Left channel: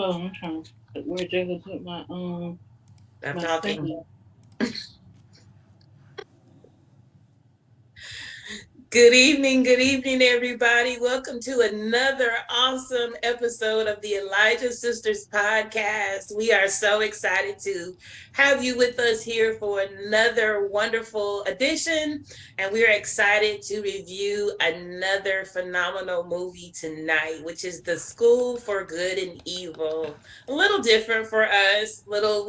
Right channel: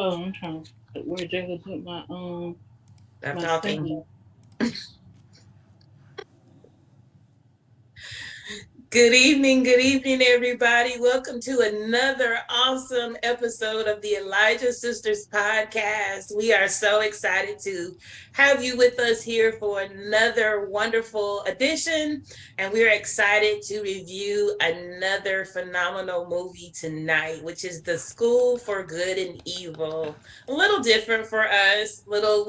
Oh, I'm trying to where Jacob put my Stop my talking. thing. Good evening, everybody. Welcome to another awesome episode of the Elijah Sisters podcast. We are so excited to have you with us here for another wonderful edition, and we're excited to review another phenomenal movie tonight, which is The School for Good and Evil. A little different for us, little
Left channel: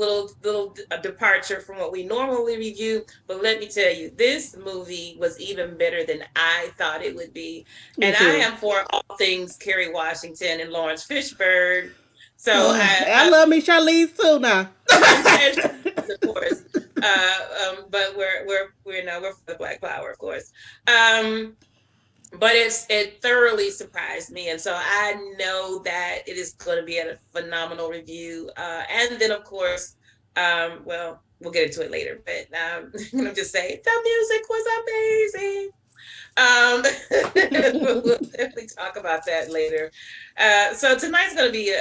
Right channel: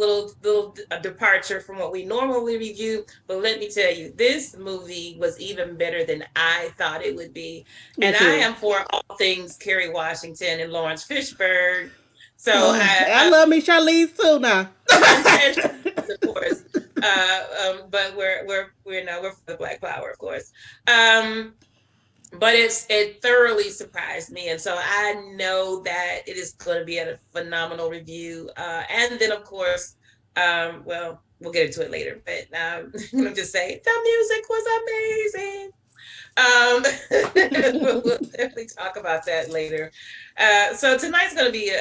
departure from what we normally review, but let me tell you, this movie was even better than I thought it would be. Me And I too. am for all things Kerry Washington and Lawrence Fishburne. So I love me Charlize too now. and of course, but we're for the Black Power, of course. Um, but it thoroughly surprised me, and so I know that it is going to be a phenomenal review. And then, of course, well, we'll get into it later. But I'm gonna just say the music was amazing. We'll definitely talk about that later. So tonight's going to be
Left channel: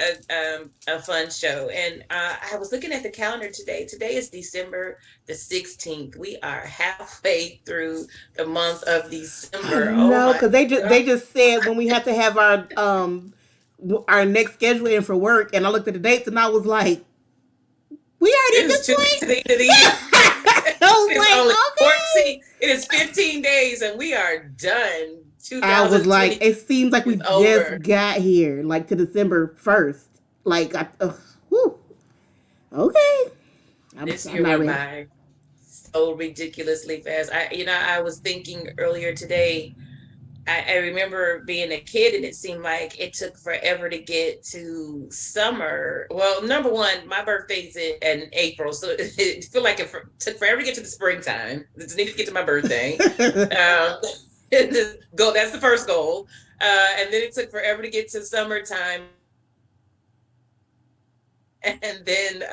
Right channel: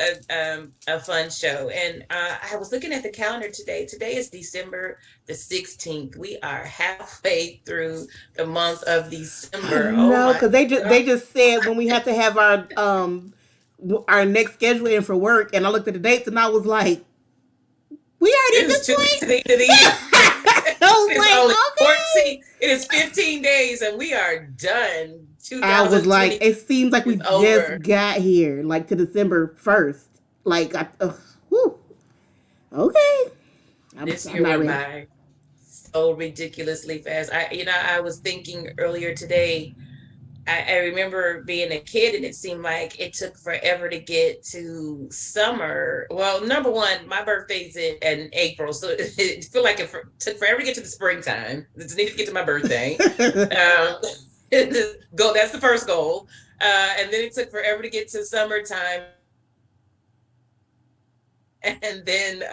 a fun show. And I was looking at the calendar today. Today is December the 16th. We are halfway through the month of I December. Oh know, my because they God. just said when we have to have our next schedule in for work, and I looked at the dates and I was like, we already It at is this 2 weeks to point. the end of the year. I was It's only like, 14. okay. It is 15 days and we are done. I was like, 2020 it seems like we is just over. got here, like to December 1st. Like, whew, okay, This I'm year not went ready. by so ridiculously fast. I was thinking earlier today. I remember being a kid, and it seemed like it took forever to get to summer. Well, number one, my birthday's in April, so it feel like it took forever to get to the springtime. I just needed to get to my birthday. Um, go. That's the first goal. And then it took forever to get to summertime, and then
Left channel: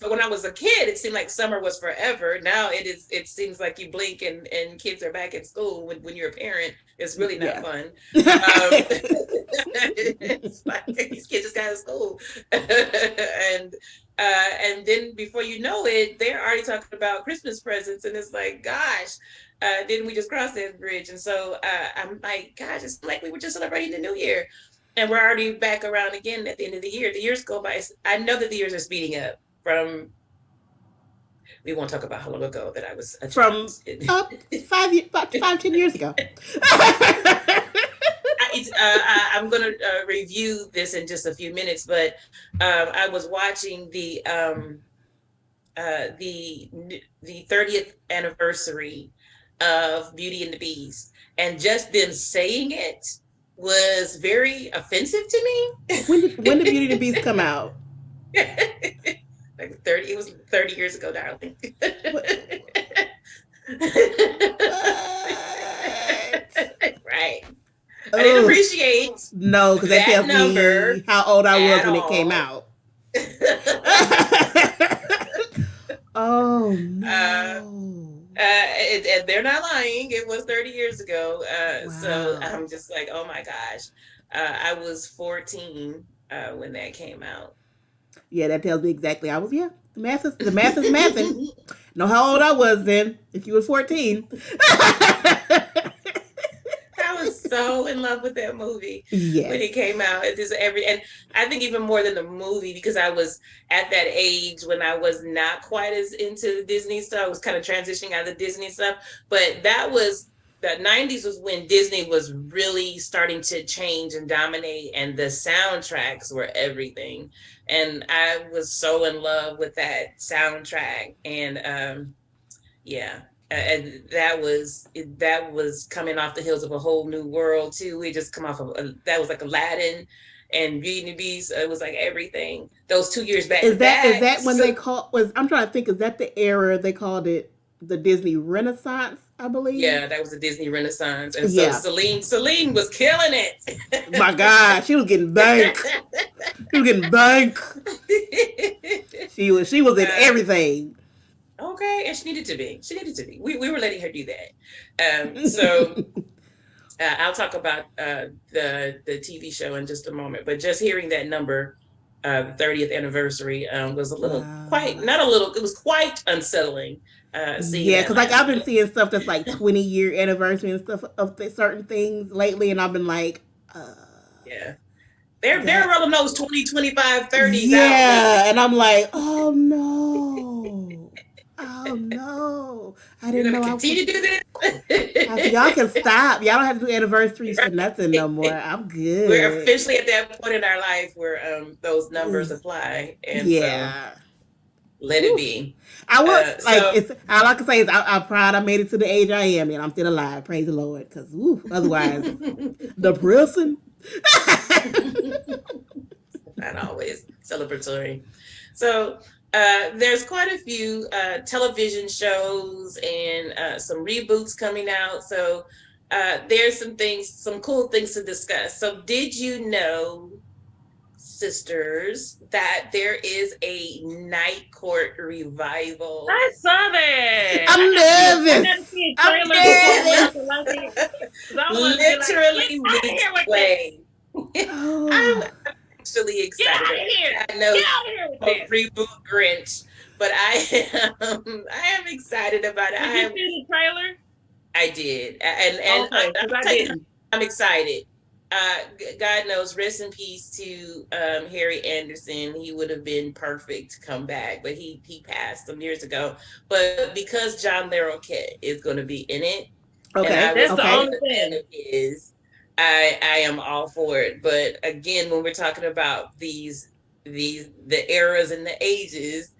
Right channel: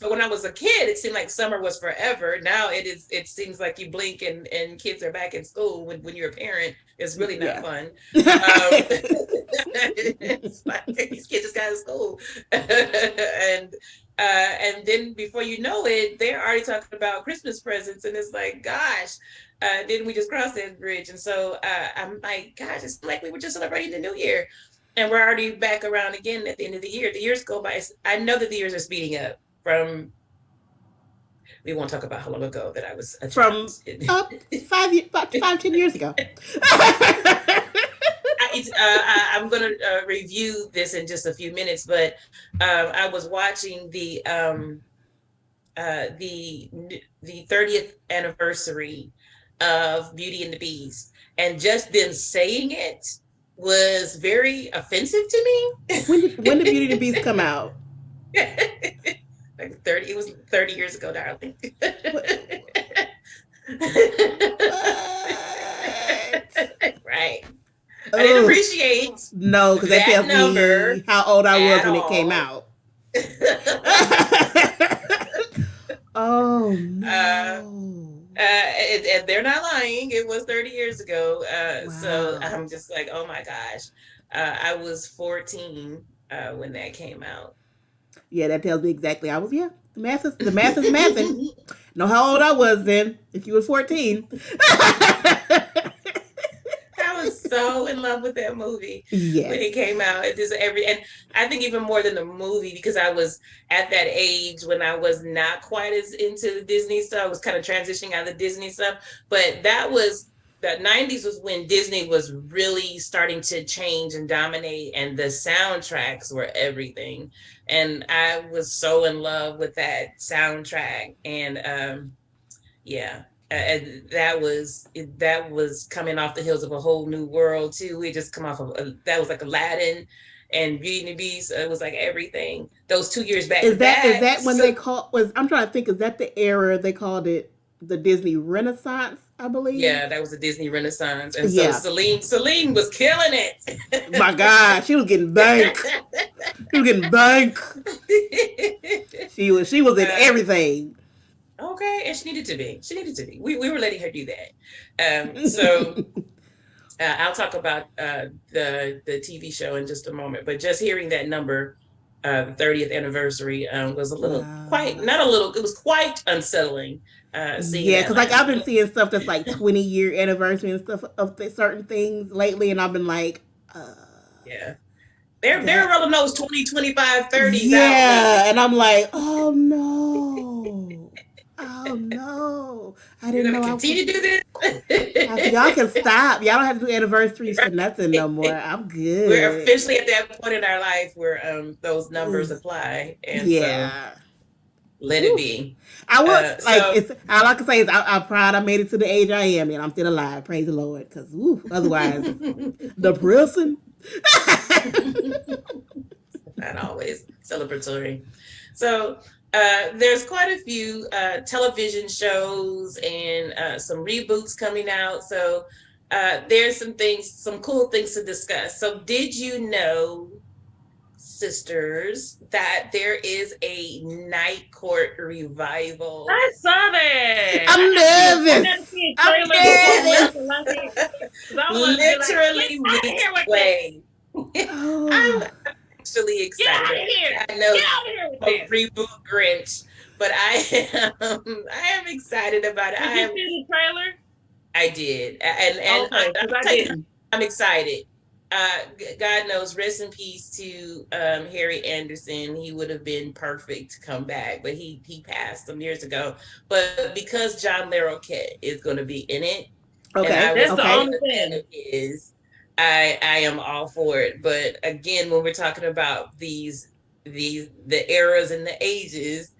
but when I was a kid, it seemed like summer was forever. Now it seems like you blink and kids are back in school when you're a parent. It's really not Yeah. fun. It's like these kids just got out of school. And then before you know it, they're already talking about Christmas presents, and it's like, gosh, didn't we just cross that bridge? And so I'm like, gosh, it's like we were just celebrating the new year, and we're already back around again at the end of the year. The years go by. I know that the years are speeding up. From We won't talk about how long ago that I was a child. From up 5, 10 years ago. I'm going to review this in just a few minutes, but I was watching the 30th anniversary of Beauty and the Beast, and just them saying it was very offensive to me. When did Beauty and the Beast come out? Like 30, it was 30 years ago, darling. What? Right. I didn't Ugh. appreciate No, because that that tells number me how old I was at when it came all. out. Oh uh, no! and they're not lying. It was 30 years ago. So Wow. I'm just like, oh my gosh. I was 14 when that came out. Yeah, that tells me exactly. I was the math is mathing. Know how old I was then? If you were 14. I was so in love with that movie when it Yes. came out. And I think even more than the movie, because I was at that age when I was not quite as into the Disney stuff. I was kind of transitioning out of the Disney stuff, but the 90s was when Disney was really starting to change and dominate, and the soundtracks were everything. And I was so in love with that soundtrack. And yeah, and that was coming off the heels of A Whole New World too. We just come off of that was like Aladdin and Beauty and the Beast. It was like everything. Those 2 years back to Is that back. when they So call was? I'm trying to think. Is that the era they called it the Disney Renaissance? I believe. yeah, that was the Disney Renaissance, and so Yeah. Celine was killing My God, she was getting bank. She was getting bank. it. She was in uh, everything. okay, and she needed to be. We were letting her do that. So I'll talk about the TV show in just a moment, but just hearing that number, the 30th anniversary, was a little quite Wow. not a little. It was quite unsettling. Seeing Yeah, that because like I've been milestone. seeing stuff that's like 20-year anniversary and stuff of certain things lately, and I've been like, Yeah, they're that. rolling those 20, 25, 30s out lately. Yeah, and I'm like, oh no, oh no, I You're didn't gonna know I was. continue to do I said, y'all can this. stop. Y'all don't have to do anniversaries for nothing no more. Right? I'm We're good. officially at that point in our life where those numbers apply, and so Yeah. let it Whew. be. I would like So it's all I can say is I'm proud I made it to the age I am and I'm still alive. Praise the Lord. Cause otherwise depressing. not always celebratory. So there's quite a few television shows and some reboots coming out. So there's some cool things to discuss. So did you know, sisters, that there is a Night Court revival? I saw that. I'm I nervous. gotta see a I'm trailer before we nervous. have to like it. 'Cause I want to be like, Literally get out of weeks here with that. away. I'm Oh, actually Get out of excited. here. I know Get out of here with a that. reboot Grinch, but I am excited about it. Did you see the trailer? I did, and Okay, because I tell you, didn't. I'm excited. God knows, rest in peace to Harry Anderson. He would have been perfect to come back, but he passed some years ago. But because John Larroquette is going to be in it, and okay. I That's was the Okay. only thing. is I am all for it. But again, when we're talking about the eras and the ages,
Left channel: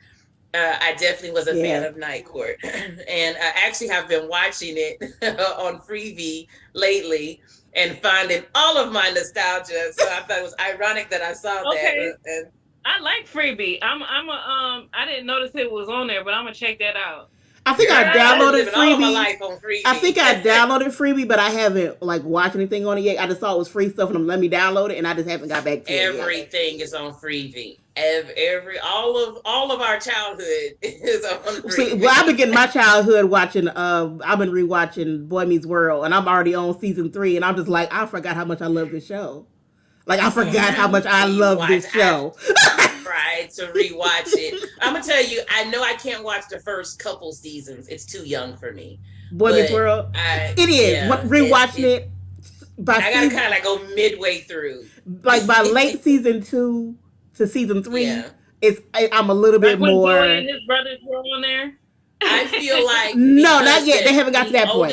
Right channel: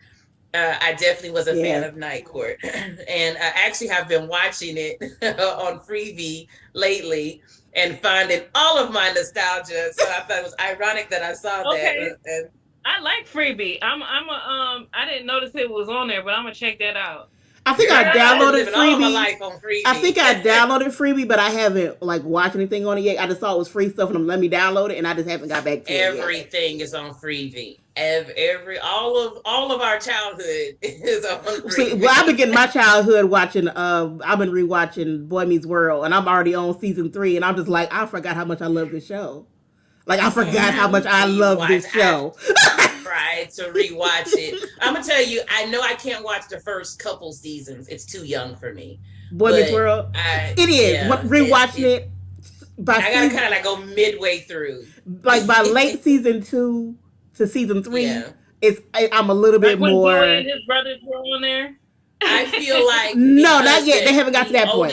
I definitely was a fan Yeah. of Night Court, and I actually have been watching it on Freevee lately and finding all of my nostalgia. So I thought it was ironic that I saw Okay. that. And I like Freebie. I didn't notice it was on there, but I'm gonna check that out. I think girl, I I've been downloaded living all of my Freebie. life on Freevee. I think I downloaded Freebie, but I haven't like watched anything on it yet. I just saw it was free stuff and let me download it, and I just haven't got back to it yet. Everything is on Freevee. All of our childhood is on Freevee. See, well, I've been getting my childhood watching. I've been rewatching Boy Meets World, and I'm already on season 3, and I'm just like, I forgot how much I love this show. Like, I forgot how much I love this show. Tried to rewatch it. I'm gonna tell you, I know I can't watch the first couple seasons. It's too young for me. Boy Meets World. It is. Yeah, Rewatching it by I gotta kind of like go midway through. like by late season 2 to season 3, Yeah. I'm a little bit Like when more. Joey and his brothers were on there. I feel like No, not yet. They haven't got to that point.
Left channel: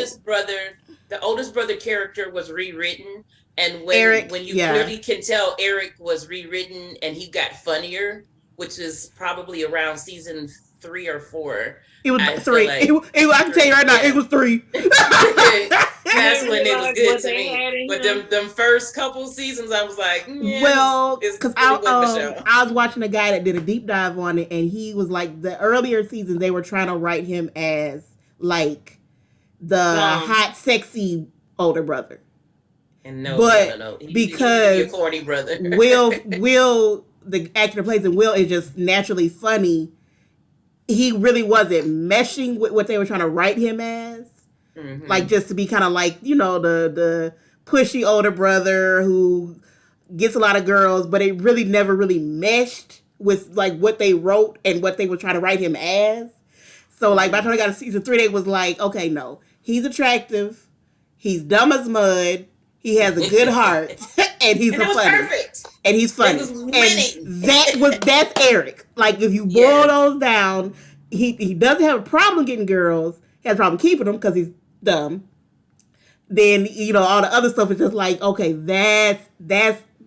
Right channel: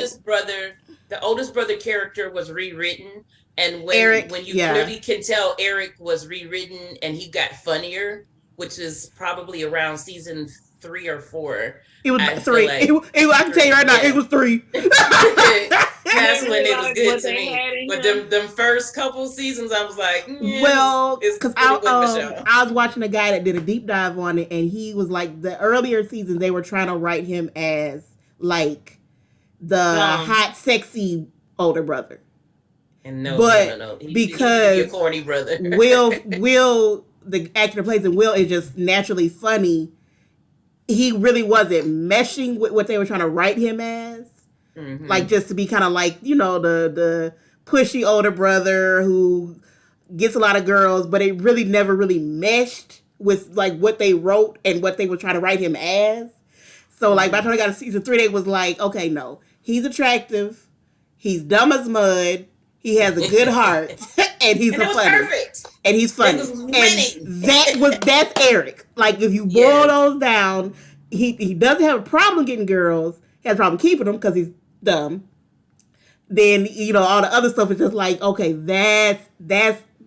The oldest brother character was rewritten, and when Eric, when you yeah. really can tell Eric was rewritten and he got funnier, which is probably around season 3 or 4. It was I 3. feel like- I can tell you right now, it was 3. That's when it was Like good what to they me. had in But him. them first couple seasons, I was like, Well, it's because pretty good for show. I was watching a guy that did a deep dive on it, and he was like, the earlier seasons they were trying to write him as like the hot, sexy older brother. And no, because he's your corny brother. Will, the actor that plays him, Will is just naturally funny. He really wasn't meshing with what they were trying to write him as. Mm-hmm. Like, just to be kind of like, the pushy older brother who gets a lot of girls, but it really never really meshed with like what they wrote and what they were trying to write him as. So like by the time I got to season 3, they was like, okay, no, he's attractive, he's dumb as mud, he has a good heart, and he's funny. Perfect. And he's funny. And that's Eric. Like, if you boil those down, he doesn't have a problem getting girls. He has a problem keeping them because he's dumb. Then, all the other stuff is just like, okay, that's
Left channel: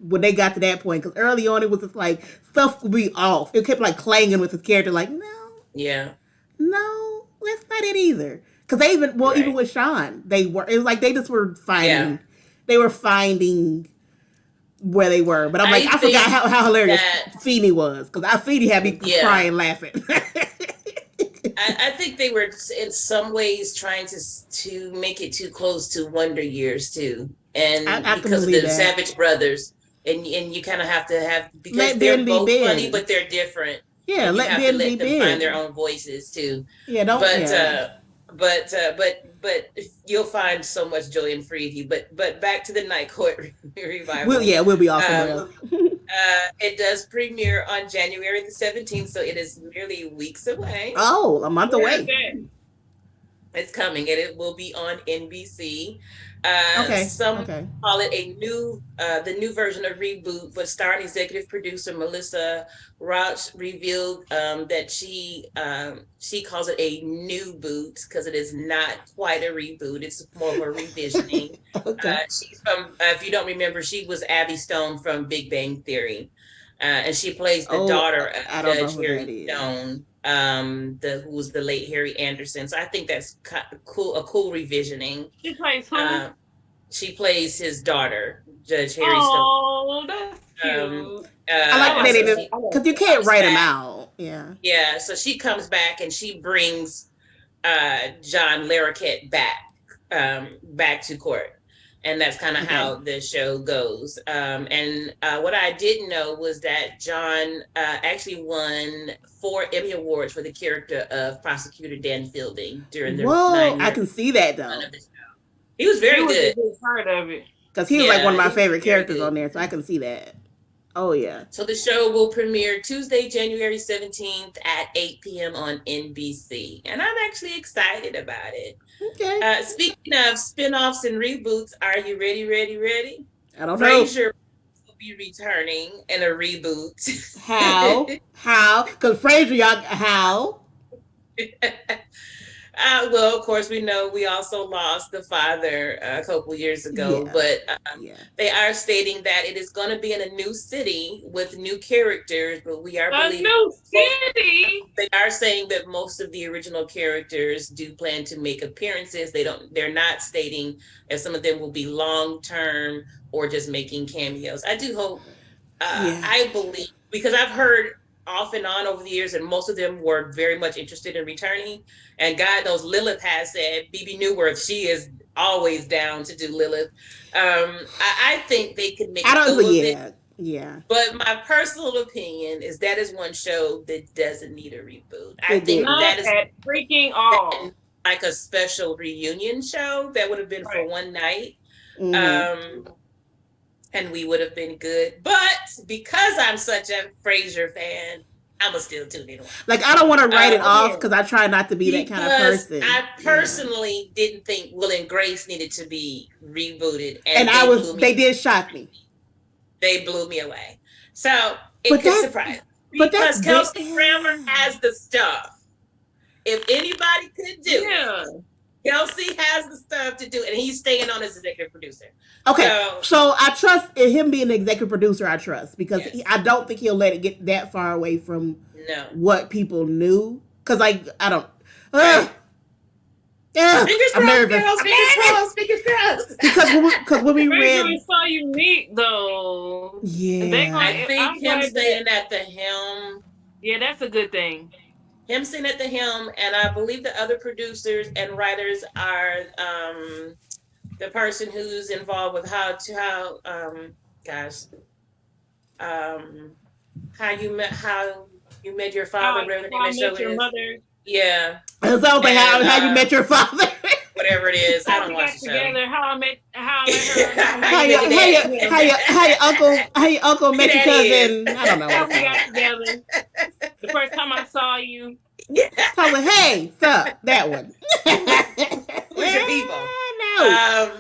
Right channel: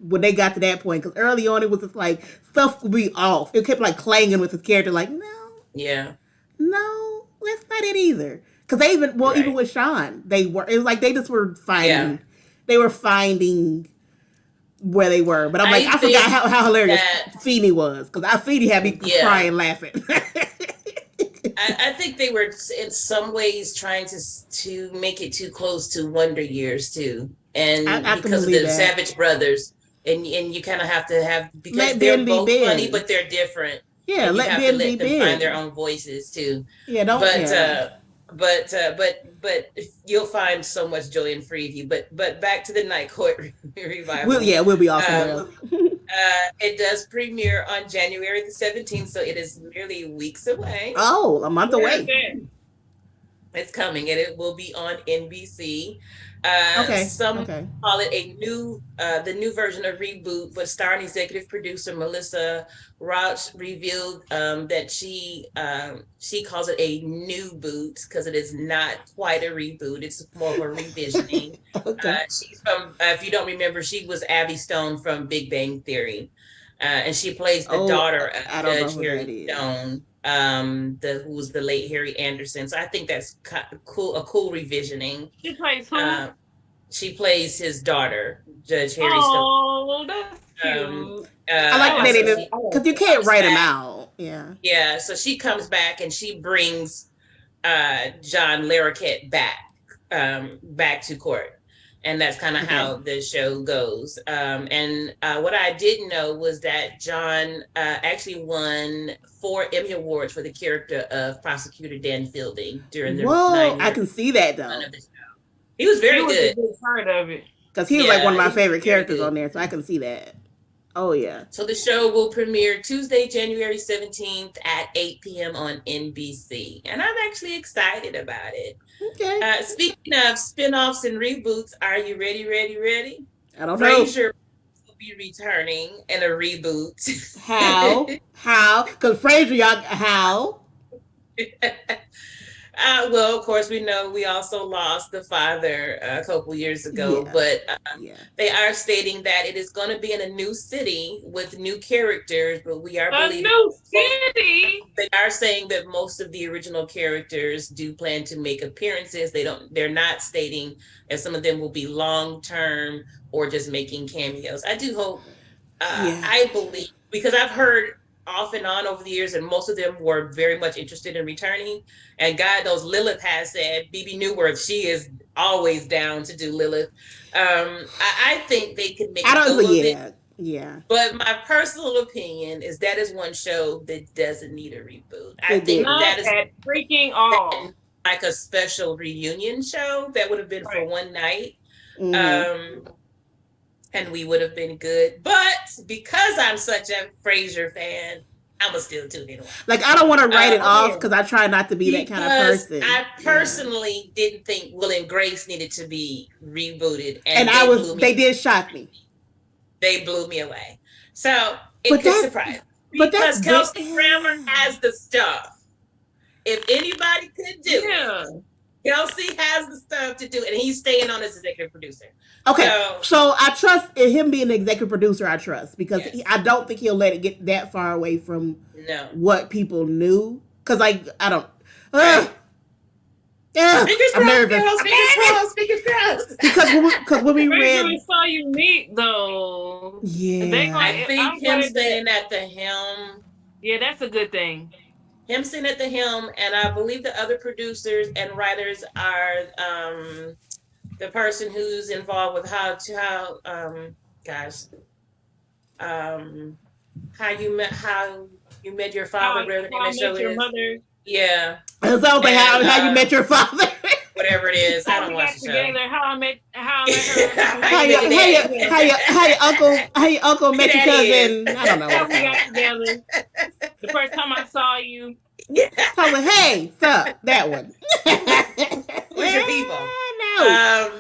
when they got to that point. Because early on, it was just like, stuff would be off. It kept like clanging with his character, like, no, that's not it either. Because they even with Sean, it was like they just were finding, where they were. But I'm like, I forgot how hilarious Feeny was. Because Feeny had me crying laughing. I think they were in some ways trying to make it too close to Wonder Years too, and I because of the Savage Brothers, and you kind of have to have, because let they're Ben both be Ben. funny, but they're different. Yeah, let Ben be Ben. Find their own voices too. Yeah, don't. But yeah. but you'll find so much joy in Freeview. But back to the Night Court revival. We'll be off somewhere else. It does premiere on January the 17th, so it is merely weeks away. Oh, a month away. It's coming, and it will be on NBC. Some call it the new version of Reboot, but starring executive producer Melissa Rauch revealed that she calls it a new boot because it is not quite a reboot. It's more of a revisioning. She's from, if you don't remember, she was Abby Stone from Big Bang Theory, and she plays the daughter of Judge Harry Stone, who was the late Harry Anderson. So I think that's cool, a cool revisioning. She plays who? She plays his daughter, Judge Harry Stone. Oh, that's cute. I like that because you can't write them out. Yeah. Yeah. So she comes back and she brings John Larroquette back to court, and that's kind of how the show goes. And what I didn't know was that John actually won 4 Emmy Awards for the character of Prosecutor Dan Fielding during the. Whoa, I can see that though. He was very good. Part of it because he was like one of my favorite characters on there, so I can see that. Oh yeah. So the show will premiere Tuesday, January 17th at 8 p.m. on NBC, and I'm actually excited about it. Okay. Speaking of spinoffs and reboots, are you ready? I don't know. Frasier will be returning in a reboot. How? Because Frasier, how? Well, of course, we know we also lost the father a couple years ago, but they are stating that it is going to be in a new city with new characters, but we are believing a new city. They are saying that most of the original characters do plan to make appearances. They're not stating if some of them will be long-term or just making cameos. I do hope, I believe, because I've heard off and on over the years, and most of them were very much interested in returning. And God knows Lilith has said, BB Newworth, she is always down to do Lilith. I think they could make it. Yeah. But my personal opinion is that is one show that doesn't need a reboot. I think that is freaking all. Like a special reunion show that would have been for one night. And we would have been good. But because I'm such a Frasier fan, I'm going to still tune in. Like, I don't want to write it off because I try not to be that kind of person. I personally didn't think Will and Grace needed to be rebooted. And they did shock me. They blew me away. So, it could surprise me. Because Kelsey Grammer has the stuff. If anybody could do it, Kelsey has the stuff to do it. And he's staying on as executive producer. Okay, so I trust in him being an executive producer. I trust because I don't think he'll let it get that far away from what people knew. Because I don't. I'm nervous. Because when we read, we saw you meet though. Yeah, I think him staying at the helm. Yeah, that's a good thing. Him sitting at the helm, and I believe the other producers and writers are the person who's involved with how you met your father. Your mother. Yeah. It sounds like how you met your father. Whatever it is, I don't watch the show. How I met her. how your uncle met your cousin. I don't know. How we got together. The first time I saw you. I was like, hey, sup, that one. Who's your people? No.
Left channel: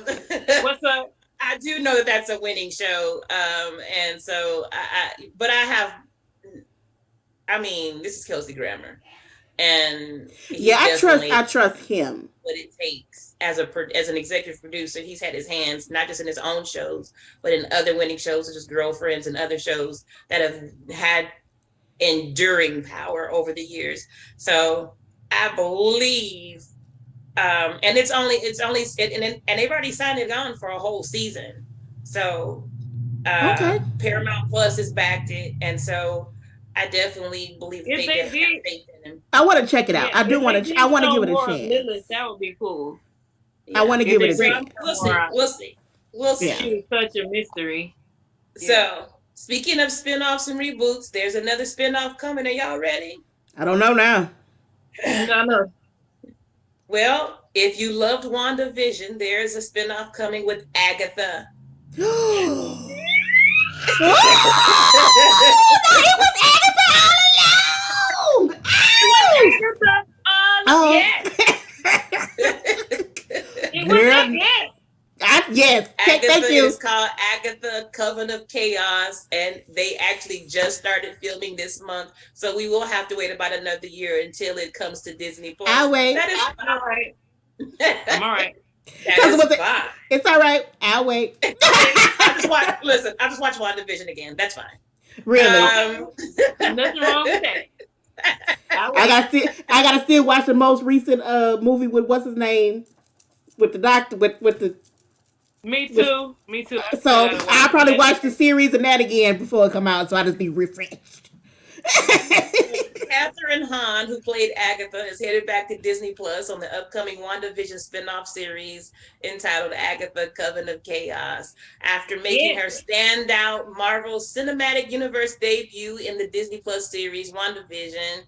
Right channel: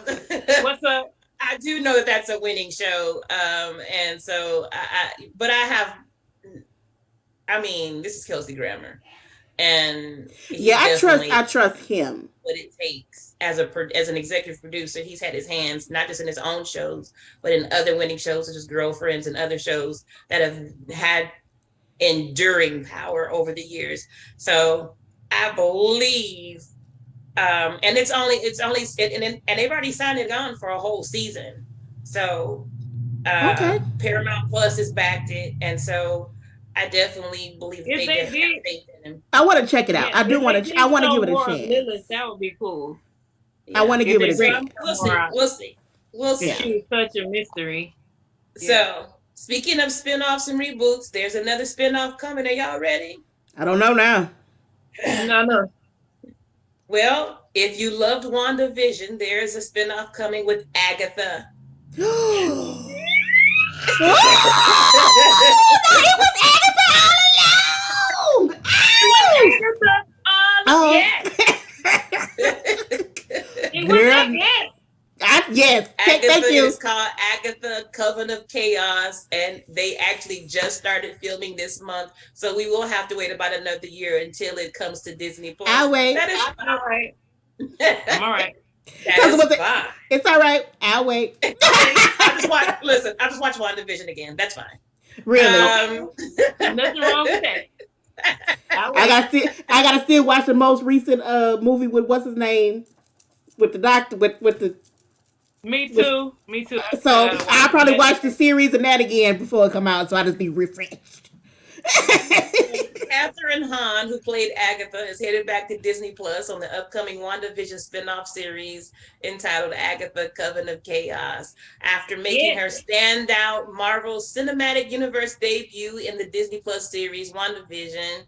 What's up? I do know that that's a winning show. And so this is Kelsey Grammer. And I trust him. What it takes as an executive producer. He's had his hands not just in his own shows, but in other winning shows such as Girlfriends and other shows that have had enduring power over the years. So I believe, and it's only and they've already signed it on for a whole season. So Paramount Plus has backed it, and so I definitely believe they have faith in him. I want to check it out. I do want to. I want to give it a chance. Lilith, that would be cool. I want to give it a chance. We'll see. She's such a mystery. So, speaking of spinoffs and reboots, there's another spinoff coming. Are y'all ready? I don't know now. No. Well, if you loved WandaVision, there's a spinoff coming with Agatha. Oh, no, it was Agatha all along. It was Ow! Agatha. Oh, Yes. It was that. girl, Yes. yes. Agatha Thank you. is called Agatha Coven of Chaos, and they actually just started filming this month. So we will have to wait about another year until it comes to Disney Plus. I'll wait. That is All right. I'm all right. that is fine. It's all right. I'll wait. I just watched WandaVision again. That's fine. Really. Nothing wrong with that. I gotta still watch the most recent movie with what's his name with the doctor with the. Me too. Me too. So I'll probably watch the series and that again before it come out, so I'll just be refreshed. Catherine Hahn, who played Agatha, is headed back to Disney Plus on the upcoming WandaVision spinoff series entitled Agatha Coven of Chaos. After making her standout Marvel Cinematic Universe debut in the Disney Plus series WandaVision,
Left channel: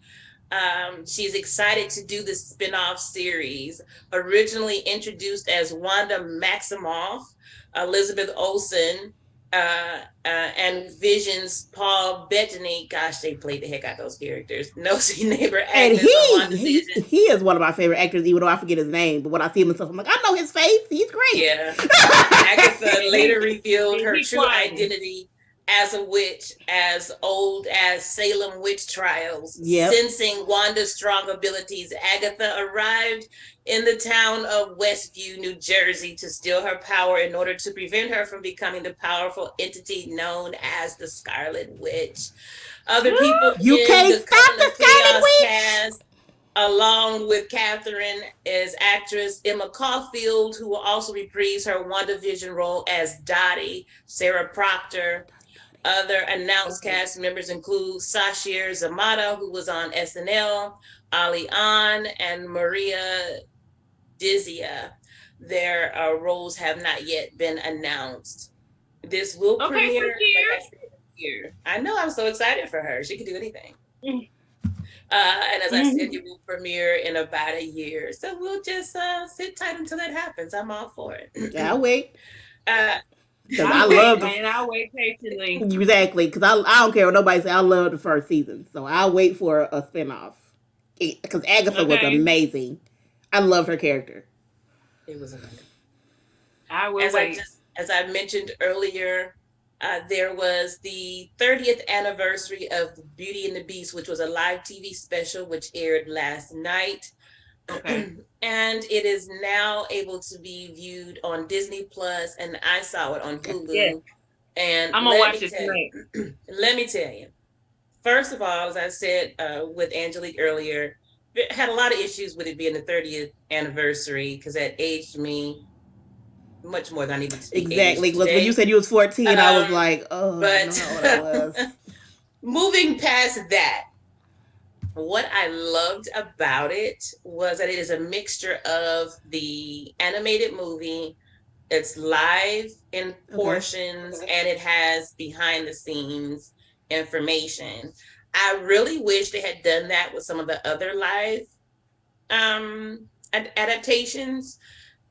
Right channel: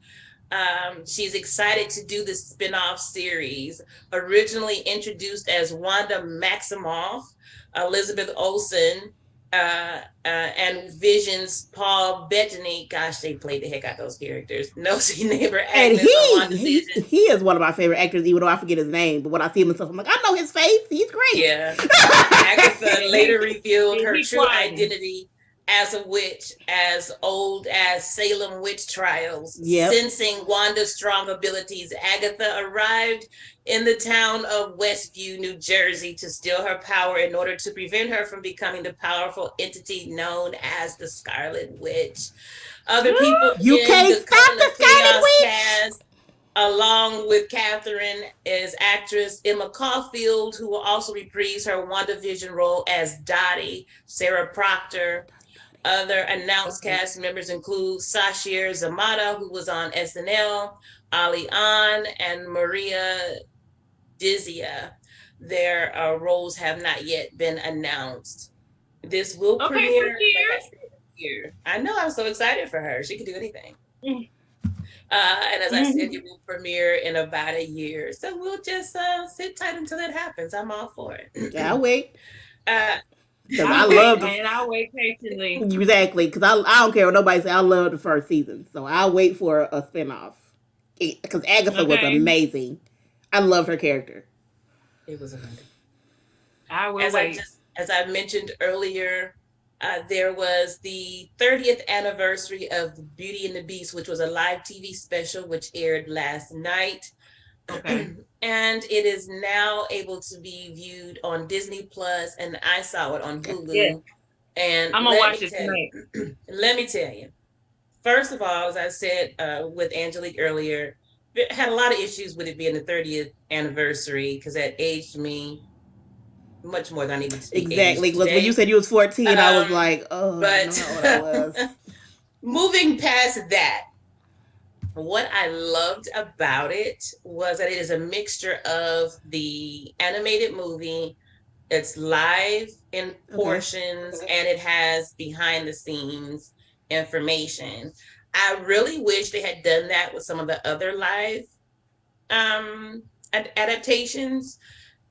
she's excited to do the spinoff series. Originally introduced as Wanda Maximoff, Elizabeth Olsen, and Vision's Paul Bettany. Gosh, they played the heck out of those characters. Nosy neighbor And he he is one of my favorite actors, even though I forget his name. But when I see him and stuff, I'm like, I know his face. He's great. Yeah. Agatha later revealed her true identity as a witch, as old as Salem witch trials. Yep. Sensing Wanda's strong abilities, Agatha arrived in the town of Westview, New Jersey, to steal her power in order to prevent her from becoming the powerful entity known as the Scarlet Witch. Other people you can't stop the Scarlet Witch. Cast, along with Catherine, is actress Emma Caulfield, who will also reprise her WandaVision role as Dottie. Sarah Proctor. Other announced cast members include Sasheer Zamata, who was on SNL, Ali An, and Maria Dizia. Their roles have not yet been announced. This will premiere here. I know, I'm so excited for her. She can do anything. And as I said, it will premiere in about a year. So we'll just sit tight until that happens. I'm all for it. Yeah, I'll wait. Because I love and I'll wait patiently. Exactly, because I don't care what nobody says. I love the first season, so I'll wait for a spinoff. Because Agatha was amazing. I loved her character. It was amazing. I will wait. As I mentioned earlier, there was the 30th anniversary of Beauty and the Beast, which was a live TV special which aired last night. Okay. And it is now able to be viewed on Disney Plus, and I saw it on Hulu. Yeah. And I'm gonna watch it tonight. Let me tell you. First of all, as I said with Angelique earlier, I had a lot of issues with it being the 30th anniversary because that aged me much more than I needed to. Exactly. Because when you said you was 14, I was like, oh, but I know what I was. Moving past that. What I loved about it was that it is a mixture of the animated movie, it's live in portions, and it has behind the scenes information. I really wish they had done that with some of the other live adaptations.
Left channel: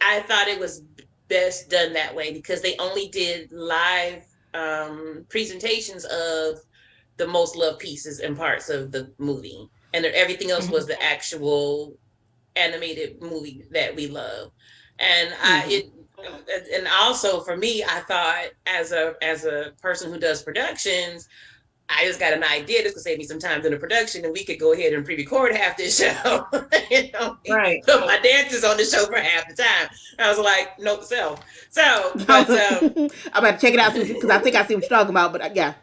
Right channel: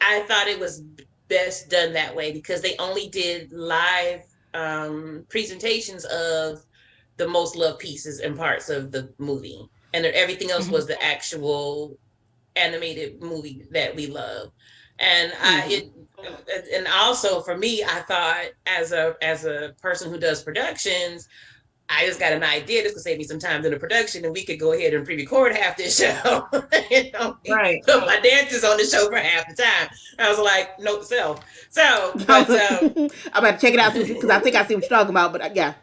I thought it was best done that way because they only did live presentations of the most loved pieces and parts of the movie, and everything else was the actual animated movie that we love. And and also for me, I thought as a person who does productions, I just got an idea. This could save me some time in the production, and we could go ahead and pre-record half this show. Right. Put my dancers on the show for half the time. I was like, note to self. So, but, I'm about to check it out because I think I see what you're talking about. But yeah.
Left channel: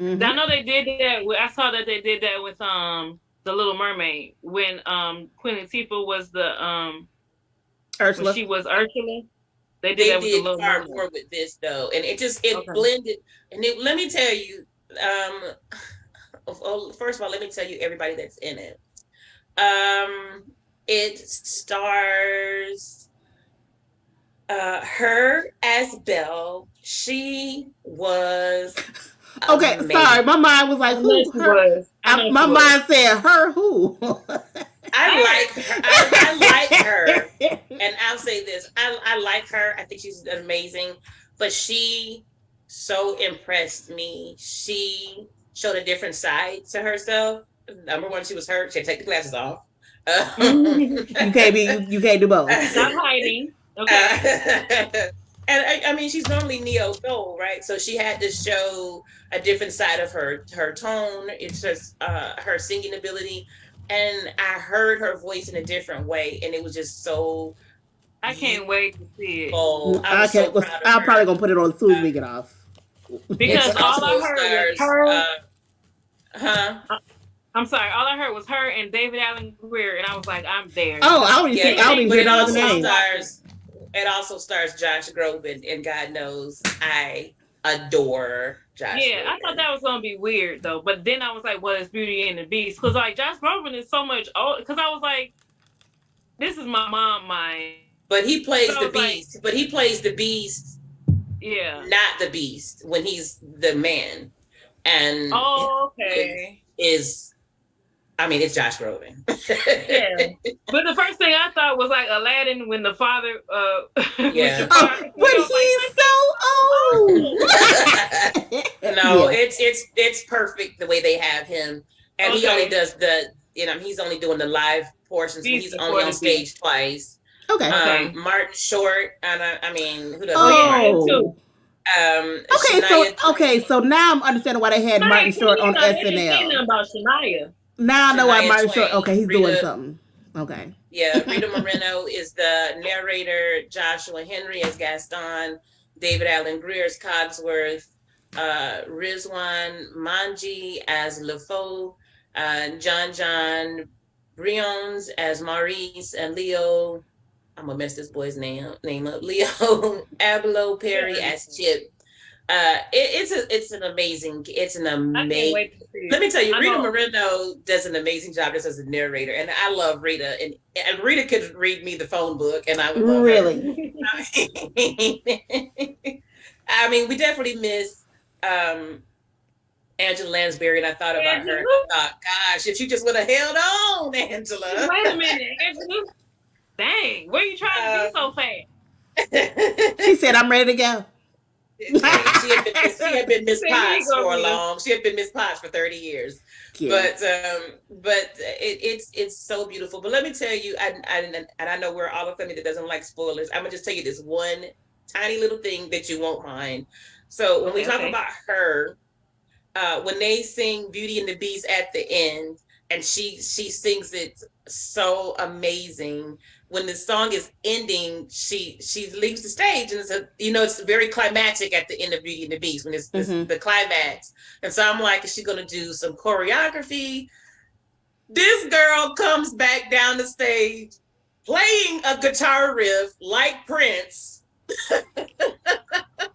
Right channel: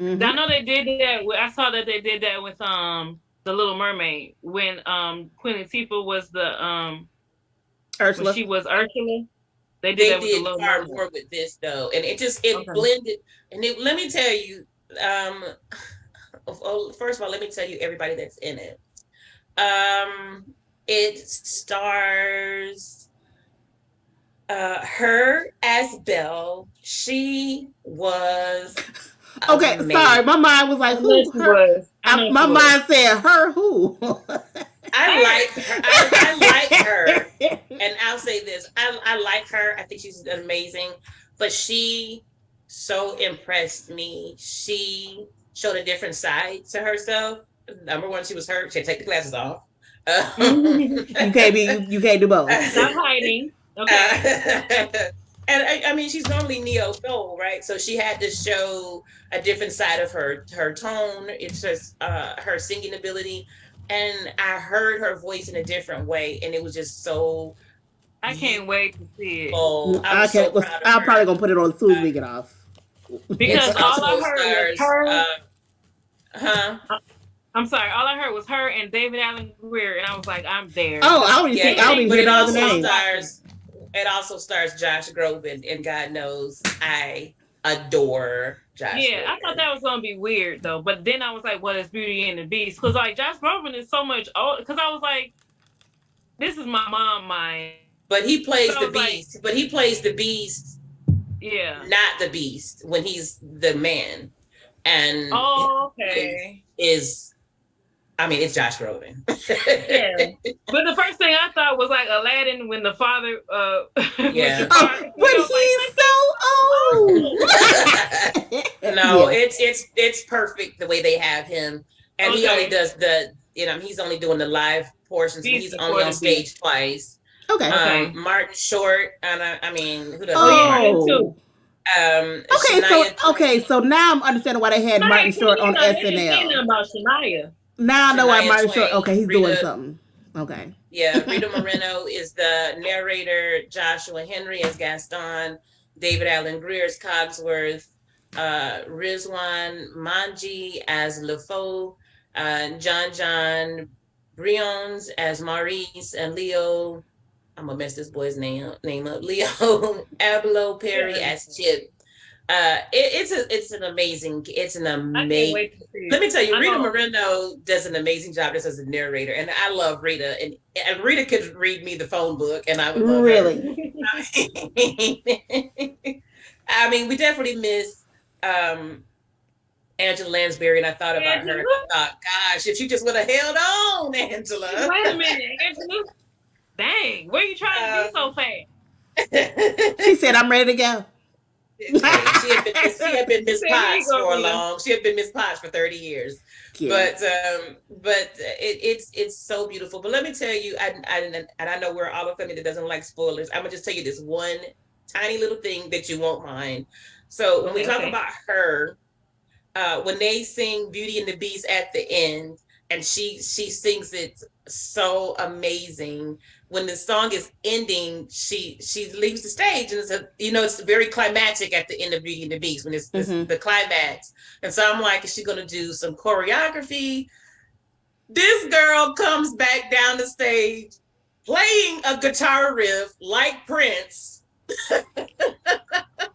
I know they did that. I saw that they did that with the Little Mermaid when Queen Latifah was the Ursula. She was Ursula. They did that with the Little far Mermaid. more with this though, and it blended. And let me tell you, first of all, let me tell you everybody that's in it. It stars her as Belle. She was okay. Amazing. Sorry, my mind was like, who? Her? My mind said, her who? I like her. I like her, and I'll say this: I like her. I think she's amazing, but she so impressed me. She showed a different side to herself. Number one, she was hurt. She had to take the glasses off. You can't be. You can't do both. Stop hiding. Okay. And I mean, she's normally neo soul, right? So she had to show a different side of her tone. It's just her singing ability, and I heard her voice in a different way, and it was just so. I can't wait to see it. I can't. So I'm probably gonna put it on as soon as we get off. Because all I heard was her. I'm sorry. All I heard was her and David Allen Greer, and I was like, I'm there. Oh, I don't even hear no other names. It also stars Josh Groban, and God knows I adore Josh. Yeah, Groban. I thought that was gonna be weird though, but then I was like, "What is Beauty and the Beast?" Because like Josh Groban is so much old. Because I was like, "This is my mom mind." But he plays the Beast. Like, but he plays the Beast. Yeah. Not the Beast when he's the man. And okay. It's Josh Groban. Yeah. But the first thing I thought was like Aladdin when the father yeah. But he's so old. No, it's perfect the way they have him. And he only does he's only doing the live portions. He's only on stage twice. Okay. Martin Short, and who does so now I'm understanding why they had Martin Short on SNL. About Shania. Now I know why Martin Short. Okay, he's doing something. Okay. Yeah, Rita Moreno is the narrator. Joshua Henry as Gaston. David Allen Greer as Cogsworth. Rizwan Manji as LeFou. John Briones as Maurice, and Leo. I'm gonna mess this boy's name up. Leo Abelo Perry as Chip. It's an amazing. Let me tell you, Rita Moreno does an amazing job just as a narrator, and I love Rita. And Rita could read me the phone book, and I would love really. I mean, we definitely miss Angela Lansbury, and I thought about her. I thought, gosh, if you just would have held on, Angela. Wait a minute, Angela. Dang, where you trying to be so fast? She said, "I'm ready to go." She had been Miss Potts for long. She had been Miss Potts for 30 years. Yes. But it's so beautiful. But let me tell you, and I know we're all a family that doesn't like spoilers. I'm gonna just tell you this one tiny little thing that you won't mind. So when we talk about her, when they sing Beauty and the Beast at the end, and she sings it so amazing. When the song is ending, she leaves the stage, and it's very climactic at the end of Beauty and the Beast when it's the climax. And so I'm like, is she gonna do some choreography? This girl comes back down the stage playing a guitar riff like Prince. And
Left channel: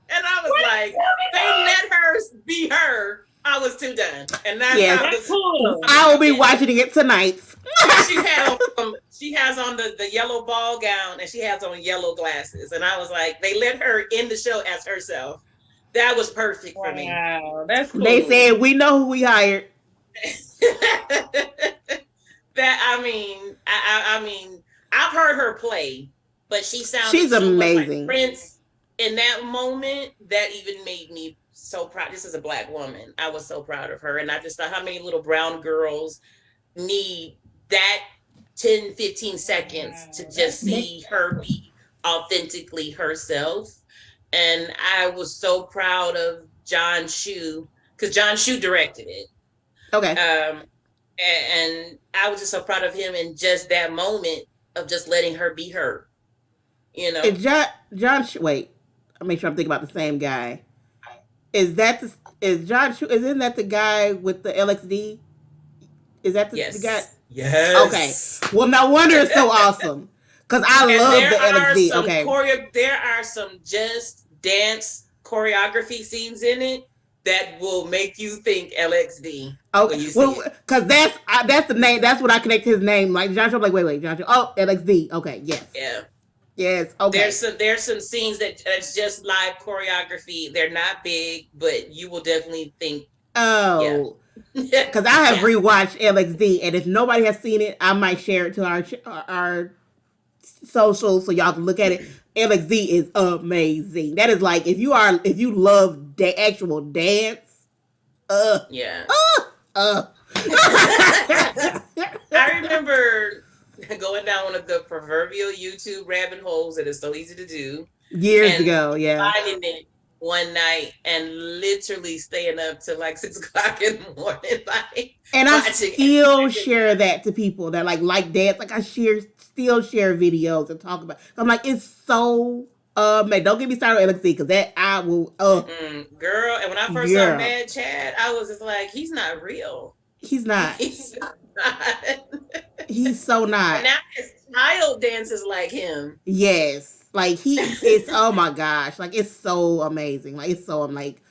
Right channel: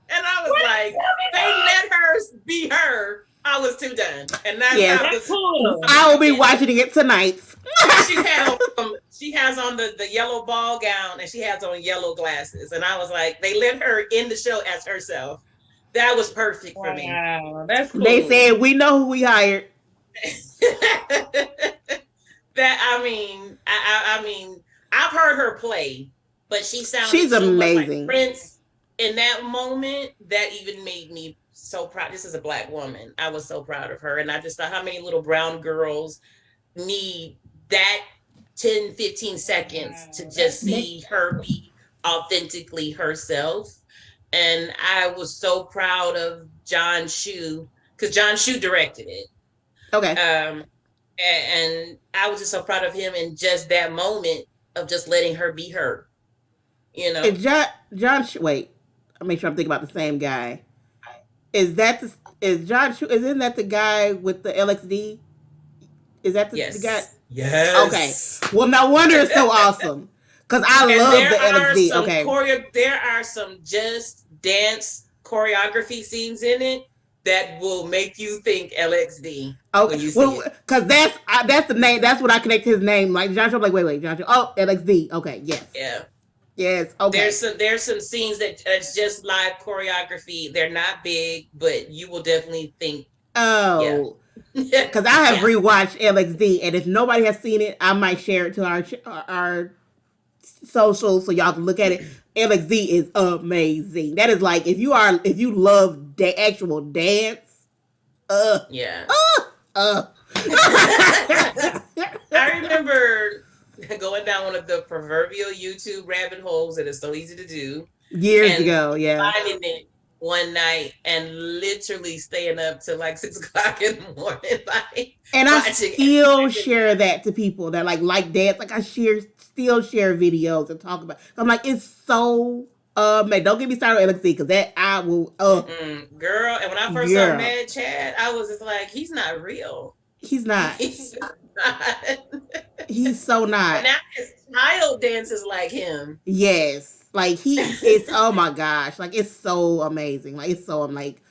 I was like, they let her be her. I was too done. And that's cool. I will be watching it tonight. She has on the yellow ball gown, and she has on yellow glasses. And I was like, they let her in the show as herself. That was perfect for me. Wow, that's cool. They said, we know who we hired. I've heard her play, but she's amazing. Like Prince in that moment. That even made me so proud. This is a Black woman. I was so proud of her. And I just thought how many little brown girls need that 10, 15 seconds to just see her be authentically herself. And I was so proud of John Chu, because John Chu directed it. Okay. And I was just so proud of him in just that moment of just letting her be her. Is John Chu, wait, I'll make sure I'm thinking about the same guy. Isn't that the guy with the LXD? Is that the guy? Yes. Okay. Well, no wonder it's so awesome. Because I love the LXD. Okay. There are some just dance choreography scenes in it that will make you think LXD. Okay. Well, because that's the name. That's what I connect to his name. Like John Chu, like wait, John Chu. Oh, LXD. Okay. Yes. Yeah. Yes. Okay. There's some scenes that's just live choreography. They're not big, but you will definitely think. Oh. Because I have rewatched LXD, and if nobody has seen it, I might share it to our socials so y'all can look at it. LXD is amazing. That is like if you love actual dance, Yeah. uh. I remember going down one of the proverbial YouTube rabbit holes that is so easy to do. Years ago, yeah. Finding it one night and literally staying up till like 6 o'clock in the morning. Like, and I still share that to people that like dance. Like I still share videos and talk about. I'm like, it's so man, don't get me started on LXD because that I will girl. And when I first saw Mad Chad, I was just like, he's not real. He's not. He's not. He's so not. And now his child dances like him. Yes. Like he is, oh my gosh. Like it's so amazing. Like it's so, I'm like,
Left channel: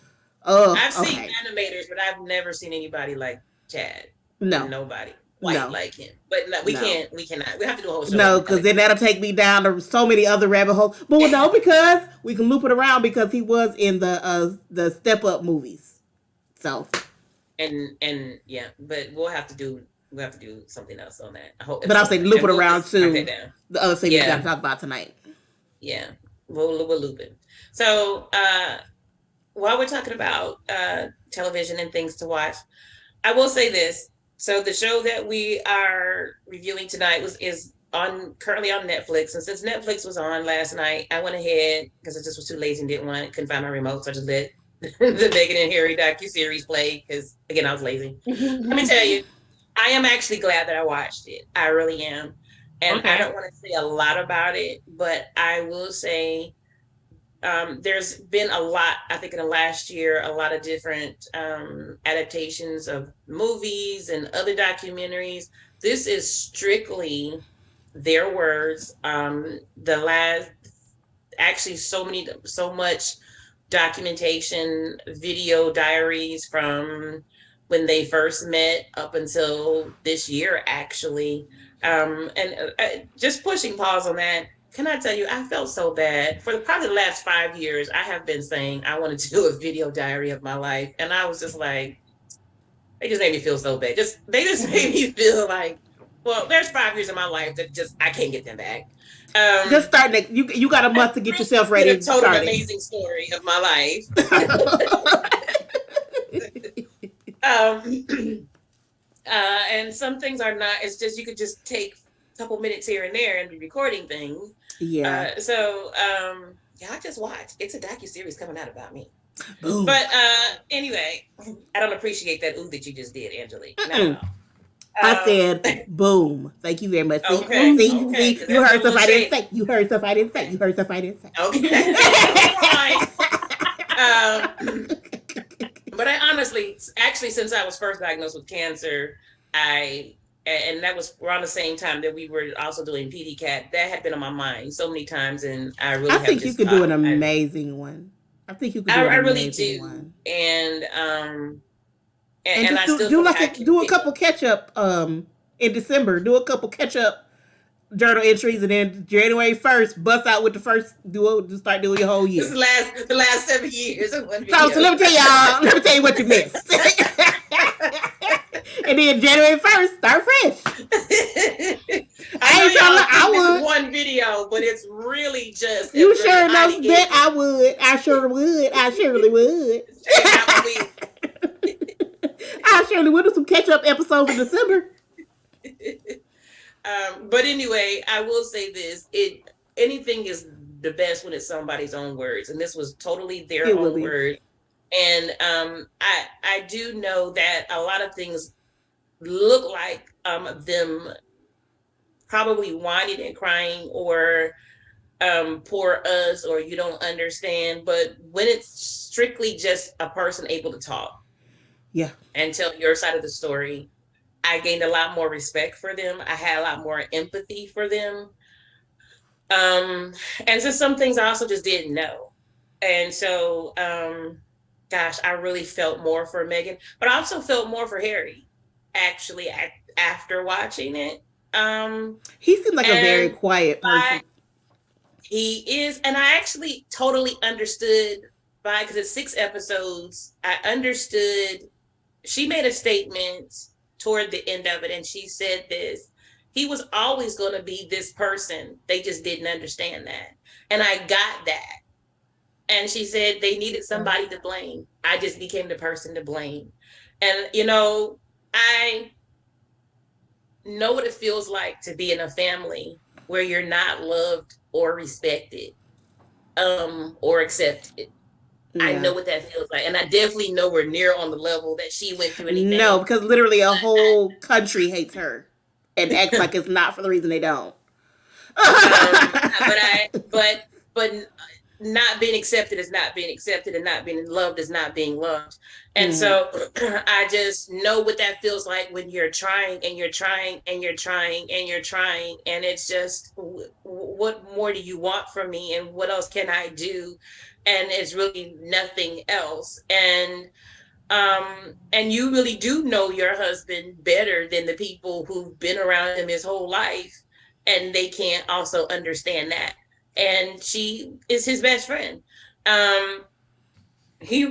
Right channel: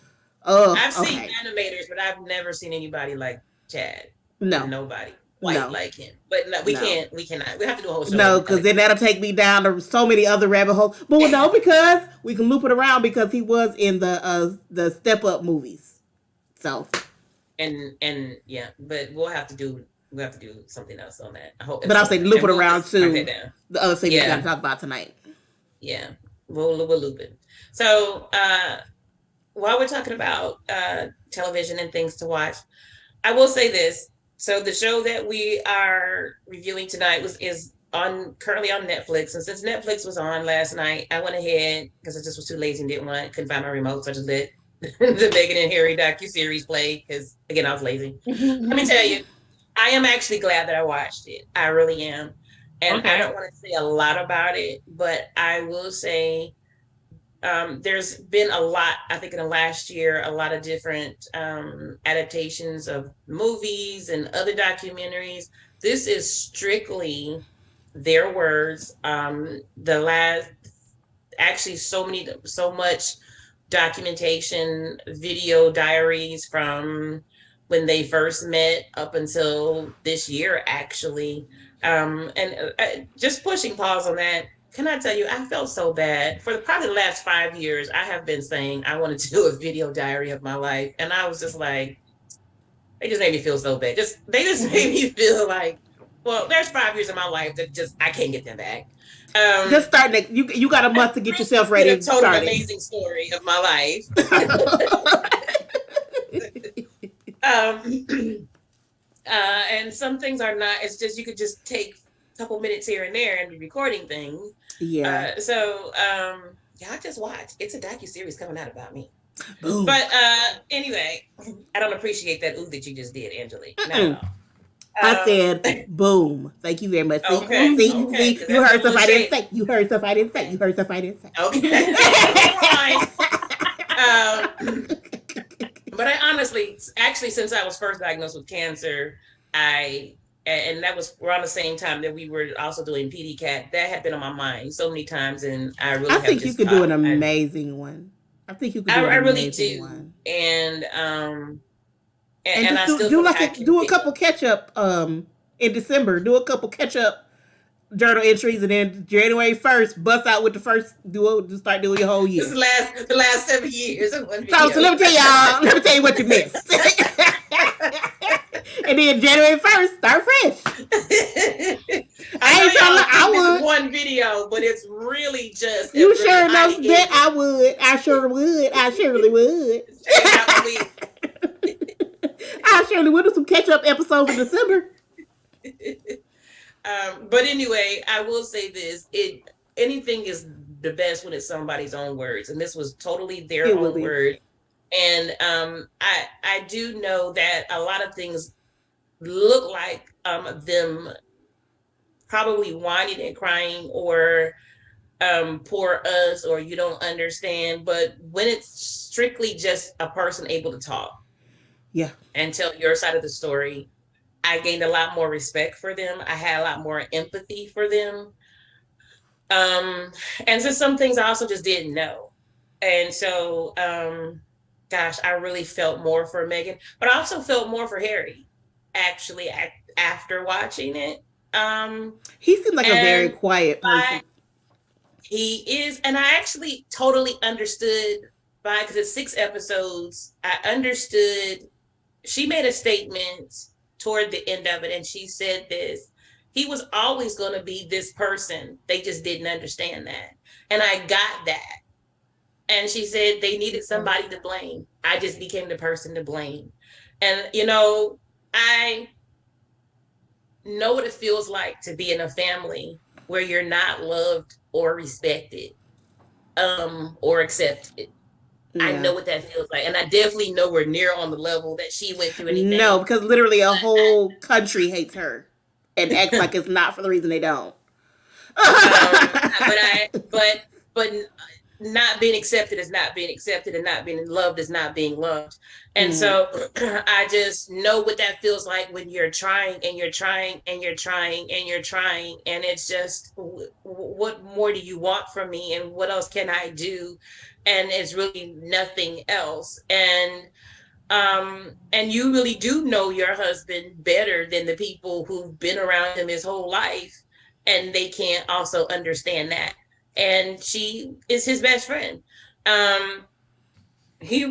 oh. I've seen animators, but I've never seen anybody like Chad. No. Nobody like him. But no, we cannot. We have to do a whole show. No, because then that'll take me down to so many other rabbit holes. But no, because we can loop it around because he was in the Step Up movies. So. And yeah, but we'll have to do something else on that. I hope. But I'll say loop it around to the other thing we got to talk about tonight. Yeah, we'll loop it. So while we're talking about television and things to watch, I will say this. So the show that we are reviewing tonight is currently on Netflix. And since Netflix was on last night, I went ahead because I just was too lazy and couldn't find my remote, so I just let the Meghan and Harry docuseries play because again I was lazy. Let me tell you, I am actually glad that I watched it. I really am. And I don't want to say a lot about it, but I will say there's been a lot, I think in the last year, a lot of different adaptations of movies and other documentaries. This is strictly their words. So much documentation, video diaries from when they first met up until this year, actually. Just pushing pause on that, can I tell you, I felt so bad. For probably the last 5 years, I have been saying I wanted to do a video diary of my life. And I was just like, they just made me feel so bad. They just made me feel like, well, there's 5 years of my life that I can't get them back. Just start next. You got a month to get yourself ready. A total amazing story of my life. And some things are not. It's just you could just take a couple minutes here and there and be recording things. Yeah. I just watched. It's a docuseries coming out about me. Boom. But anyway, I don't appreciate that that you just did, Angelique. No. I said, boom. Thank you very much. See, you heard stuff I didn't say. You heard stuff I didn't say. Okay. But I honestly, actually, since I was first diagnosed with cancer, and that was around the same time that we were also doing PDCAT, that had been on my mind so many times, and I think you could do an amazing one. I think you could do an amazing one. And just do a couple catch up in December. Do a couple catch up journal entries, and then January 1st, bust out with the first start doing your whole year. The last 7 years. So let me tell you what you missed. And then January 1st, start fresh. I would one video, but it's really just you sure enough bet I would. I surely would. I surely would do some catch up episodes in December. But anyway, I will say this: anything is the best when it's somebody's own words, and this was totally their own words. And I do know that a lot of things look like them probably whining and crying or poor us or you don't understand. But when it's strictly just a person able to talk, and tell your side of the story, I gained a lot more respect for them. I had a lot more empathy for them. And so some things I also just didn't know. And so, gosh, I really felt more for Meghan, but I also felt more for Harry, actually, after watching it. He seemed like a very quiet person. He is, and I actually totally understood because it's 6 episodes. I understood she made a statement toward the end of it, and she said this: he was always going to be this person. They just didn't understand that. And I got that. And she said they needed somebody to blame. I just became the person to blame. And, I know what it feels like to be in a family where you're not loved or respected, or accepted. I know what that feels like. And I definitely know we're near on the level that she went through anything. No, because literally a whole country hates her and acts like it's not for the reason they don't. But not being accepted is not being accepted, and not being loved is not being loved. And so I just know what that feels like when you're trying and you're trying and you're trying and you're trying, and it's just, what more do you want from me, and what else can I do? And it's really nothing else. And you really do know your husband better than the people who've been around him his whole life, and they can't also understand that. And she is his best friend. He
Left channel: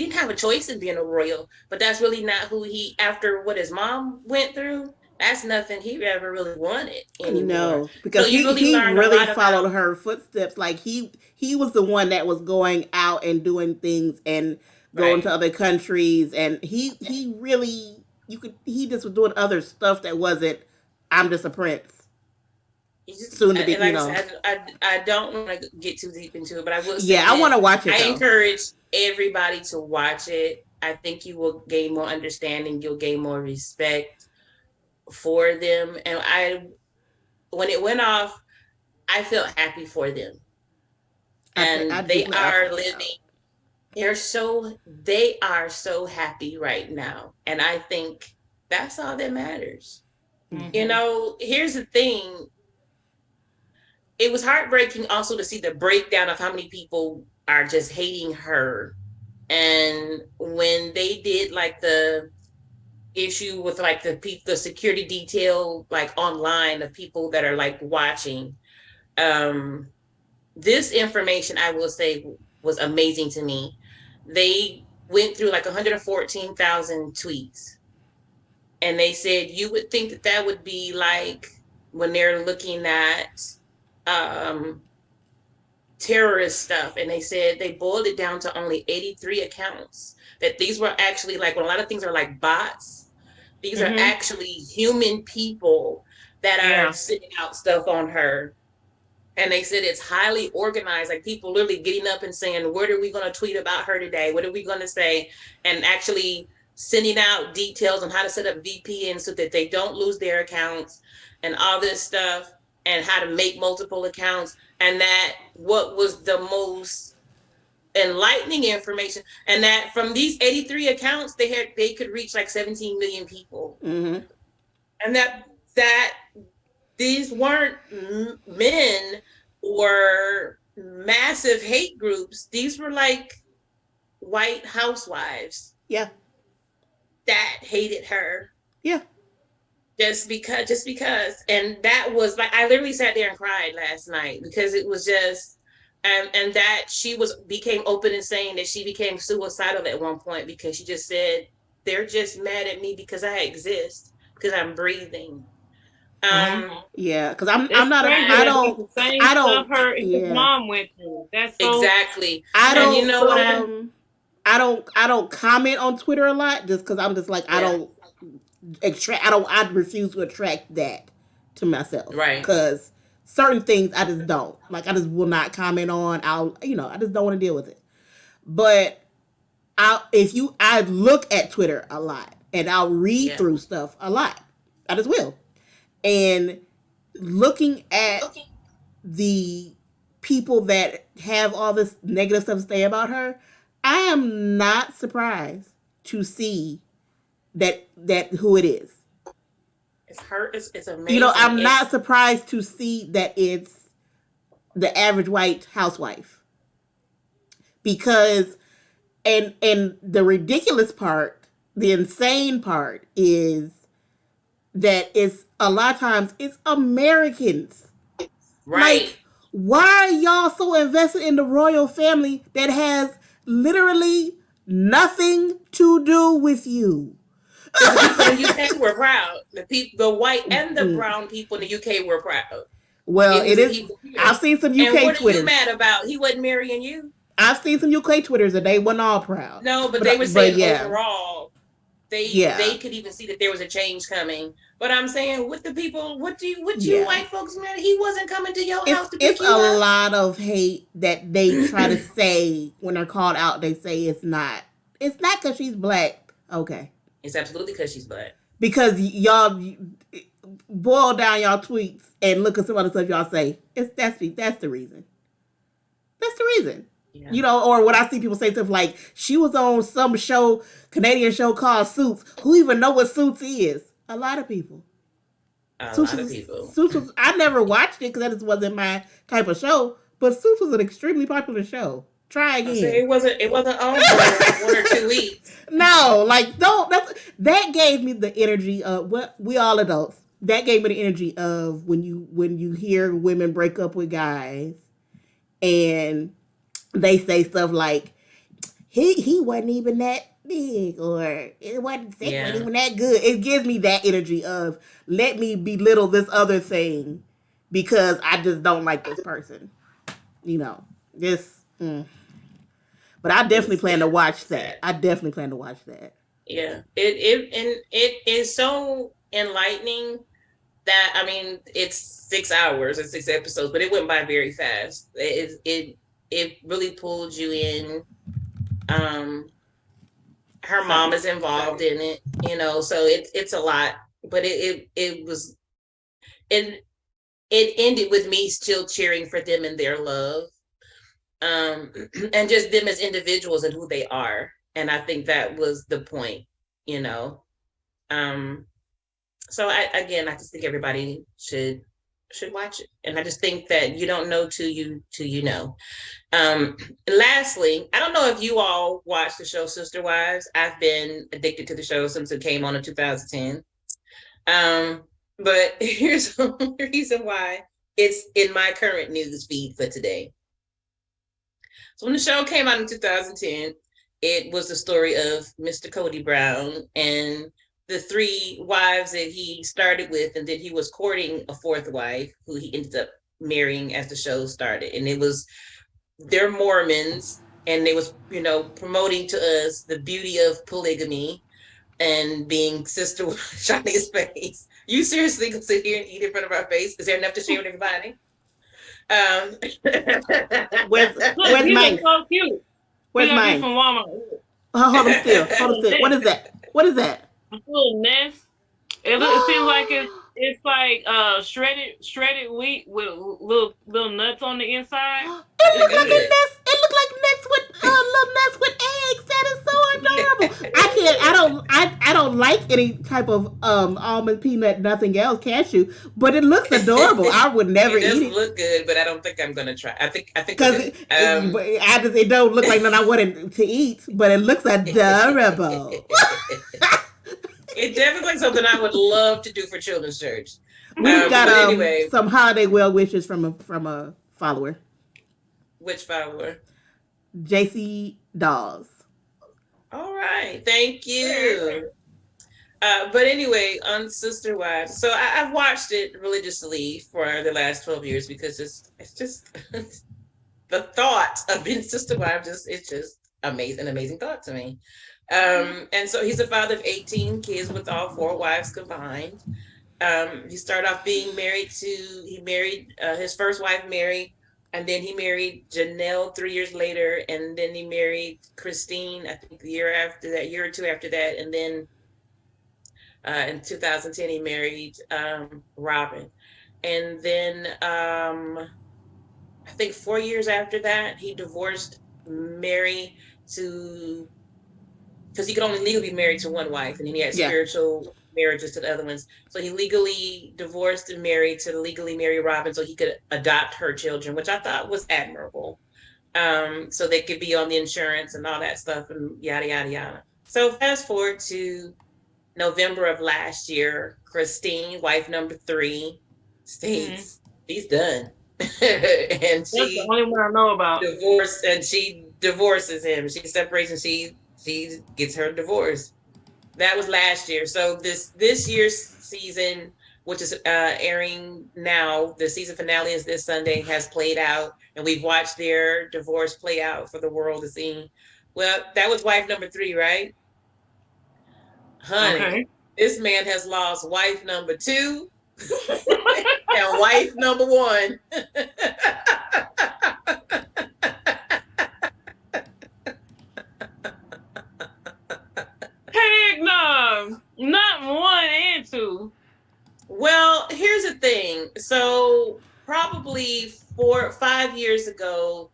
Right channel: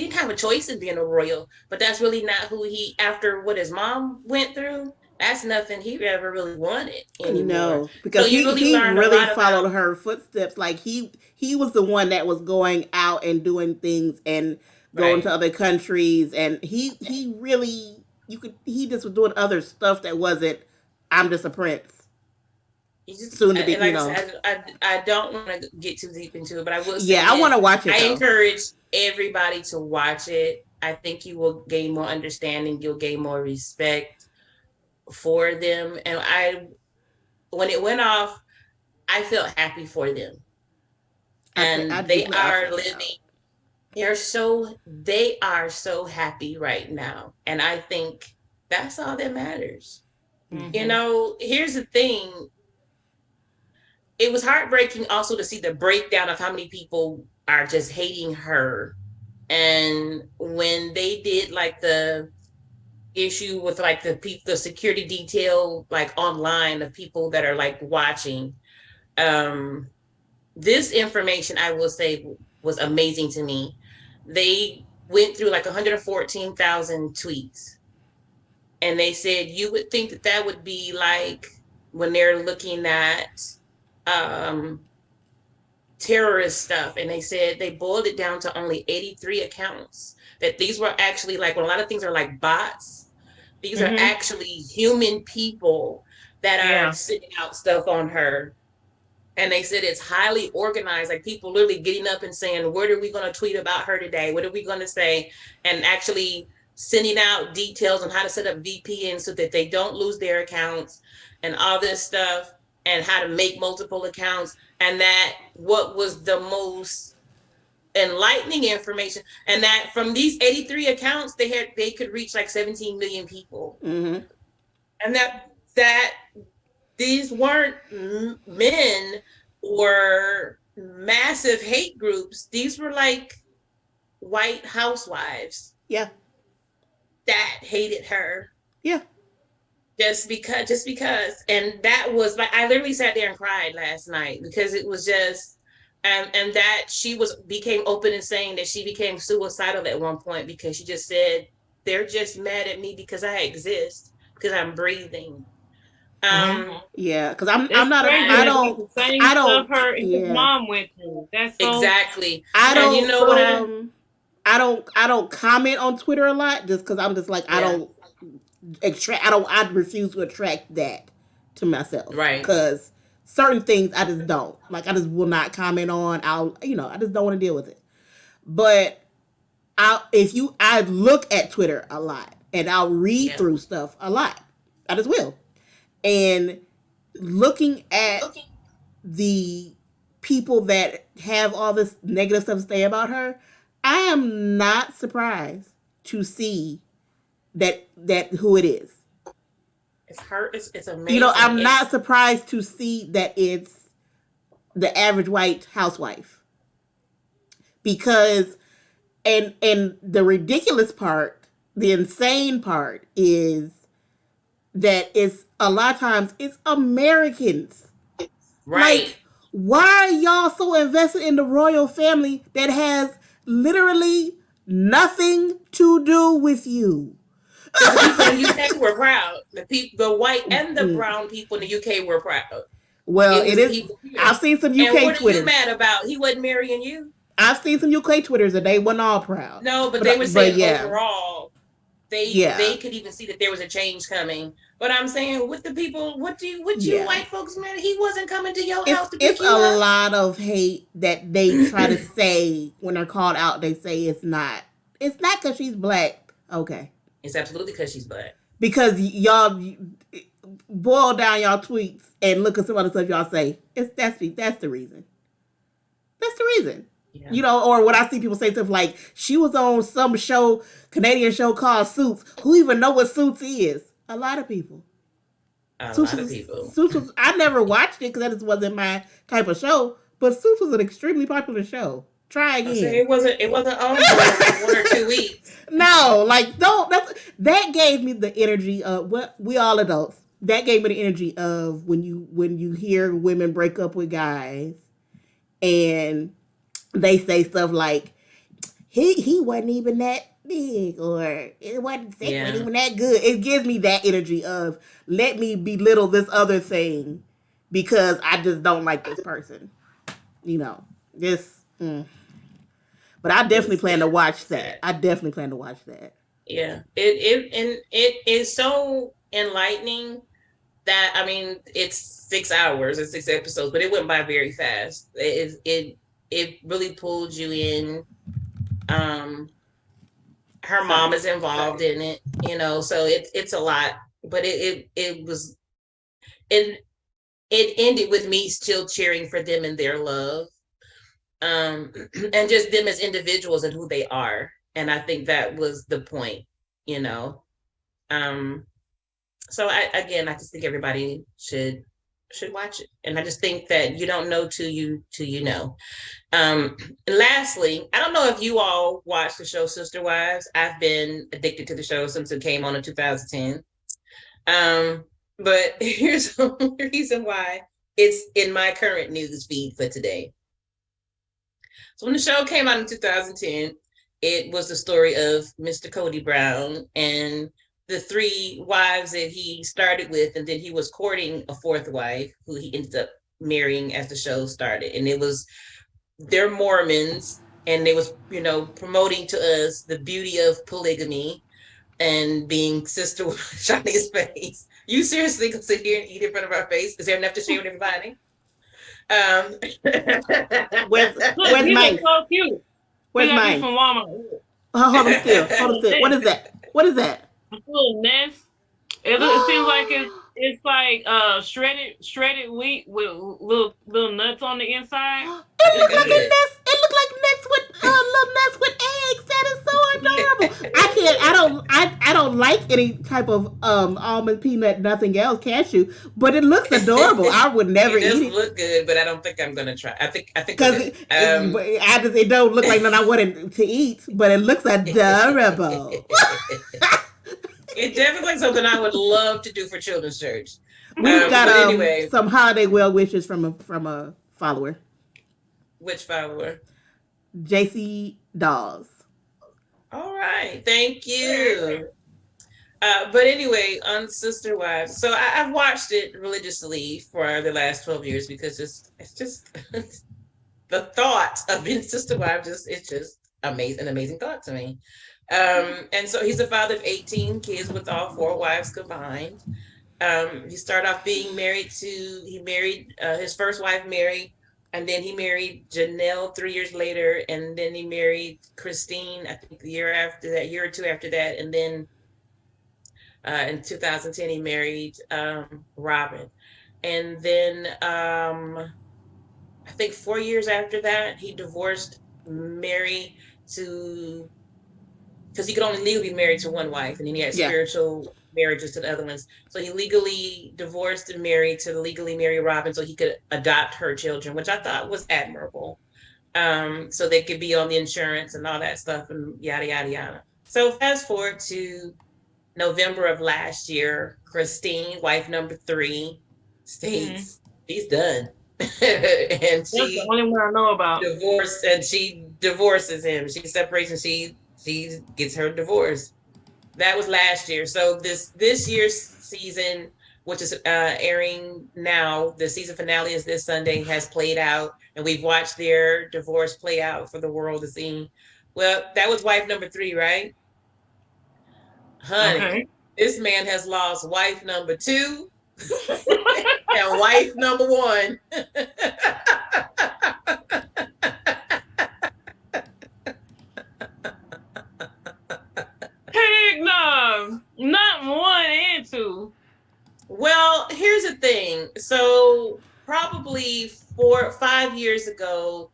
didn't have a choice in being a royal, but that's really not who after what his mom went through, that's nothing he ever really wanted anymore. No, because so he really followed her footsteps. Like he was the one that was going out and doing things and going to other countries, and he really, he just was doing other stuff that wasn't, I'm just a prince. Soon to be, I don't want to get too deep into it, but I will say, I want to watch it. I encourage everybody to watch it. I think you will gain more understanding. You'll gain more respect for them. And when it went off, I felt happy for them. And they are living. They are so happy right now. And I think that's all that matters. Mm-hmm. Here's the thing. It was heartbreaking also to see the breakdown of how many people are just hating her. And when they did like the issue with like the security detail, like online, of people that are like watching, this information, I will say, was amazing to me. They went through like 114,000 tweets. And they said, you would think that would be like when they're looking at terrorist stuff, and they said they boiled it down to only 83 accounts. That these were actually, like, when a lot of things are like bots, these are actually human people that are sending out stuff on her. And they said it's highly organized, like people literally getting up and saying, what are we going to tweet about her today? What are we going to say? And actually sending out details on how to set up VPN so that they don't lose their accounts and all this stuff, and how to make multiple accounts. And that what was the most enlightening information, and that from these 83 accounts, they could reach like 17 million people. Mm-hmm. And that these weren't men or massive hate groups. These were like white housewives. Yeah. That hated her. Yeah. Just because. And that was like, I literally sat there and cried last night, because it was just, and that she became open and saying that she became suicidal at one point, because she just said, they're just mad at me because I exist, because I'm breathing. Yeah, because I don't her his mom went through. That's so, exactly. I don't comment on Twitter a lot, just because I'm just like, I refuse to attract that to myself. Right. Because certain things I just don't. Like, I just will not comment on. I just don't want to deal with it. But I look at Twitter a lot, and I'll read through stuff a lot. I just will. And looking at the people that have all this negative stuff to say about her, I am not surprised to see that who it is. It's her. It's amazing. I'm not surprised to see that it's the average white housewife, because, and the ridiculous part, the insane part is that it's a lot of times it's Americans. Right. Like, why are y'all so invested in the royal family that has literally Nothing to do with you. But the people in the UK were proud. The white and the brown people in the UK were proud. Well, It it was is. he was here. I've seen some And UK what are you Twitters. mad about? He wasn't marrying you. I've seen some UK Twitters and they weren't all proud. No, but they were But saying yeah, overall, they yeah, could even see that there was a change coming. But I'm saying, with the people, what you yeah. white folks, man? He wasn't coming to your house to It's pick a you up. lot of hate that they try to say when they're called out. They say it's not. It's not because she's black. Okay. It's absolutely because she's black. Because y'all boil down y'all tweets and look at some other stuff y'all say. That's the reason. That's the reason. Yeah. You know, or when I see people say stuff like she was on some show, Canadian show called Suits. Who even know what Suits is? A lot of people. A lot of people. Suits was, I never watched it because that just wasn't my type of show. But Suits was an extremely popular show. Try again. It wasn't on for 1 or 2 weeks. No, like don't. That gave me the energy of what we all adults. That gave me the energy of when you hear women break up with guys, and they say stuff like he wasn't even that big, or it wasn't even that good. It gives me that energy of let me belittle this other thing because I just don't like this person. You know this. But I definitely plan to watch that. Yeah, it is so enlightening that, I mean, it's 6 hours and 6 episodes, but it went by very fast. It really pulled you in. Her mom is involved in it, you know, so it's a lot. But it ended with me still cheering for them and their love. And just them as individuals and who they are. And I think that was the point, you know. So I just think everybody should watch it. And I just think that you don't know till you know. Lastly, I don't know if you all watched the show Sister Wives. I've been addicted to the show since it came on in 2010. But here's the reason why it's in my current news feed for today. So when the show came out in 2010, it was the story of Mr. Cody Brown and the 3 wives that he started with, and then he was courting a 4th wife who he ended up marrying as the show started. And they're Mormons, and they was, you know, promoting to us the beauty of polygamy and being sister. Shawnee's face. You seriously can sit here and eat in front of our face? Is there enough to share with everybody? Where's mine? So cute. Where's mine? From Walmart. Hold on still. What is that? A little nest. It seems like it's like shredded wheat with little nuts on the inside. It looked like a nest. It looked like nuts with little nuts with eggs. That is so adorable. I don't like any type of almond, peanut, nothing else, cashew, but it looks adorable. I would never eat it. It does look good, but I don't think I'm gonna try. I think because it don't look like nothing I wanted to eat, but it looks adorable. It definitely like something I would love to do for children's church. We've got some holiday well wishes from a follower. Which follower? JC Dawes. All right, thank you. But anyway, on Sister Wives, so I've watched it religiously for the last 12 years because it's just the thought of being Sister Wives it's just an amazing thought to me. And so he's a father of 18 kids with all 4 wives combined. He started off being married his first wife, Mary, and then he married Janelle 3 years later, and then he married Christine, I think the year or two after that, and then in 2010 he married Robin. And then I think 4 years after that he divorced Mary because he could only legally be married to one wife, and then he had spiritual marriages to the other ones. So he legally divorced and married to legally marry Robin so he could adopt her children, which I thought was admirable. So they could be on the insurance and all that stuff and yada, yada, yada. So fast forward to November of last year, Christine, wife number 3, states she's done. And that's the only one I know about. Divorced, and she divorces him. She separates and she she gets her divorce. That was last year. So this year's season, which is airing now, the season finale is this Sunday, has played out, and we've watched their divorce play out for the world to see. Well, that was wife number 3, right? Honey, Okay. this man has lost wife number 2 and wife number 1. Heck no, not 1 and 2. Well, here's the thing. So probably 4 5 years ago,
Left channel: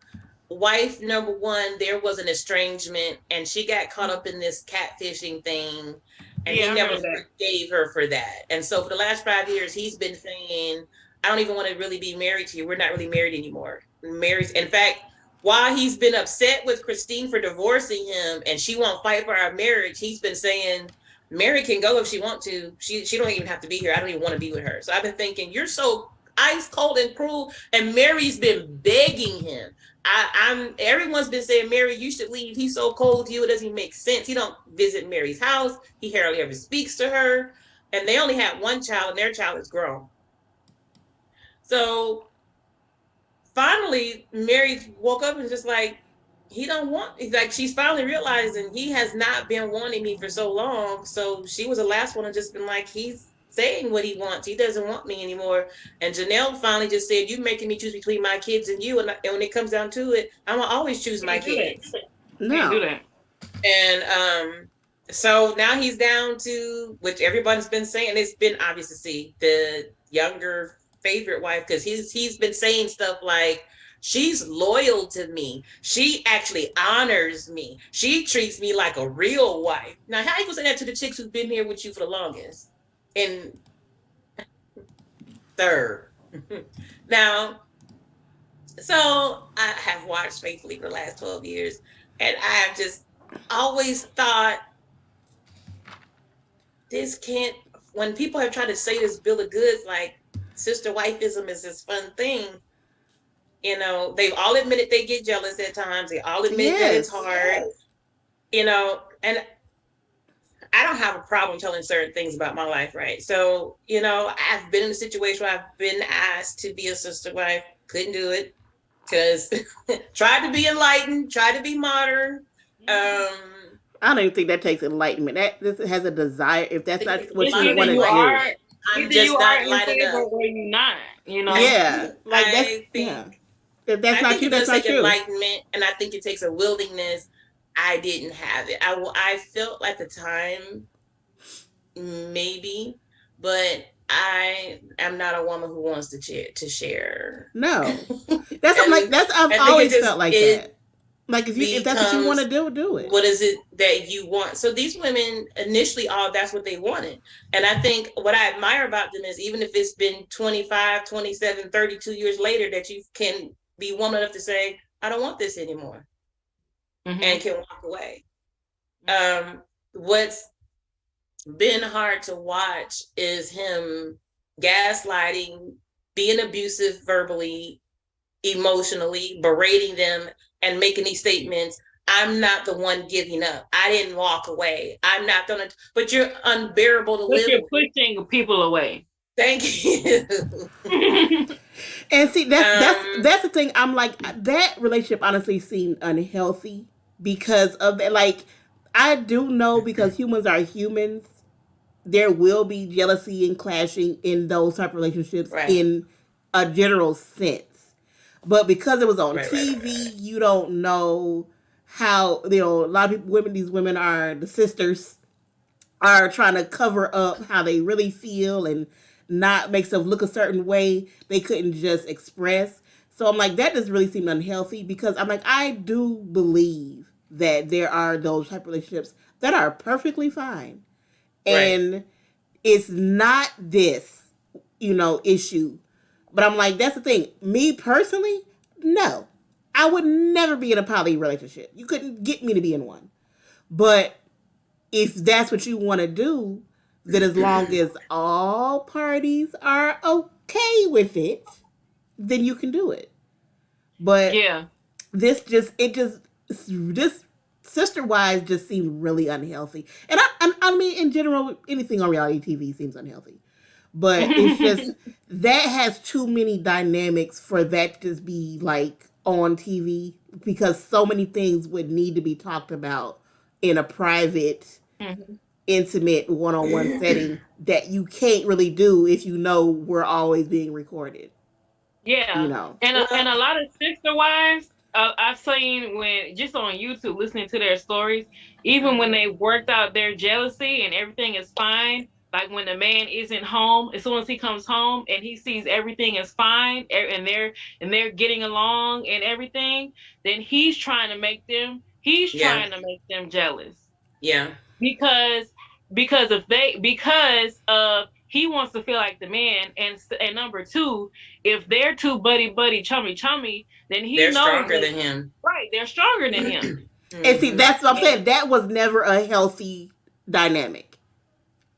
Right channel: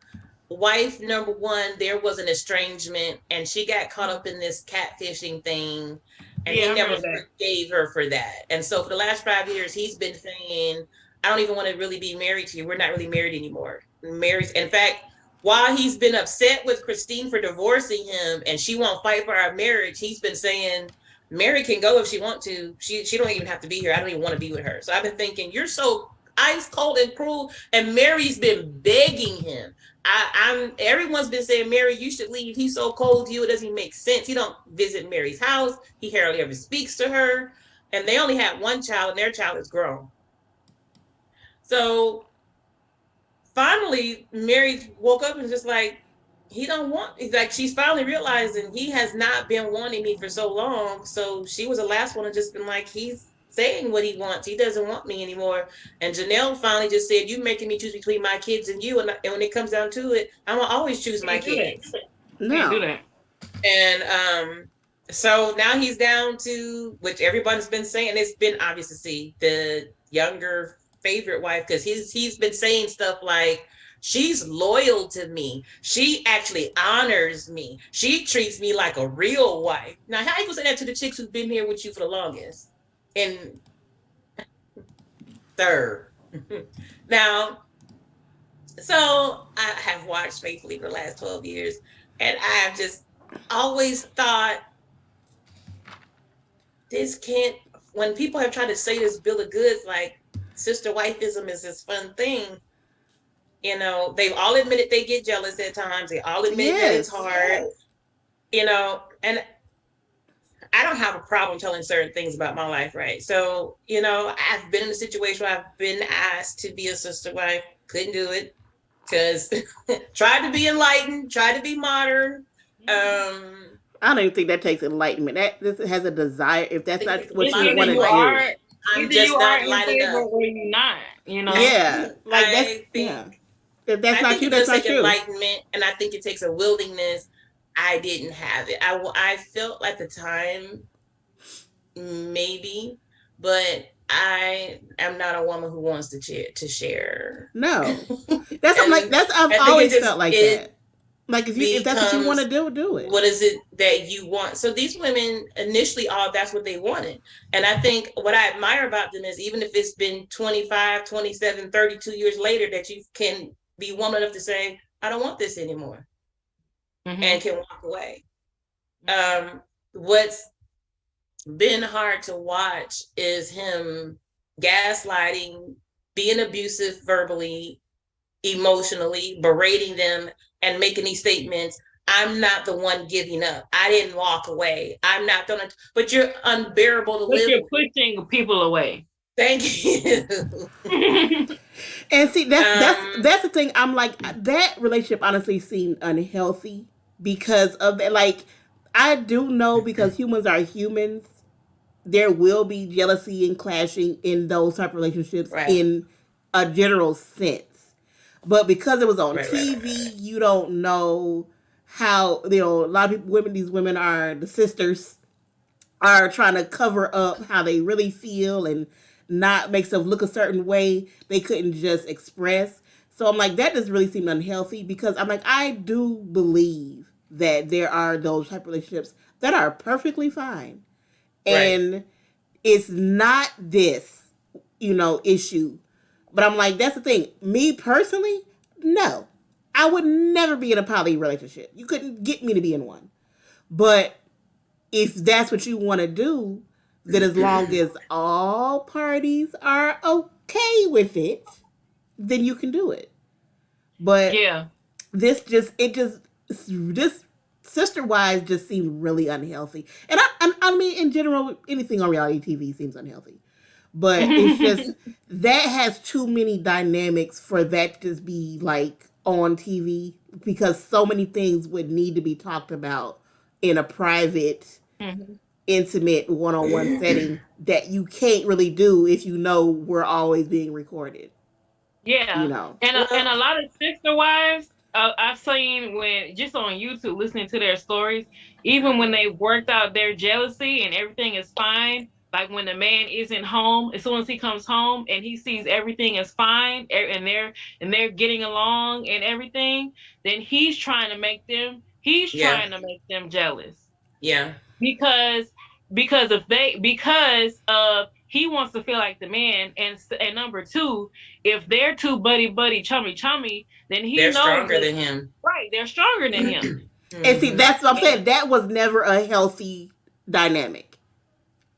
wife number 1, there was an estrangement, and she got caught up in this catfishing thing, and Yeah, he I never heard that. forgave her for that. And so for the last 5 years, he's been saying, "I don't even want to really be married to you. We're not really married anymore." Married. In fact, while he's been upset with Christine for divorcing him, and she won't fight for our marriage, he's been saying, Mary can go if she want to. She don't even have to be here. I don't even want to be with her. So I've been thinking, you're so ice cold and cruel. And Mary's been begging him. I'm everyone's been saying, Mary, you should leave. He's so cold to you. It doesn't even make sense. He don't visit Mary's house. He hardly ever speaks to her. And they only had one child, and their child is grown. So finally, Mary woke up and just like, he don't want, like, she's finally realizing he has not been wanting me for so long. So she was the last one to just been like, he's saying what he wants. He doesn't want me anymore. And Janelle finally just said, you making me choose between my kids and you. And when it comes down to it, I'm gonna always choose my kids. Can't do No. that. And so now he's down to, which everybody's been saying, it's been obvious to see the younger favorite wife, because he's been saying stuff like, she's loyal to me. She actually honors me. She treats me like a real wife. Now, how you gonna say that to the chicks who've been here with you for the longest? And third. Now, so I have watched faithfully for the last 12 years, and I have just always thought, this can't, when people have tried to say this bill of goods, like sister wifeism is this fun thing, you know, they've all admitted they get jealous at times. They all admit that it's hard, you know, and I don't have a problem telling certain things about my life, right? So, you know, I've been in a situation where I've been asked to be a sister wife, couldn't do it, because tried to be enlightened, tried to be modern. I don't even think that takes enlightenment. That this has a desire. If that's not what you Either want to you do, are, I'm either just you not are in lighted favor up. or you're not. You know. yeah, like that's I think, yeah. If that's I not think you, it that's does not take you. enlightenment, and I think it takes a willingness. I didn't have it. I felt like the time, maybe, but I am not a woman who wants to share. No, that's I'm like And that's I've I think always felt like it that. Like if that's what you want to becomes, do, do it. what is it that you want? So these women initially, all that's what they wanted. And I think what I admire about them is, even if it's been 25, 27, 32 years later, that you can be woman enough to say, I don't want this anymore, and can walk away. What's been hard to watch is him gaslighting, being abusive verbally, emotionally, berating them, and making these statements. I'm not the one giving up. I didn't walk away. I'm not gonna, but you're unbearable to But live you're with. pushing people away. Thank you. And see, that's the thing. I'm like that relationship honestly seemed unhealthy because of that. Like I do know because humans are humans. There will be jealousy and clashing in those type of relationships Right. in a general sense. But because it was on Right, TV, right. you don't know how a lot of people, these women are the sisters are trying to cover up how they really feel and not make stuff look a certain way they couldn't just express. So I'm like, that just really seemed unhealthy because I'm like, I do believe that there are those type of relationships that are perfectly fine. Right. And it's not this, issue. But I'm like, that's the thing. Me personally, no. I would never be in a poly relationship. You couldn't get me to be in one. But if that's what you want to do, then as long as all parties are okay with it, then you can do it. But Yeah. this Sister Wives just seem really unhealthy, and I mean in general, anything on reality TV seems unhealthy. But it's just that has too many dynamics for that to just be like on TV because so many things would need to be talked about in a private, intimate, one-on-one setting that you can't really do if you know we're always being recorded. Yeah, You know. and a lot of sister wives, I've seen when just on YouTube listening to their stories, even when they worked out their jealousy and everything is fine. Like when the man isn't home, as soon as he comes home and he sees everything is fine and they're getting along and everything, then he's Yeah. trying to make them jealous Yeah. because because of he wants to feel like the man, and number two, if they're too buddy chummy, then he They're knows stronger that, than him. right, they're stronger than him. And see, that's what I'm saying. That was never a healthy dynamic.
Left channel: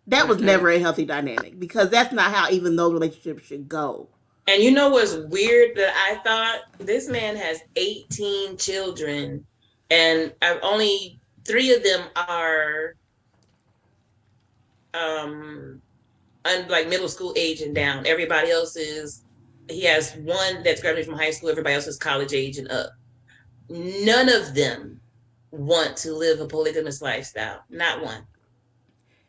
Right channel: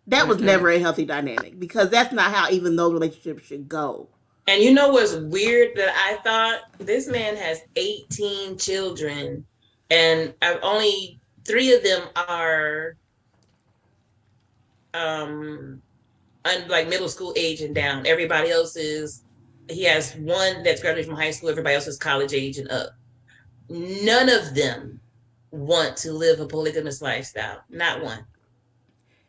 That was never a healthy dynamic because that's not how even those relationships should go. And you know what's weird that I thought? This man has 18 children, and only 3 of them are like middle school age and down. Everybody else he has one that's graduated from high school, everybody else is college age and up. None of them want to live a polygamous lifestyle. Not one.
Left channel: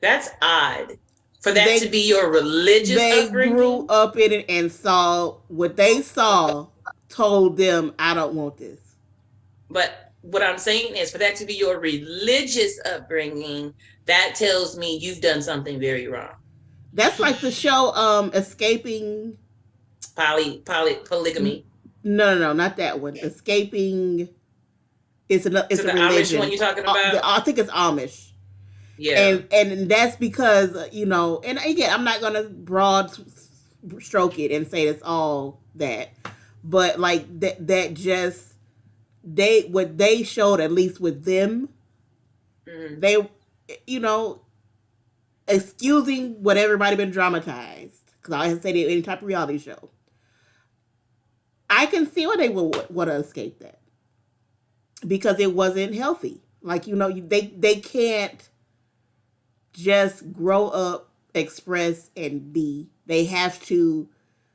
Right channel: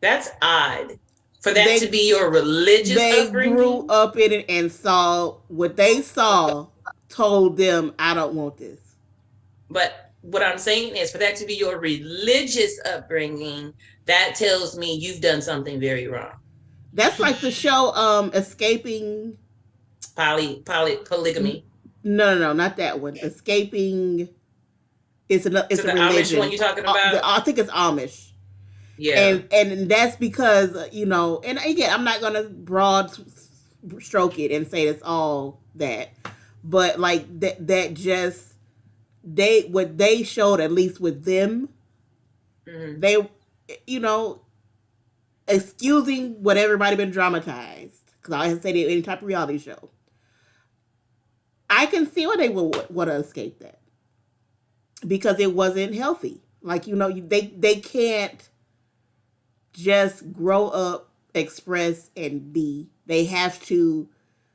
That's odd. For that to be your religious upbringing. They grew up in it and saw what they saw, told them, I don't want this. But what I'm saying is for that to be your religious upbringing, that tells me you've done something very wrong. That's like the show Escaping polygamy. No, not that one. Escaping. It's a religion. Amish one you talking about? I think it's Amish. Yeah. And that's because and again, I'm not gonna broad stroke it and say it's all that, but like that just what they showed, at least with them, they excusing what everybody been dramatized, because I always say that any type of reality show, I can see why they would want to escape that because it wasn't healthy. Like they can't just grow up, express, and be. They have to.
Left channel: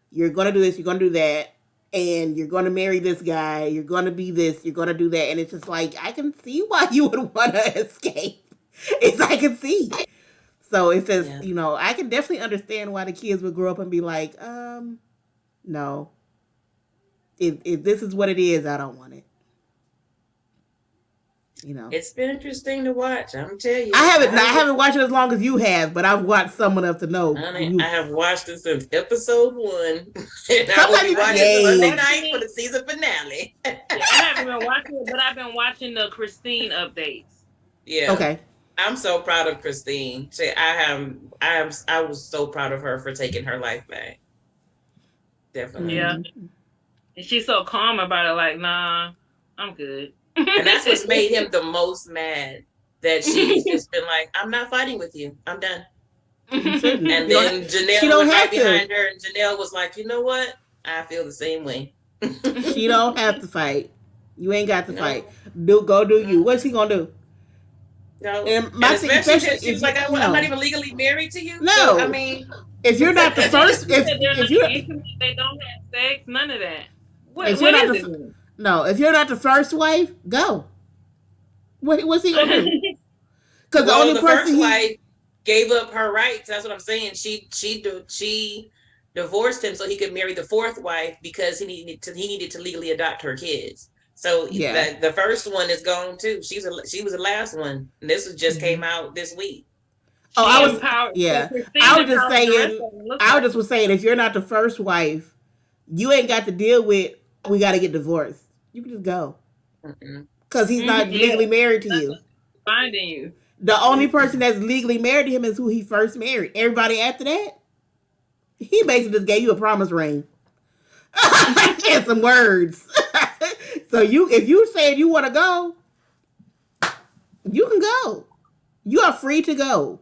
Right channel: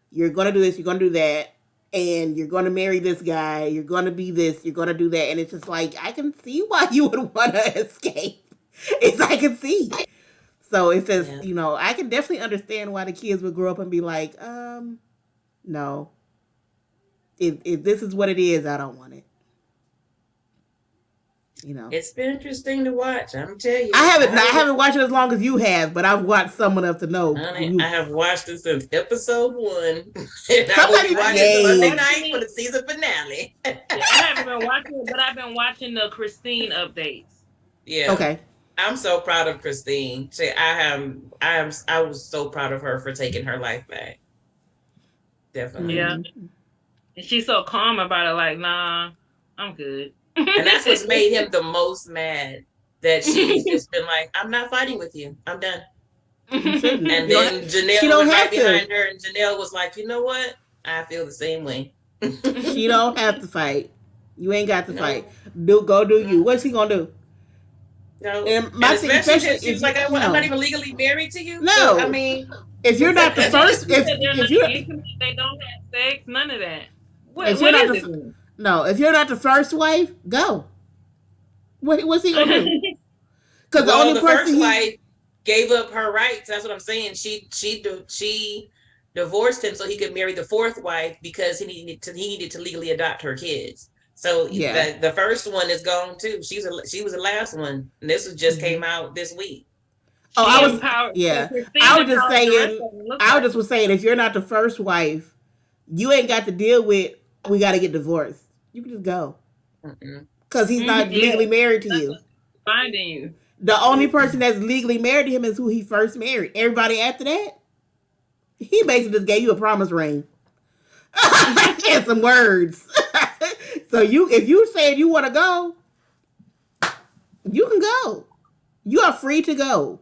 You're gonna do this. You're gonna do that. And you're going to marry this guy, you're going to be this, you're going to do that. And it's just like, I can see why you would want to escape. I can see. So it's just, I can definitely understand why the kids would grow up and be like, no. If this is what it is, I don't want it. It's been interesting to watch. I'm telling you. I haven't watched it as long as you have, but I've watched some enough to know. I have watched it since episode 1. And I will be watching it Monday night for the season finale. I haven't been watching it, but I've been watching the Christine updates. Yeah. Okay. I'm so proud of Christine. I was so proud of her for taking her life back. Definitely. Yeah. And she's so calm about it, like, nah, I'm good. And that's what's made him the most mad. That she's just been like, I'm not fighting with you. I'm done. And then Janelle was right behind her, and Janelle was like, you know what? I feel the same way. She don't have to fight. You ain't got to fight. Go do you. What's he gonna do? No. And my thing, especially if she's like, I'm not even legally married to you. No. So, I mean, if you're not the first, if you they don't have sex, none of that. If you're not the first wife, go. What's he gonna do? Because the only person first wife gave up her rights. That's what I'm saying. She divorced him so he could marry the 4th wife because he needed to legally adopt her kids. So the first one is gone too. She was the last one. And this just came out this week. I was just saying if you're not the first wife, you ain't got to deal with we got to get divorced. You can just go. Because he's not legally married to you. Finding you. The only person that's legally married to him is who he first married. Everybody after that, he basically just gave you a promise ring. And some words. So if you said you want to go, you can go. You are free to go.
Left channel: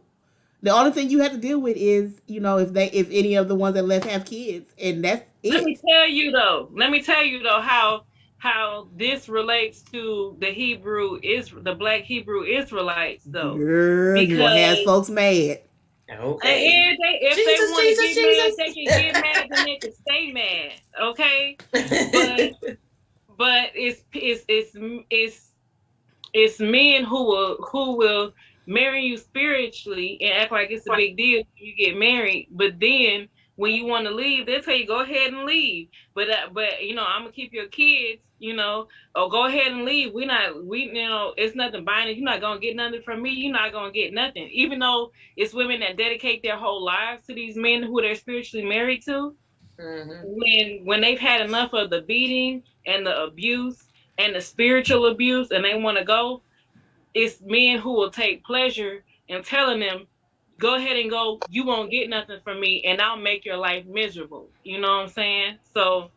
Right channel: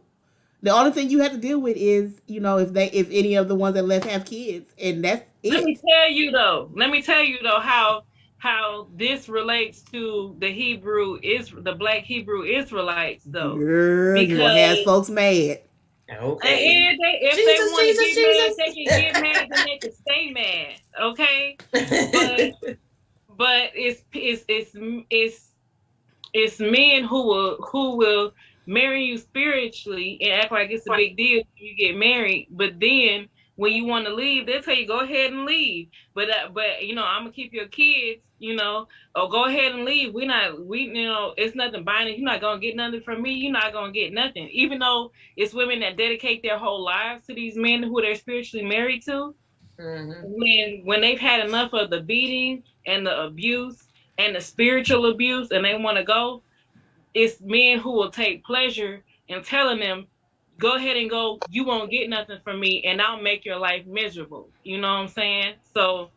The only thing you have to deal with is, if any of the ones that left have kids, and that's it. Let me tell you though how how this relates to the Black Hebrew Israelites though, Girl, you gonna have because folks mad. Okay. if they Jesus, want to Jesus, get mad, they can Jesus. get mad, then they can stay mad. Okay, but it's it's men who will marry you spiritually and act like it's a big deal when you get married, but then when you want to leave, they'll tell you go ahead and leave. But I'm gonna keep your kids. Or go ahead and leave. It's nothing binding. You're not gonna get nothing from me. You're not gonna get nothing. Even though it's women that dedicate their whole lives to these men who they're spiritually married to, Mm-hmm. when they've had enough of the beating and the abuse and the spiritual abuse and they want to go, it's men who will take pleasure in telling them, go ahead and go, you won't get nothing from me and I'll make your life miserable. You know what I'm saying? So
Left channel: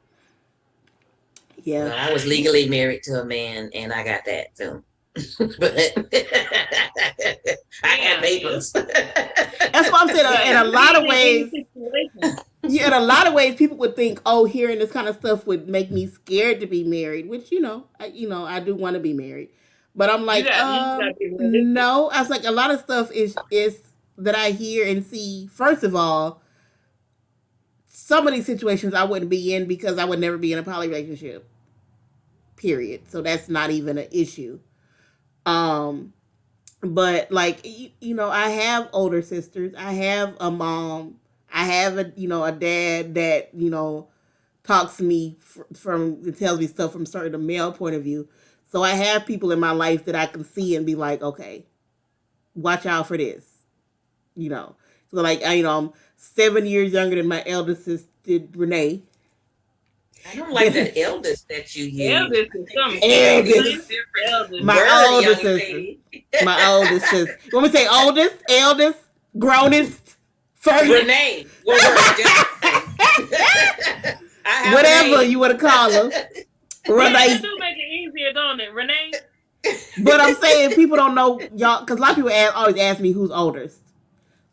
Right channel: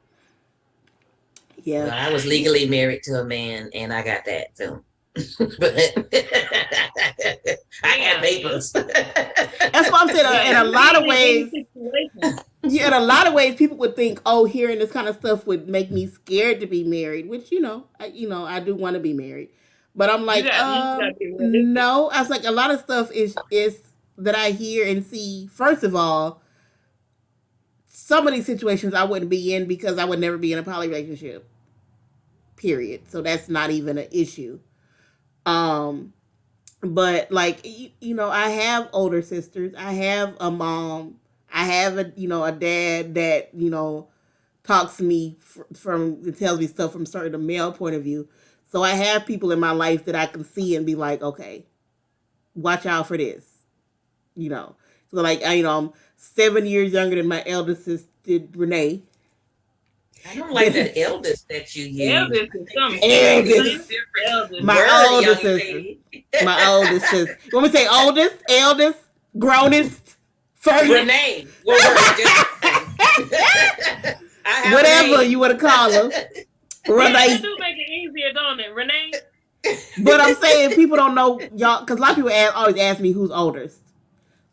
Yeah. Well, I was legally married to a man, and I got that too. But I had yeah, papers. That's what I'm saying. yeah, In a you lot of get in ways, any situation. yeah, in a lot of ways, people would think, oh, hearing this kind of stuff would make me scared to be married. Which I do want to be married, but I'm You like, got you just gotta be realistic. no. I was like, a lot of stuff is that I hear and see. First of all, some of these situations I wouldn't be in because I would never be in a poly relationship. Period. So that's not even an issue. Um, but like I have older sisters. I have a mom. I have a dad that talks to me from it tells me stuff from certain a male point of view. So I have people in my life that I can see and be like, okay, watch out for this. You know. So like I'm 7 years younger than my eldest sister Renee. I don't like that eldest that you use. Eldest is something Eldest. It's different eldest. My word, oldest young sister. lady. My oldest sister. You want me to say oldest, eldest, grownest, first? Renee. Whatever you want to call her. Yeah, that Renee. do make it easier, don't it, Renee? But I'm saying people don't know y'all because a lot of people always ask me who's oldest.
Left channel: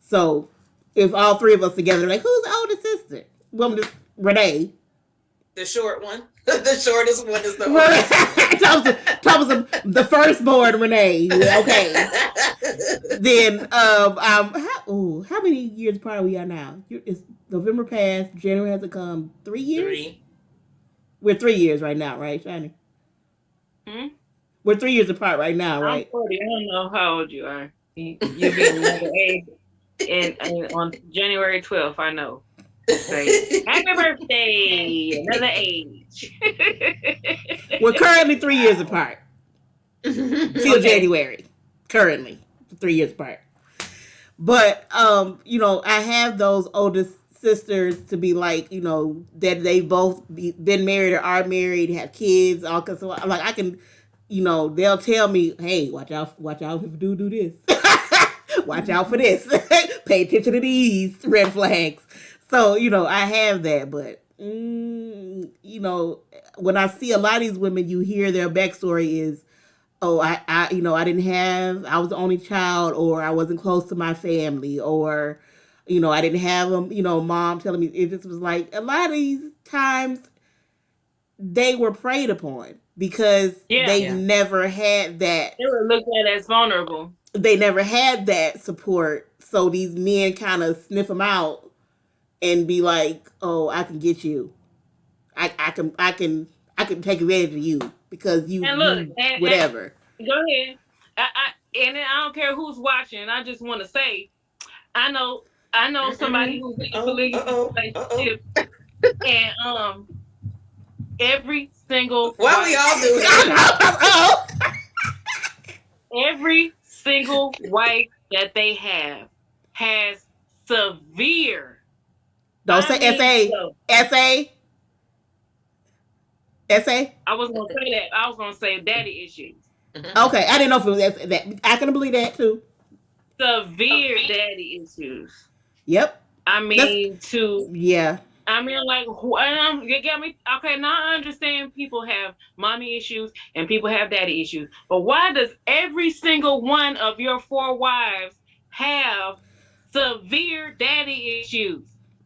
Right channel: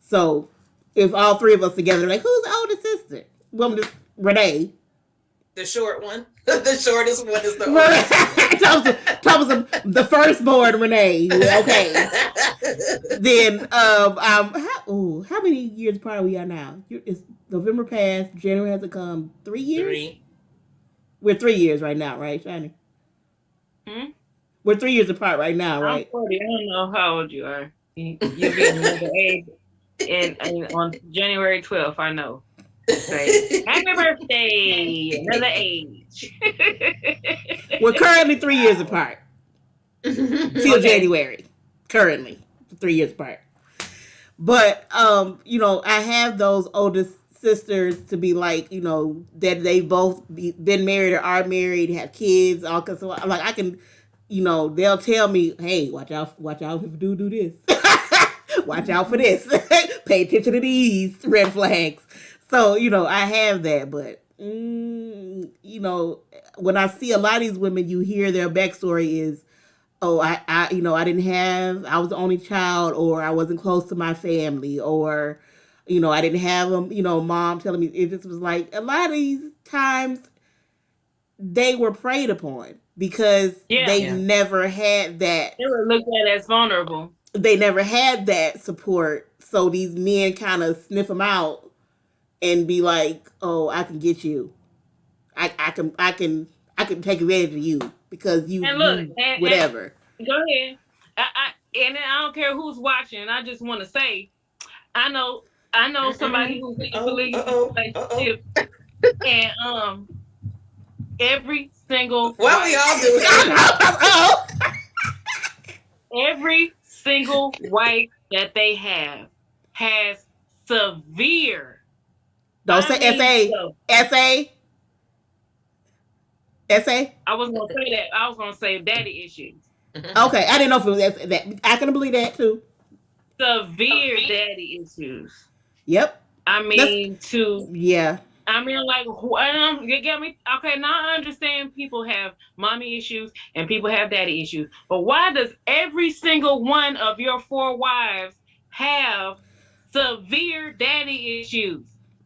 So if all three of us together, they're like, who's the oldest sister? Well, I'm just Renee. The short one. The shortest one is the oldest. Thomas, the firstborn Renee. Okay. Then how many years apart are we are now? It's November passed. January hasn't come. 3 years. 3. We're 3 years right now, right, Shani? Hmm? We're 3 years apart right now, right? I'm 40. I don't know how old you are. You'll be another age and on January 12th, I know. Right. Happy birthday! Another age. We're currently 3 years apart. Till January. Currently. 3 years apart. But I have those oldest sisters to be like, that they both been married or are married, have kids, all kinds of like I can, they'll tell me, hey, watch out if you do this. Watch out for this. Pay attention to these red flags. So, I have that, but when I see a lot of these women, you hear their backstory is, oh, I was the only child, or I wasn't close to my family, or, I didn't have mom telling me. It just was like a lot of these times they were preyed upon because they never had that. They were looked at as vulnerable. They never had that support, so these men kind of sniff them out and be like, "Oh, I can get you. I can take advantage of you because you whatever." And go ahead. And I don't care who's watching. I just want to say, I know somebody who's in a polygamous relationship, and every single Why we all do that? Every single wife that they have has severe. Don't say SA. I was gonna say that. I was gonna say daddy issues. Okay, I didn't know if it was that. I can believe that too. Severe daddy issues. Yep. I mean, yeah. I mean, like, you get me? Okay, now I understand people have mommy issues and people have daddy issues, but why does every single one of your 4 wives have severe daddy issues?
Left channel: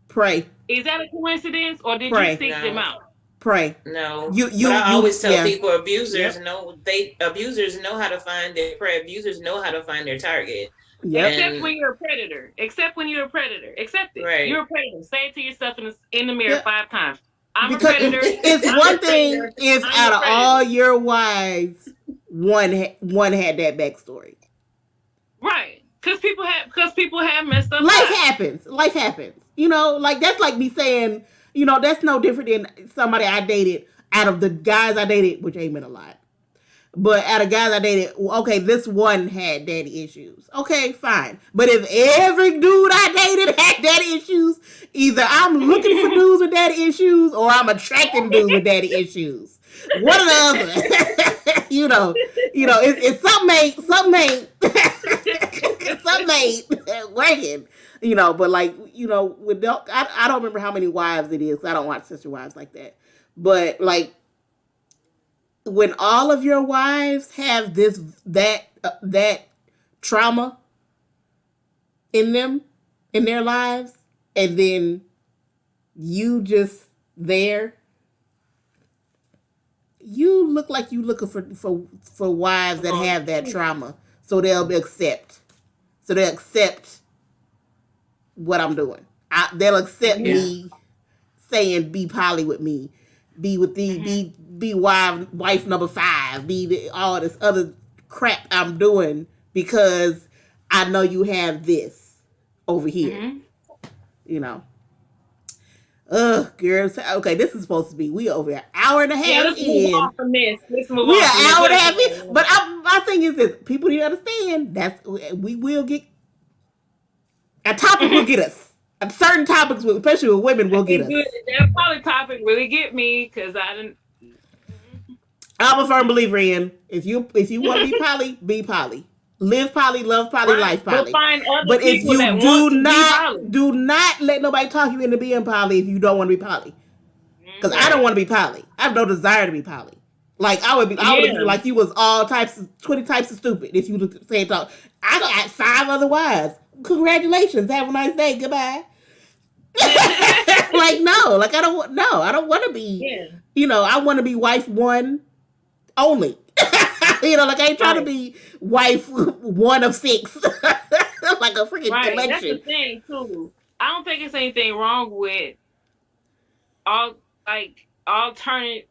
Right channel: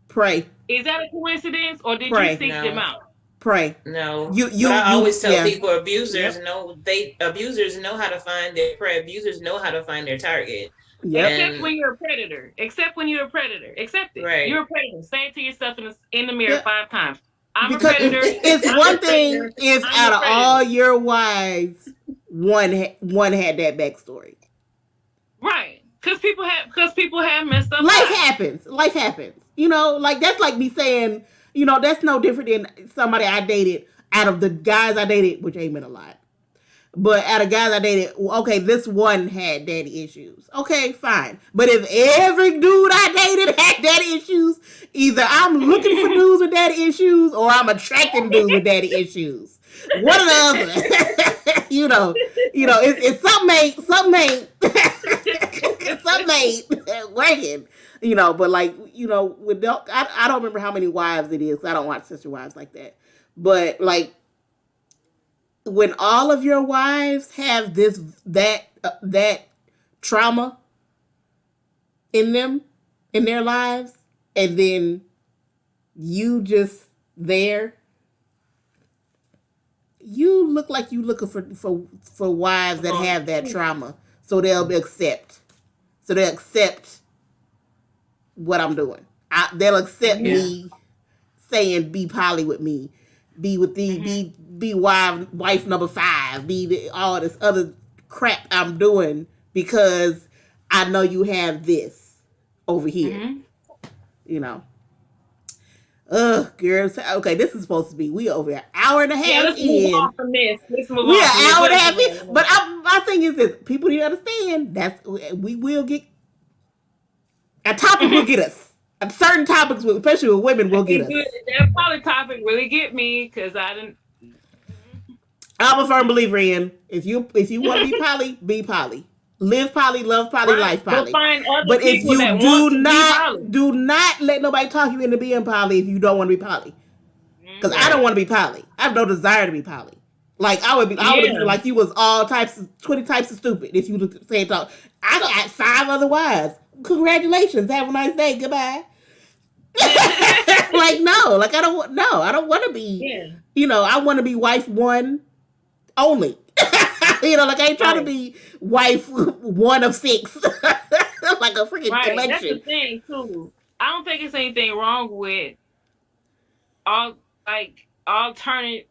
Pray. Is that a coincidence, or did you seek them out? Pray. No, but I You, always tell yeah. people abusers Yep. abusers know how to find their prey. Abusers know how to find their target. Yep. Except And when you're a predator. Except when you're a predator. Accept it. You're right. a predator. Say it to yourself in the mirror Yep. 5 times. I'm a Because predator. it's I'm a one thing predator. if I'm out a of all predator. your wives, one had that backstory. Right. Because people have messed up Life lives. happens. Life happens. You know, like that's like me saying, you know, that's no different than somebody I dated out of the guys I dated, which ain't been a lot. But out of guys I dated, okay, this one had daddy issues. Okay, fine. But if every dude I dated had daddy issues, either I'm looking for dudes with daddy issues or I'm attracting dudes with daddy issues. One or the other. It's something ain't working. But like, I don't remember how many wives it is. I don't watch Sister Wives like that. But like, when all of your wives have that trauma in them, in their lives, and then you just there, you look like you looking for wives that have that trauma, so they'll accept what I'm doing. They'll accept Yeah. me saying be poly with me, be with the Mm-hmm. be wife number 5, all this other crap I'm doing because I know you have this over here. Mm-hmm. You know. Ugh, girls. Okay, this is supposed to be we over an hour and a Yeah, half let's move in. on from this. Let's move We on an from this. hour What and a else half is in. going But on? my thing is this: people need to understand that we will get a topic will get us. Certain topics, especially with women, will get It's us. good. That poly topic really get me because I didn't. I'm a firm believer in if you want to be poly. Live poly, love poly, Right, life but poly. find other But if people you that want to be poly. do not let nobody talk you into being poly if you don't want to be poly. Because I don't Right. want to be poly. I have no desire to be poly. Like I would have been Yeah. like you was all types of 20 types of stupid if you say talk. I got 5 other wives. Congratulations. Have a nice day. Goodbye. Like no, like I don't want to be. Yeah. I want to be wife 1 only. Like I ain't trying to Right. be wife 1 of 6, like a freaking Right. That's the collection. thing too. I don't think it's anything wrong with all like alternate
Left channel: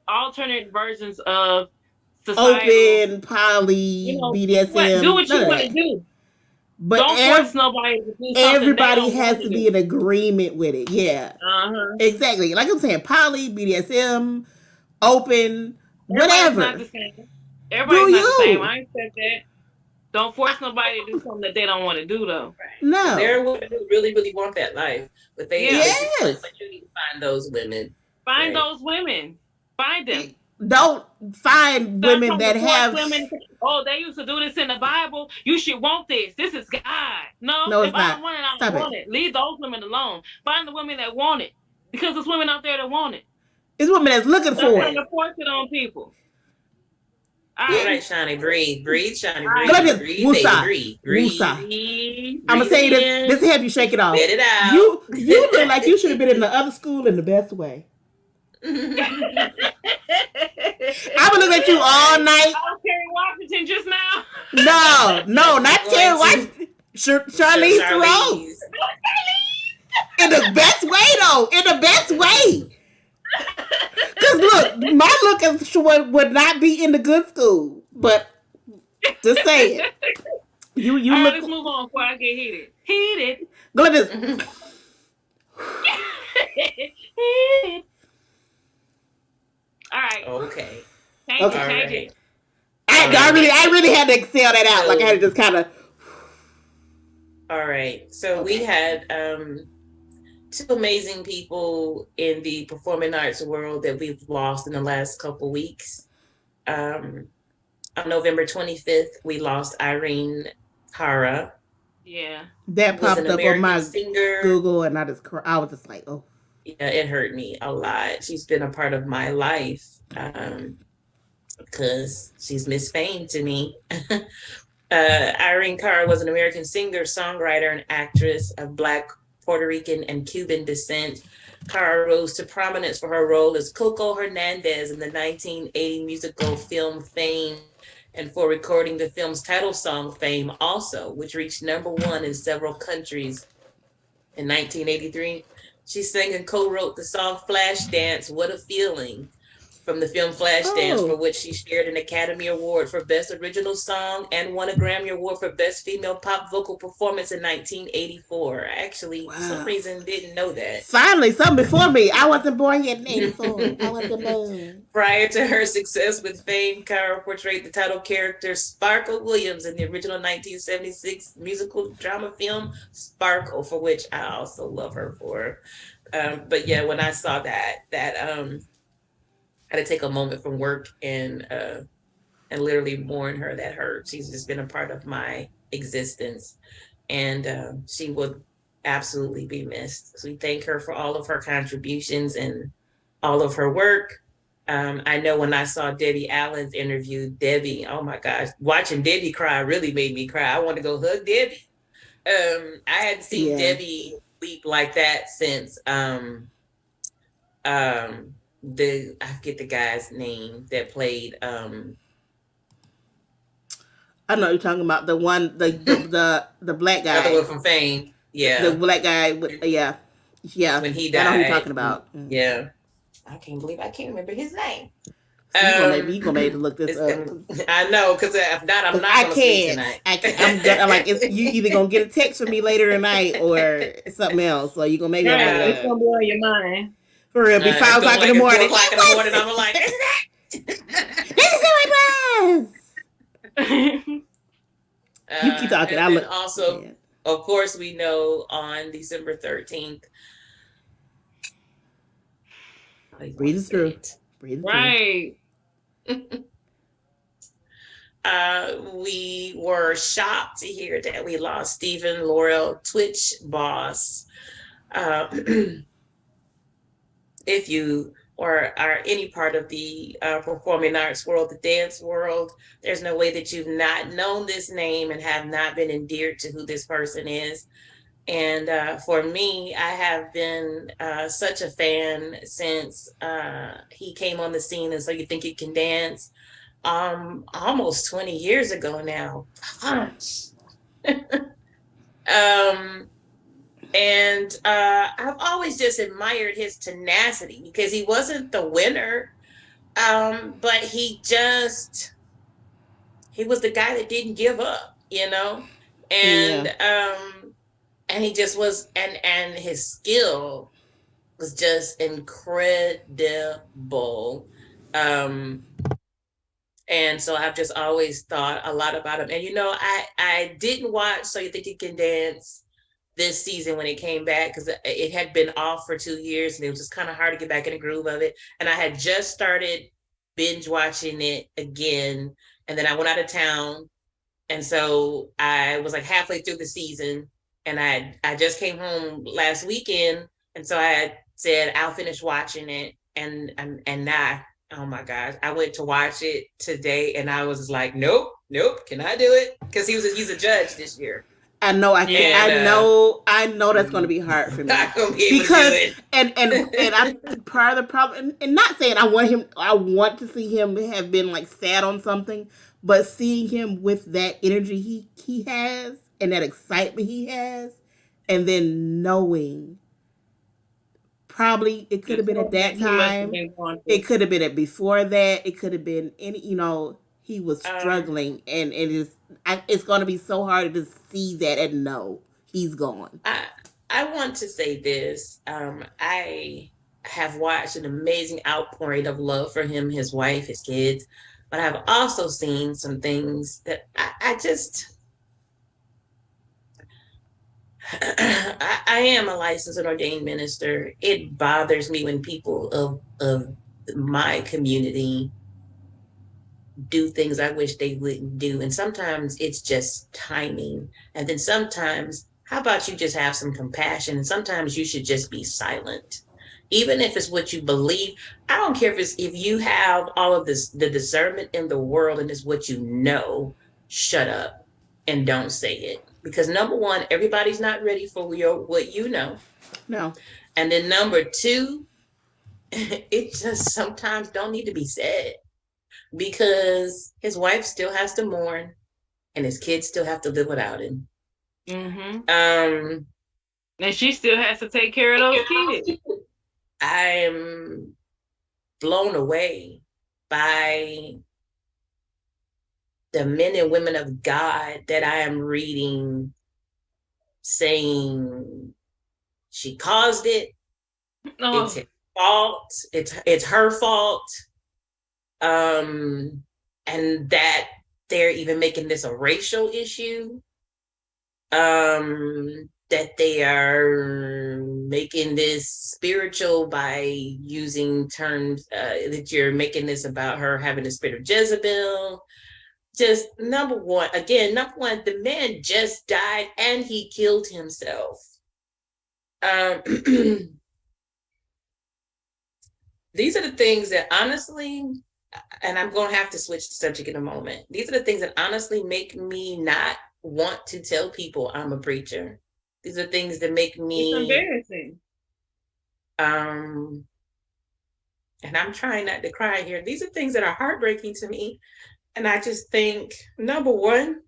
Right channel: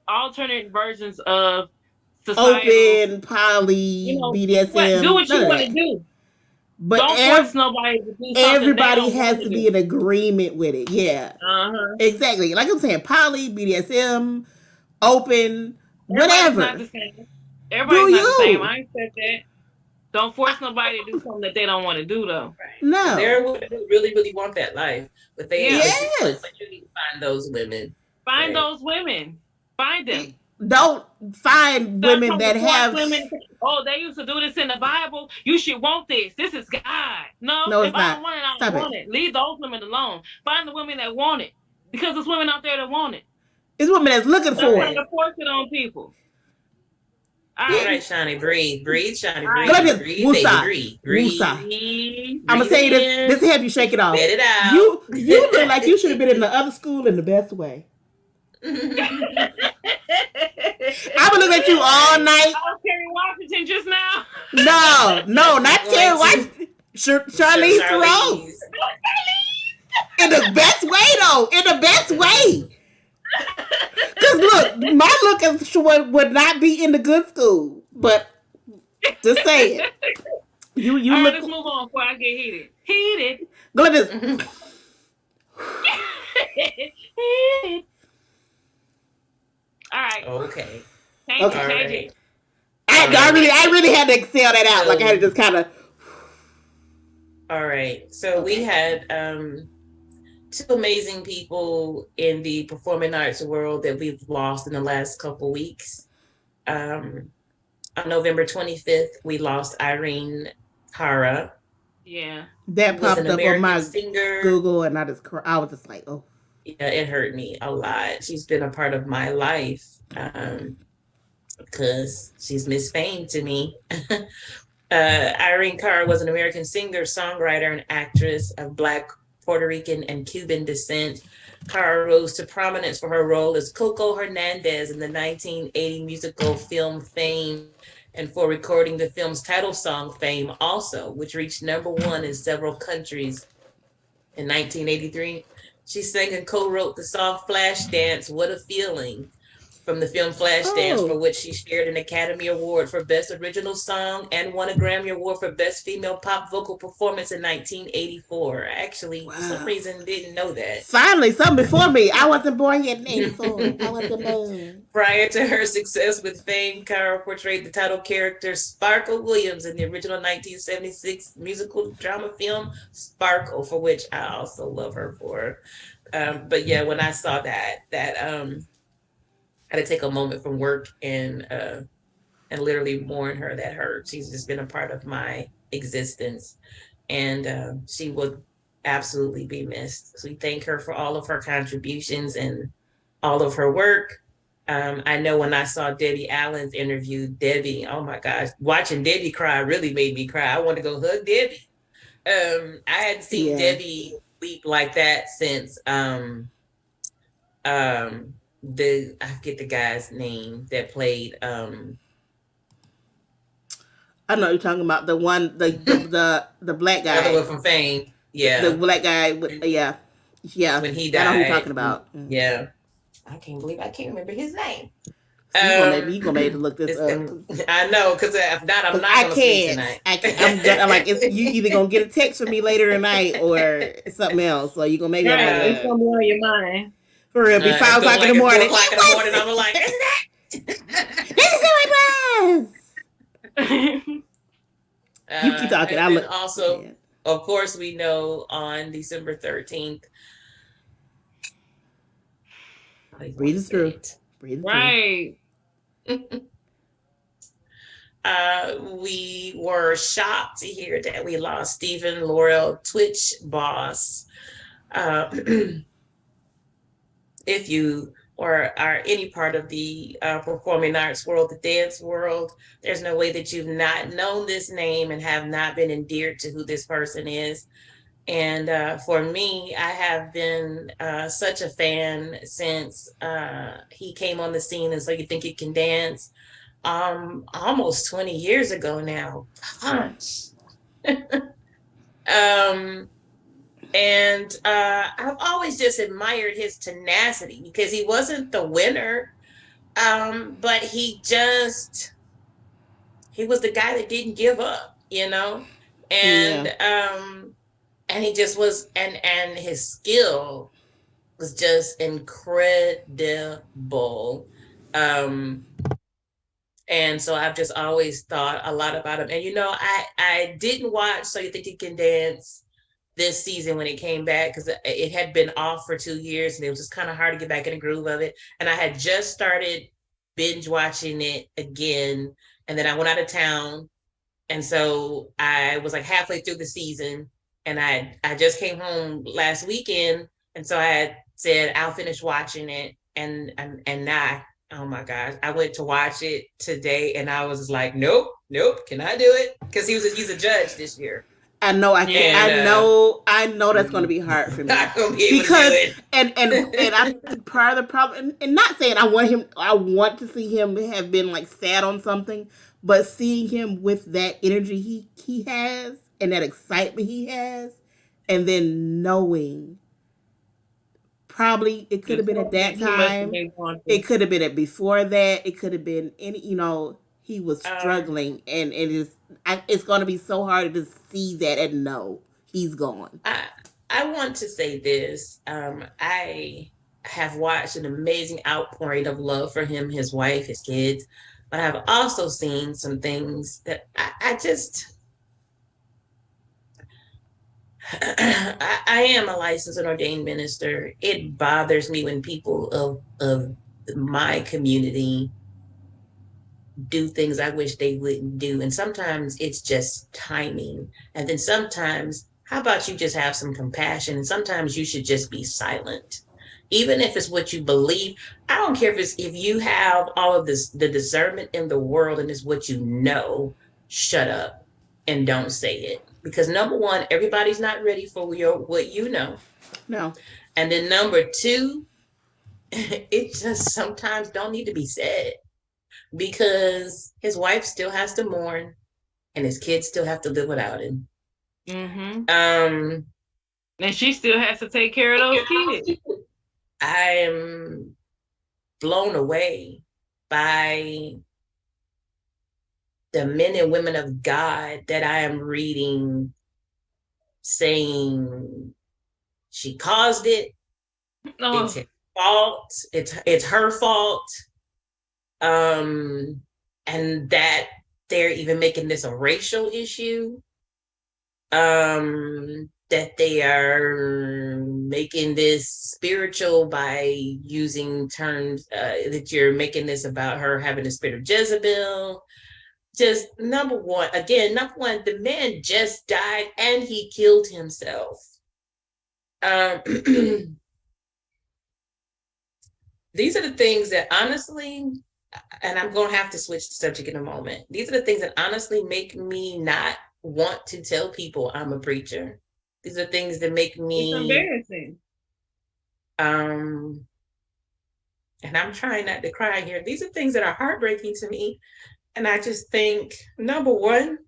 versions of societal. Open, poly, Do BDSM, what none you of want to that. do. But Don't force nobody to do something they everybody don't want has to to be do. in agreement with it. Yeah, Uh-huh. exactly. Like I'm saying, poly, BDSM, open, Everybody's not whatever. the same. Do Everybody's not the same. you? I accept that. Don't force nobody to do something that they don't want to do though. Right. And No. there are women who really, really want that life, but Yeah. Yes. you need to find those women. Find Right. those women. Find them. Don't find Stop women trying to that force have. women. Oh, they used to do this in the Bible. You should want this. This is God. No, No, if it's I not. don't want it, I don't Stop want it. it. Leave those women alone. Find the women that want it. Because there's women out there that want it. It's women that's looking Stop for trying it. to force it on people. All All right. right, Shani, breathe, Shani, All right. Go like breathe, this. breathe, baby, Woosah. breathe, Woosah. breathe, I'm gonna breathe say it this. in, This will help you shake it off. let it out. You look like you should have been in the other school in the best way. I I'm gonna look at you all night. was Kerry Washington just now. No, not Terry White. Charlize Theron. Charlize. In the best way, though. In the best way. Cause look, my look would not be in the good school. But just saying, you All right, look. let's move on before I get heated. Heated. Go like this. Heated. All right. Okay. Change Okay. it. All Change right. it. I really had to excel that out. Like I had to just kind of. All right. So we had 2 amazing people in the performing arts world that we've lost in the last couple weeks. On November 25th, we lost Irene Cara. Yeah. That Was popped an up on American my singer. Google, and I was just like, oh. Yeah, it hurt me a lot. She's been a part of my life because she's Miss Fame to me. Irene Cara was an American singer, songwriter, and actress of Black, Puerto Rican, and Cuban descent. Cara rose to prominence for her role as Coco Hernandez in the 1980 musical film Fame, and for recording the film's title song Fame also, which reached #1 in several countries. In 1983, she sang and co-wrote the song Flashdance, What a Feeling, from the film Flashdance, for Oh, which she shared an Academy Award for Best Original Song and won a Grammy Award for Best Female Pop Vocal Performance in 1984. I actually, for some wow. reason, didn't know that. Finally, something before me. I wasn't born yet in '84. I wasn't born. Prior to her success with Fame, Cara portrayed the title character Sparkle Williams in the original 1976 musical drama film Sparkle, for which I also love her for. But yeah, when I saw that I had to take a moment from work and literally mourn her. That hurt. She's just been a part of my existence, and she will absolutely be missed. So we thank her for all of her contributions and all of her work. I know when I saw Debbie Allen's interview, Debbie, oh my gosh, watching Debbie cry really made me cry. I want to go hug Debbie. I hadn't seen Yeah. Debbie weep like that since I forget the guy's name that played I know you're talking about the one, the black the other guy, one from Fame. the Yeah, black guy. With, yeah, yeah. when he I know who you're died. talking about. Mm. Yeah, I can't believe I can't remember his name. So you gonna make me look this It's, up. I know, because if not, I'm Cause not gonna sleep tonight. I can't. I'm gonna. I'm like, it's you either gonna get a text from me later tonight or something else. So you gonna make me look Yeah, it it's up gonna be on your mind. for real. Be It's 5 o'clock in like the at 4 morning. o'clock in the morning. I'm like, isn't that? This is who it was. You keep talking. I And then look. also, Man. of course, we know on December 13th, Breathe it through. Breathe it through. Right. we were shocked to hear that we lost Stephen Laurel, Twitch boss. If you or are any part of the performing arts world, the dance world, there's no way that you've not known this name and have not been endeared to who this person is. And for me, I have been such a fan since he came on the scene. And So You Think You Can Dance, almost 20 years ago now. Gosh. um, and I've always just admired his tenacity because he wasn't the winner, but he was the guy that didn't give up, and Yeah. and he just was, and his skill was just incredible. Um, and so I've just always thought a lot about him. And I didn't watch So You Think You Can Dance this season when it came back because it had been off for 2 years and it was just kind of hard to get back in the groove of it. And I had just started binge watching it again, and then I went out of town, and so I was like halfway through the season, and I just came home last weekend, and so I had said I'll finish watching it, and now, oh my gosh, I went to watch it today, and I was like, nope, can I do it? Because he's a judge this year. I know I can't. And I know that's going to be hard for me not gonna be able because to do it. and I think part of the problem, and not saying I want to see him have been like sad on something, but seeing him with that energy he has and that excitement he has, and then knowing probably it could have been at that time, it could have been at before that, it could have been any. He was struggling, and it's going to be so hard to see that and know he's gone. I want to say this. I have watched an amazing outpouring of love for him, his wife, his kids, but I've also seen some things that I just. I am a licensed and ordained minister. It bothers me when people of my community do things I wish they wouldn't do. And sometimes it's just timing. And then sometimes, how about you just have some compassion? And sometimes you should just be silent. Even if it's what you believe. I don't care if you have all of this, the discernment in the world, and it's what you know, shut up and don't say it. Because number one, everybody's not ready for what you know. No. And then number two, it just sometimes don't need to be said because his wife still has to mourn and his kids still have to live without him. Mm-hmm. Um, And she still has to take care of those kids. I am blown away by the men and women of God that I am reading saying she caused it. It's Oh, his fault. It's her fault. Um, and that they're even making this a racial issue. That they are making this spiritual by using terms that you're making this about her having the spirit of Jezebel. Just number one, the man just died and he killed himself. Um, these are the things that honestly, and I'm going to have to switch the subject in a moment. These are the things that honestly make me not want to tell people I'm a preacher. These are things that make it's me, embarrassing. um, and I'm trying not to cry here. These are things that are heartbreaking to me. And I just think, number one,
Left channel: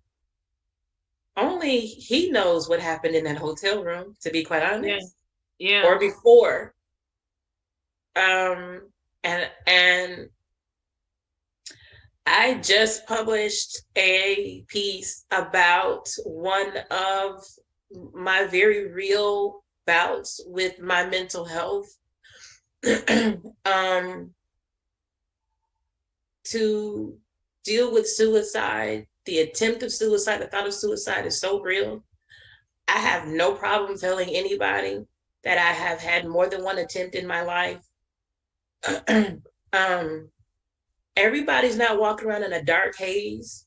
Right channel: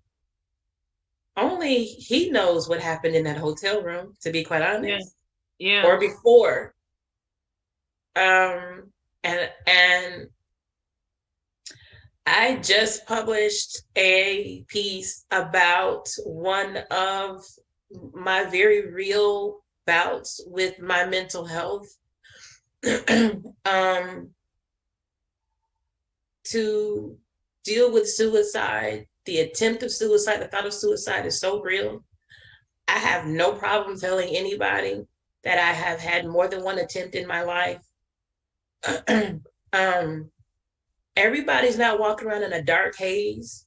only he knows what happened in that hotel room, to be quite Yeah. honest, Yeah. or before. And I just published a piece about one of my very real bouts with my mental health. To deal with suicide, the attempt of suicide, the thought of suicide is so real. I have no problem telling anybody that I have had more than one attempt in my life. um, everybody's not walking around in a dark haze.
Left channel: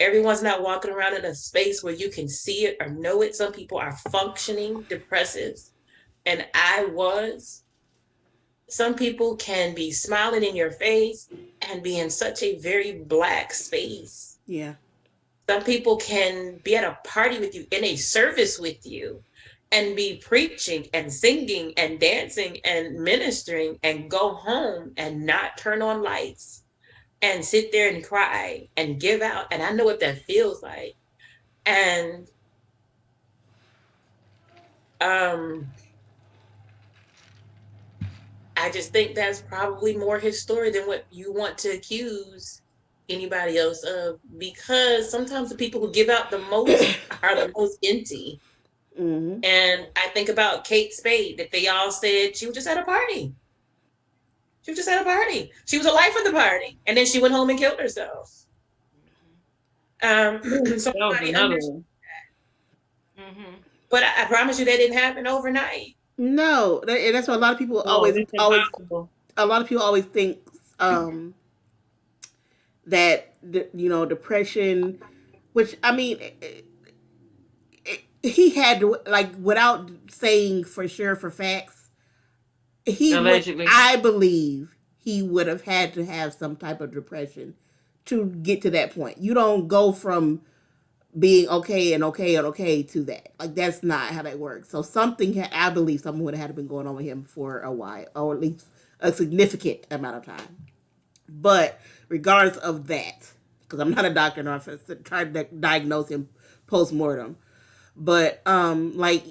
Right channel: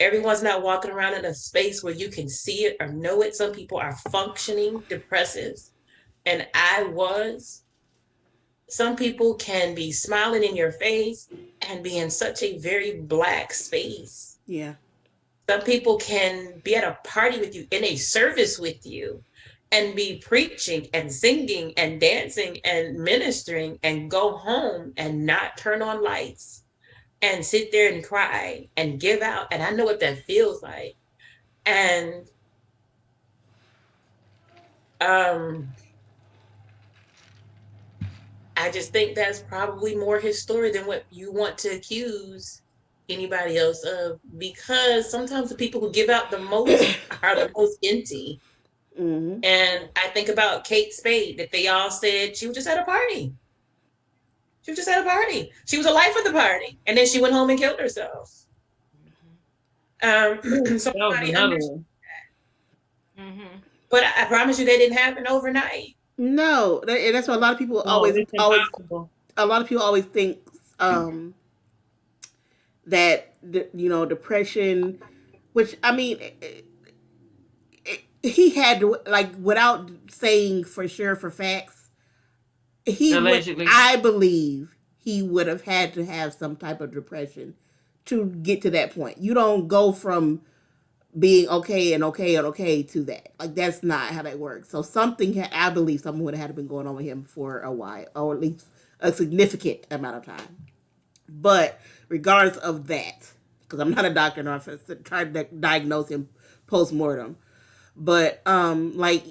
Everyone's not walking around in a space where you can see it or know it. Some people are functioning depressives, and I was. Some people can be smiling in your face and be in such a very black space. Yeah. Some people can be at a party with you, in a service with you, and be preaching and singing and dancing and ministering and go home and not turn on lights and sit there and cry and give out. And I know what that feels like. And um, I just think that's probably more his story than what you want to accuse anybody else of, because sometimes the people who give out the most are the most empty. Mm-hmm. And I think about Kate Spade, that they all said she was just at a party. She was just at a party. She was a life of the party. And then she went home and killed herself. That was Somebody another understood. one. Mm-hmm. But I promise you, that didn't happen overnight. No, and that's what a lot of people No, it's impossible. a lot of people always think um, that depression, which I mean, he had to, like, without saying for sure for facts, he would, Allegedly. I believe he would have had to have some type of depression to get to that point. You don't go from being okay and okay and okay to that. Like, that's not how that works. So I believe something would have had to been going on with him for a while, or at least a significant amount of time. But regardless of that, because I'm not a doctor nor trying to diagnose him post mortem, but like,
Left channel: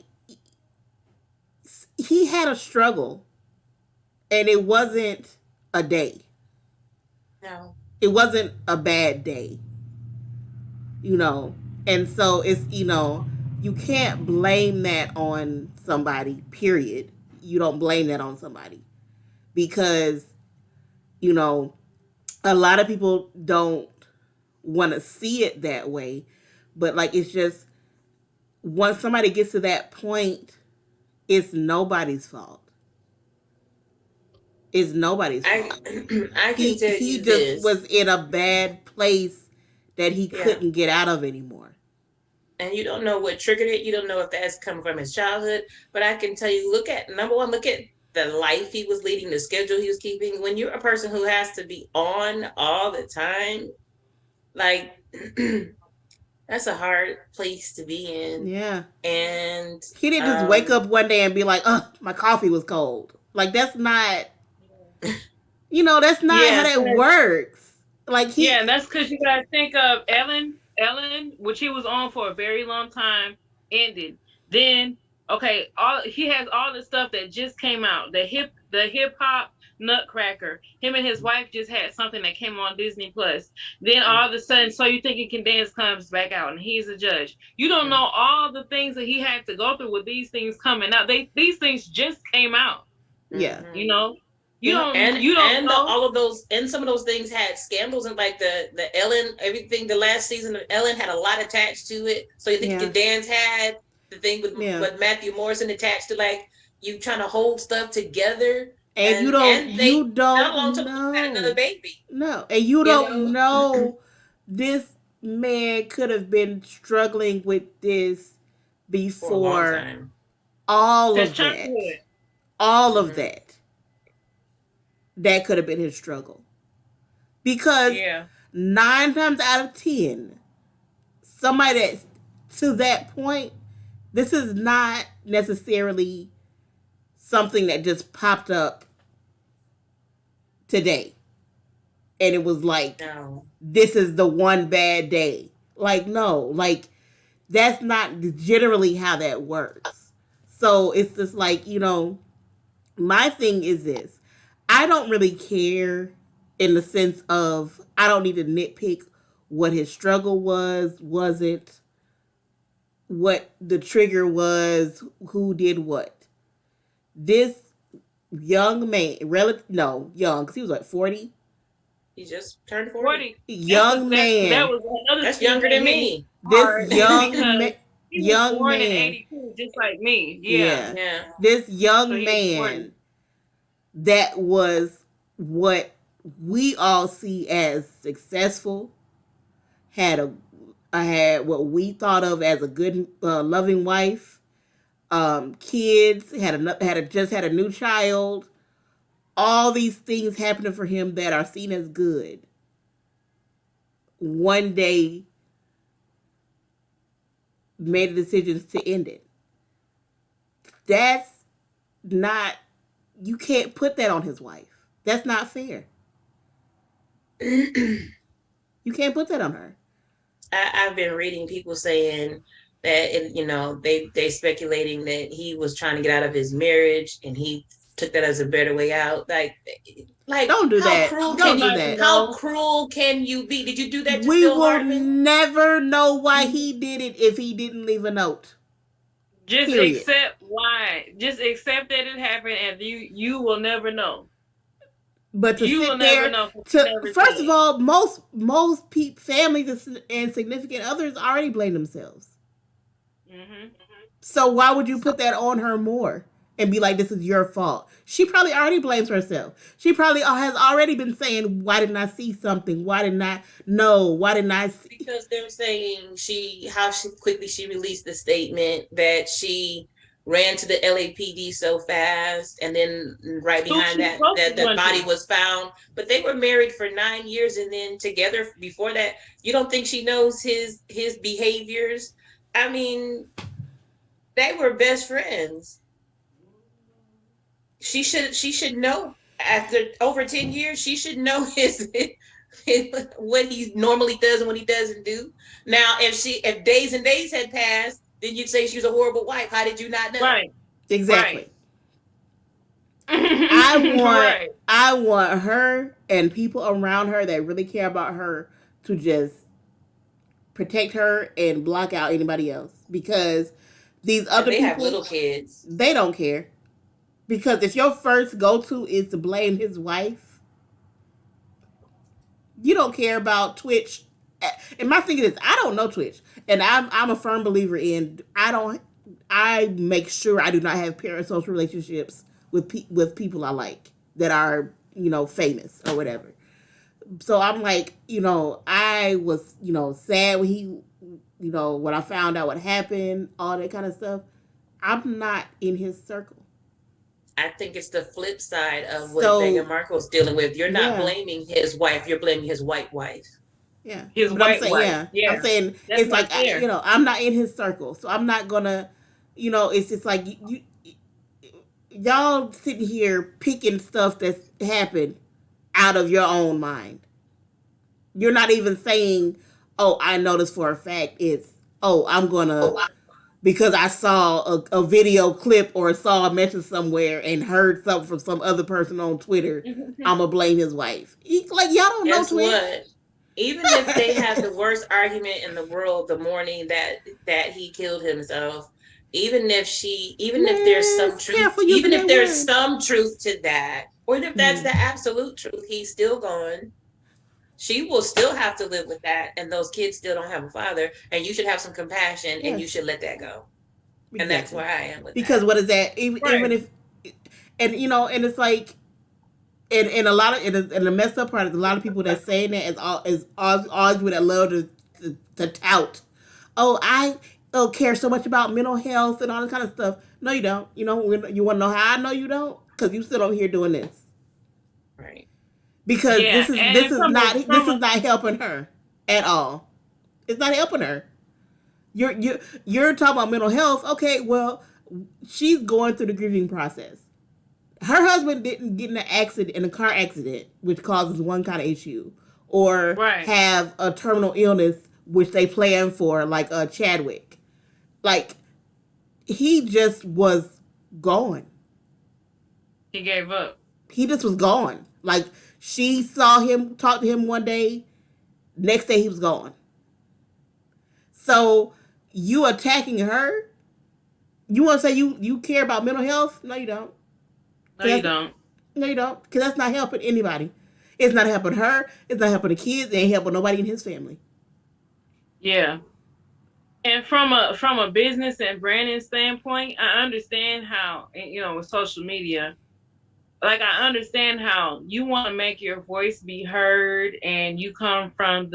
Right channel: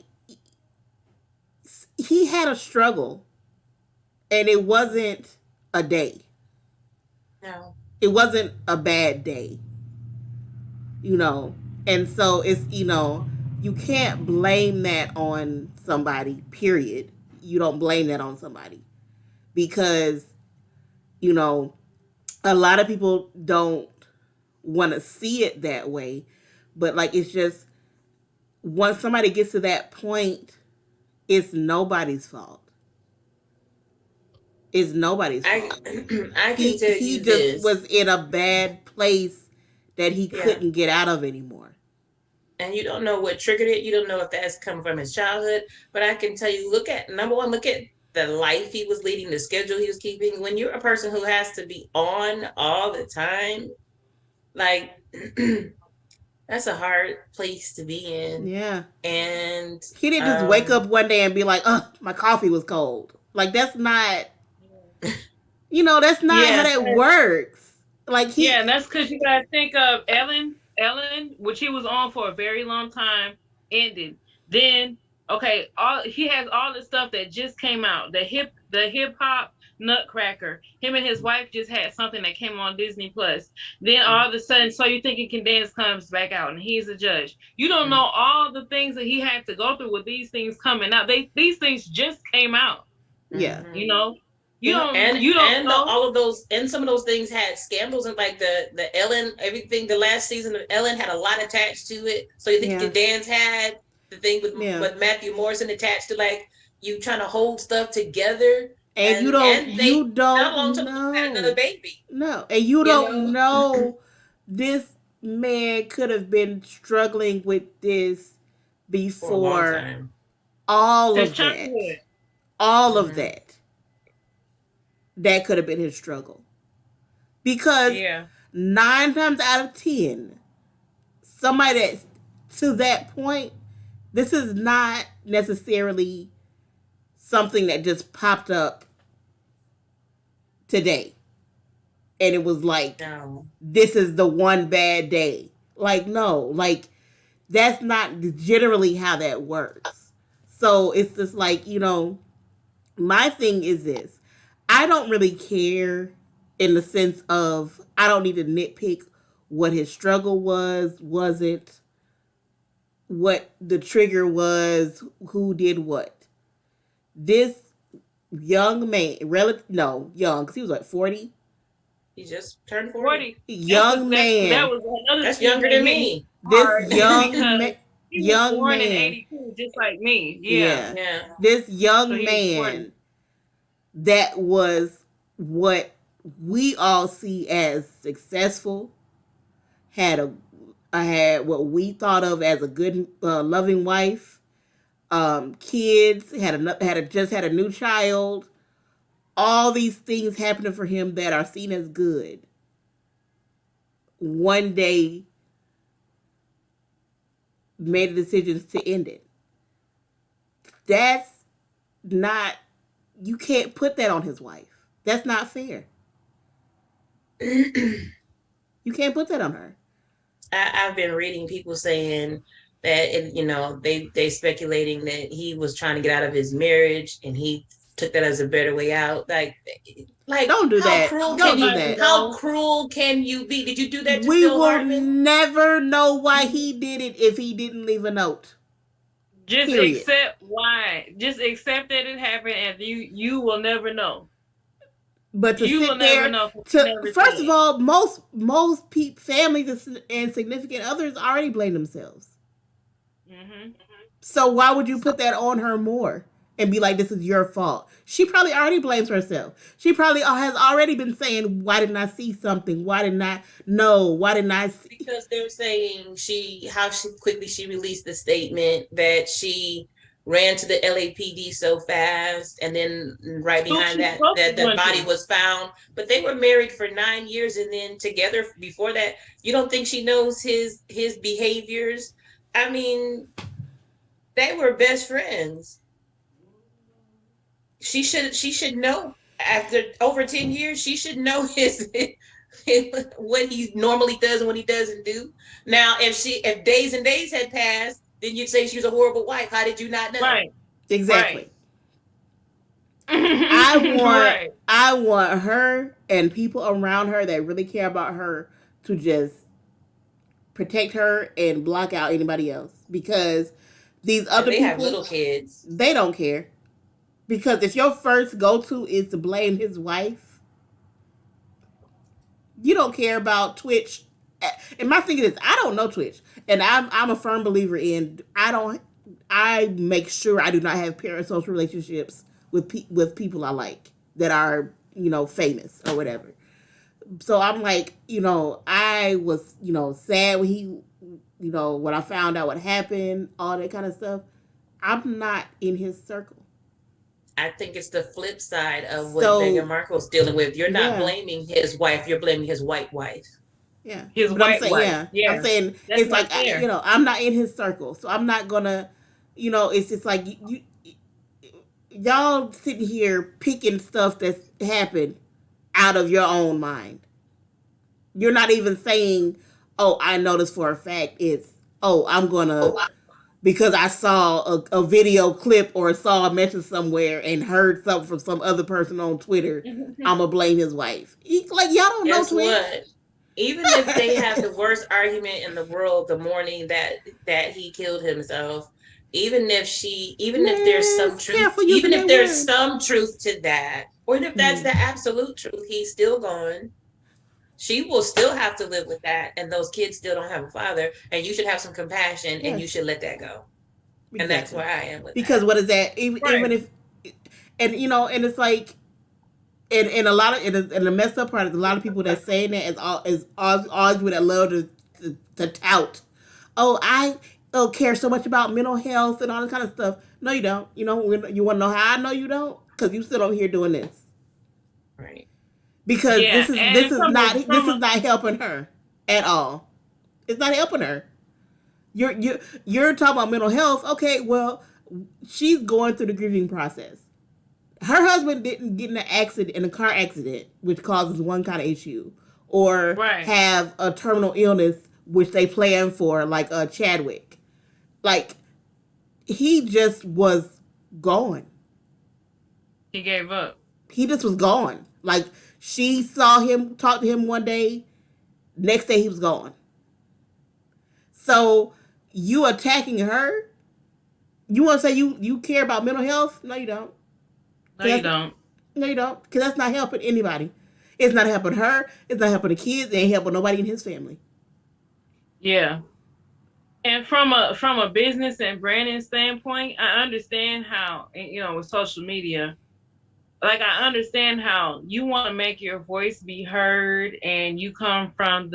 he had a struggle, and it wasn't a day. No. It wasn't a bad day, you know. And so it's, you can't blame that on somebody. Period. You don't blame that on somebody because, you know, a lot of people don't want to see it that way, but like, it's just, once somebody gets to that point, it's nobody's fault. It's nobody's I fault. I can tell He you just this. was in a bad place that he Yeah. couldn't get out of anymore. And you don't know what triggered it. You don't know if that's come from his childhood. But I can tell you, number one, look at the life he was leading, the schedule he was keeping. When you're a person who has to be on all the time, like That's a hard place to be in. Yeah. And He didn't just wake up one day and be like, my coffee was cold. Like, that's not, that's not how Yeah, that works. Like, yeah, and that's because you gotta think of Ellen, which he was on for a very long time, ended. Then, okay, all he has all the stuff that just came out. The hip hop Nutcracker. Him and his wife just had something that came on Disney Plus. Then all of a sudden, So You Think You Can Dance comes back out, and he's a judge. You don't know all the things that he had to go through with these things coming out. These things just came out. yeah. You know, and you don't know. all of those, and some of those things had scandals, and like the Ellen, everything, the last season of Ellen had a lot attached to it. So you think the dance had the thing with Matthew Morrison attached to, like, you trying to hold stuff together, and you don't know. Another baby. No, and you don't know this man could have been struggling with this before all of that. All of that. That could have been his struggle. Because 9 times out of 10, somebody that's to that point, this is not necessarily something that just popped up today. And it was like, this is the one bad day. Like, no, like, that's not generally how that works. So it's just like, my thing is this. I don't really care in the sense of I don't need to nitpick what his struggle wasn't, what the trigger was, who did what. This young man, young, because he was like 40. He just turned 40. Young man. That's younger than me. This young man. Young man, in 82, just like me. Yeah. This young man that was what we all see as successful, had what we thought of as a good, loving wife, kids, just had a new child. All these things happening for him that are seen as good. One day, made a decision to end it. That's not. You can't put that on his wife. That's not fair. You can't put that on her. I've been reading people saying that they speculating that he was trying to get out of his marriage and he took that as a better way out. Like don't do that. Don't do that. How cruel can you be? Did you do that to We Phil will Hartman? never know why he did it if he didn't leave a note. Just accept why. Just accept that it happened, and you will never know. But to sit there, first of all, most families and significant others already blame themselves. Mm-hmm. So why would you put that on her more and be like, "This is your fault"? She probably already blames herself. She probably has already been saying, "Why didn't I see something? Why didn't I know? Why didn't I see?" Because they're saying how quickly she released the statement that she ran to the LAPD so fast, and then right behind that the body was found. But they were married for 9 years and then together before that. You don't think she knows his behaviors? I mean, they were best friends. She should know. After over 10 years, she should know his what he normally does and what he doesn't do. Now, if days and days had passed, then you'd say she was a horrible wife. How did you not know? Right. Exactly. Right. I want her and people around her that really care about her to just protect her and block out anybody else, because these other people have little kids. They don't care. Because if your first go-to is to blame his wife, you don't care about Twitch. And my thing is, I don't know Twitch, and I'm a firm believer in I make sure I do not have parasocial relationships with people I like that are famous or whatever. So I'm like, I was sad when he when I found out what happened, all that kind of stuff. I'm not in his circle. I think it's the flip side of what Meghan Markle's dealing with. You're not blaming his wife, you're blaming his white wife. Yeah. His But I'm white saying, wife. yeah, I'm Yeah, saying that's it's not like fair. I'm not in his circle, so I'm not gonna, it's just like y'all sitting here picking stuff that's happened out of your own mind. You're not even saying, "Oh, I know this for a fact." It's, "Oh, I'm gonna because I saw a video clip or saw a mention somewhere and heard something from some other person on Twitter. I'm gonna blame his wife." Like y'all don't know Guess Twitch. what? Even if they have the worst argument in the world the morning that he killed himself, even if there's Man, some truth, careful using even if that there's word. some truth to that, or if that's Mm-hmm. the absolute truth, he's still gone. She will still have to live with that, and those kids still don't have a father, and you should have some compassion and you Yes, should let that go. And that's exactly. where I am with Because that. what is that? Even Right. if, and it's like, and a lot of, and the messed up part is a lot of people that saying that is always with that love to tout. Oh, I don't care so much about mental health and all this kind of stuff. No, you don't. You want to know how I know you don't? Because you still over here doing this. Right. Because Yeah, this is this and is not this is not helping her at all. It's not helping her. You're talking about mental health. Okay, well, she's going through the grieving process. Her husband didn't get in an accident, in a car accident, which causes one kind of issue, or right. have a terminal illness, which they plan for, like Chadwick. Like, he just was gone. He gave up. He just was gone. Like, she saw him, talk to him one day, next day he was gone. So you attacking her? You want to say you care about mental health? No, you don't. No, you Cause don't. no, you don't. Because that's not helping anybody. It's not helping her. It's not helping the kids. It ain't helping nobody in his family. Yeah. And from a business and branding standpoint, I understand how, with social media, like I understand how you want to make your voice be heard, and you come from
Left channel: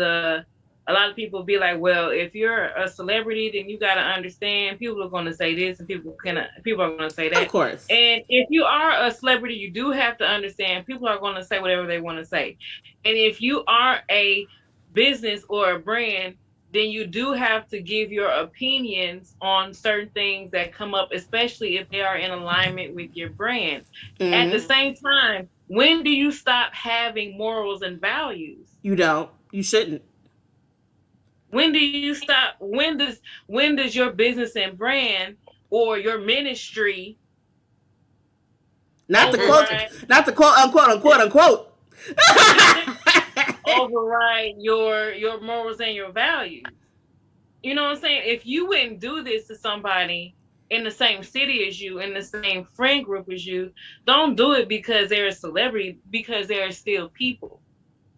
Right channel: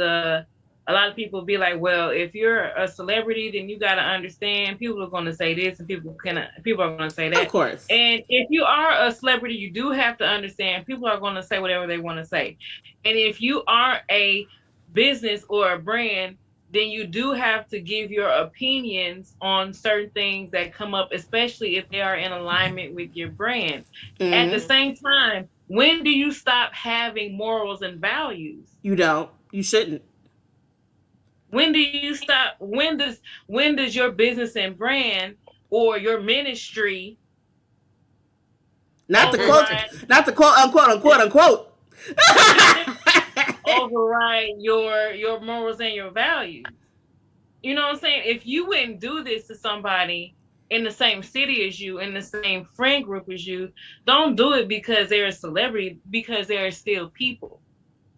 a lot of people be like, well, if you're a celebrity, then you got to understand people are going to say this and people are going to say Of that. course. And if you are a celebrity, you do have to understand people are going to say whatever they want to say. And if you are a business or a brand, then you do have to give your opinions on certain things that come up, especially if they are in alignment with your brand. At the Mm-hmm. same time, when do you stop having morals and values? You don't. You shouldn't. When do you stop? When does your business and brand or your ministry Not the quote. override Not the quote unquote unquote unquote. override your morals and your values? You know what I'm saying? If you wouldn't do this to somebody in the same city as you, in the same friend group as you, don't do it because they're a celebrity, because they're still people.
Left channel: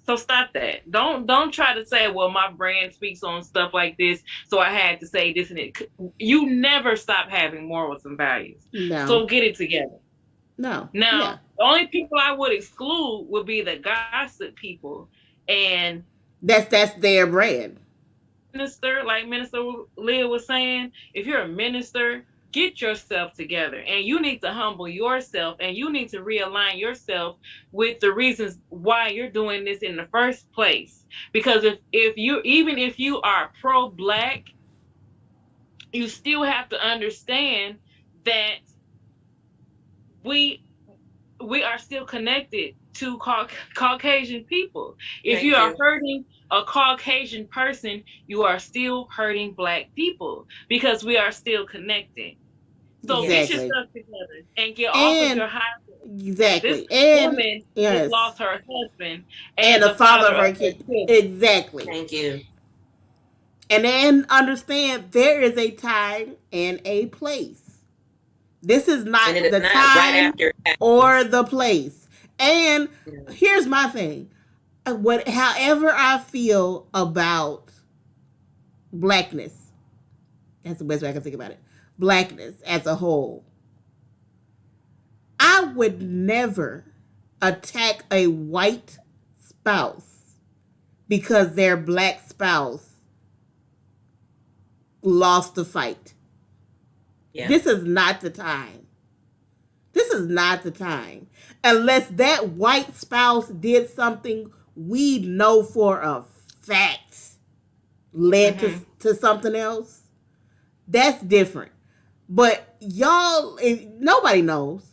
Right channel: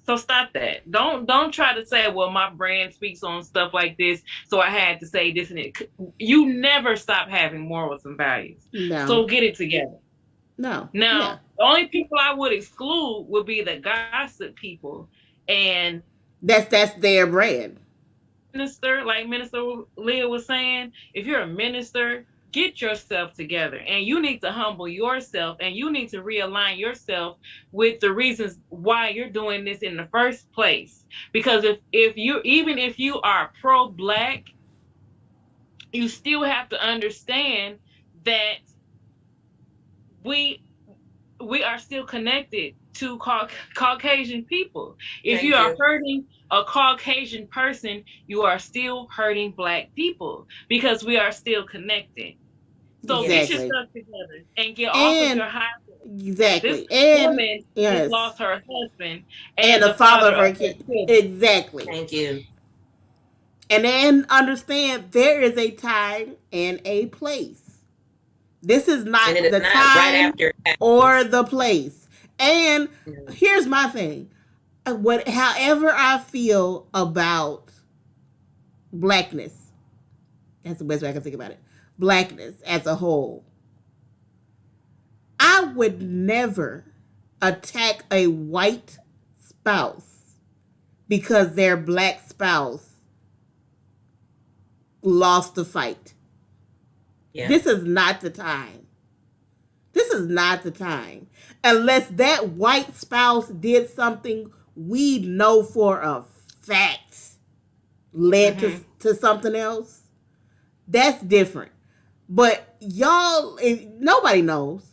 So stop that. Don't try to say, well, my brand speaks on stuff like this, so I had to say this and it. You never stop having morals and values. No. So get it together. No. Now, Yeah. the only people I would exclude would be the gossip people and That's their brand. minister, like Minister Leah was saying. If you're a minister, get yourself together, and you need to humble yourself, and you need to realign yourself with the reasons why you're doing this in the first place. Because if you, even if you are pro-black, you still have to understand that we we are still connected to Caucasian people. If you Thank are you. hurting a Caucasian person, you are still hurting Black people, because we are still connected. So get Yes. Exactly. yourself together and get off of And your high horse, that this exactly. And woman just yes. lost her husband And and the the father father of of her her kid. children. Exactly. Thank you. And then understand there is a time and a place. This is And it not is the not right time after it or happens. the place. And No. here's my thing. However I feel about blackness, that's the best way I can think about it. Blackness as a whole. I would never attack a white spouse because their black spouse lost the fight. Yeah. This is not the time. This is not the time. Unless that white spouse did something we know for a facts led to something else, that's different. But y'all, nobody knows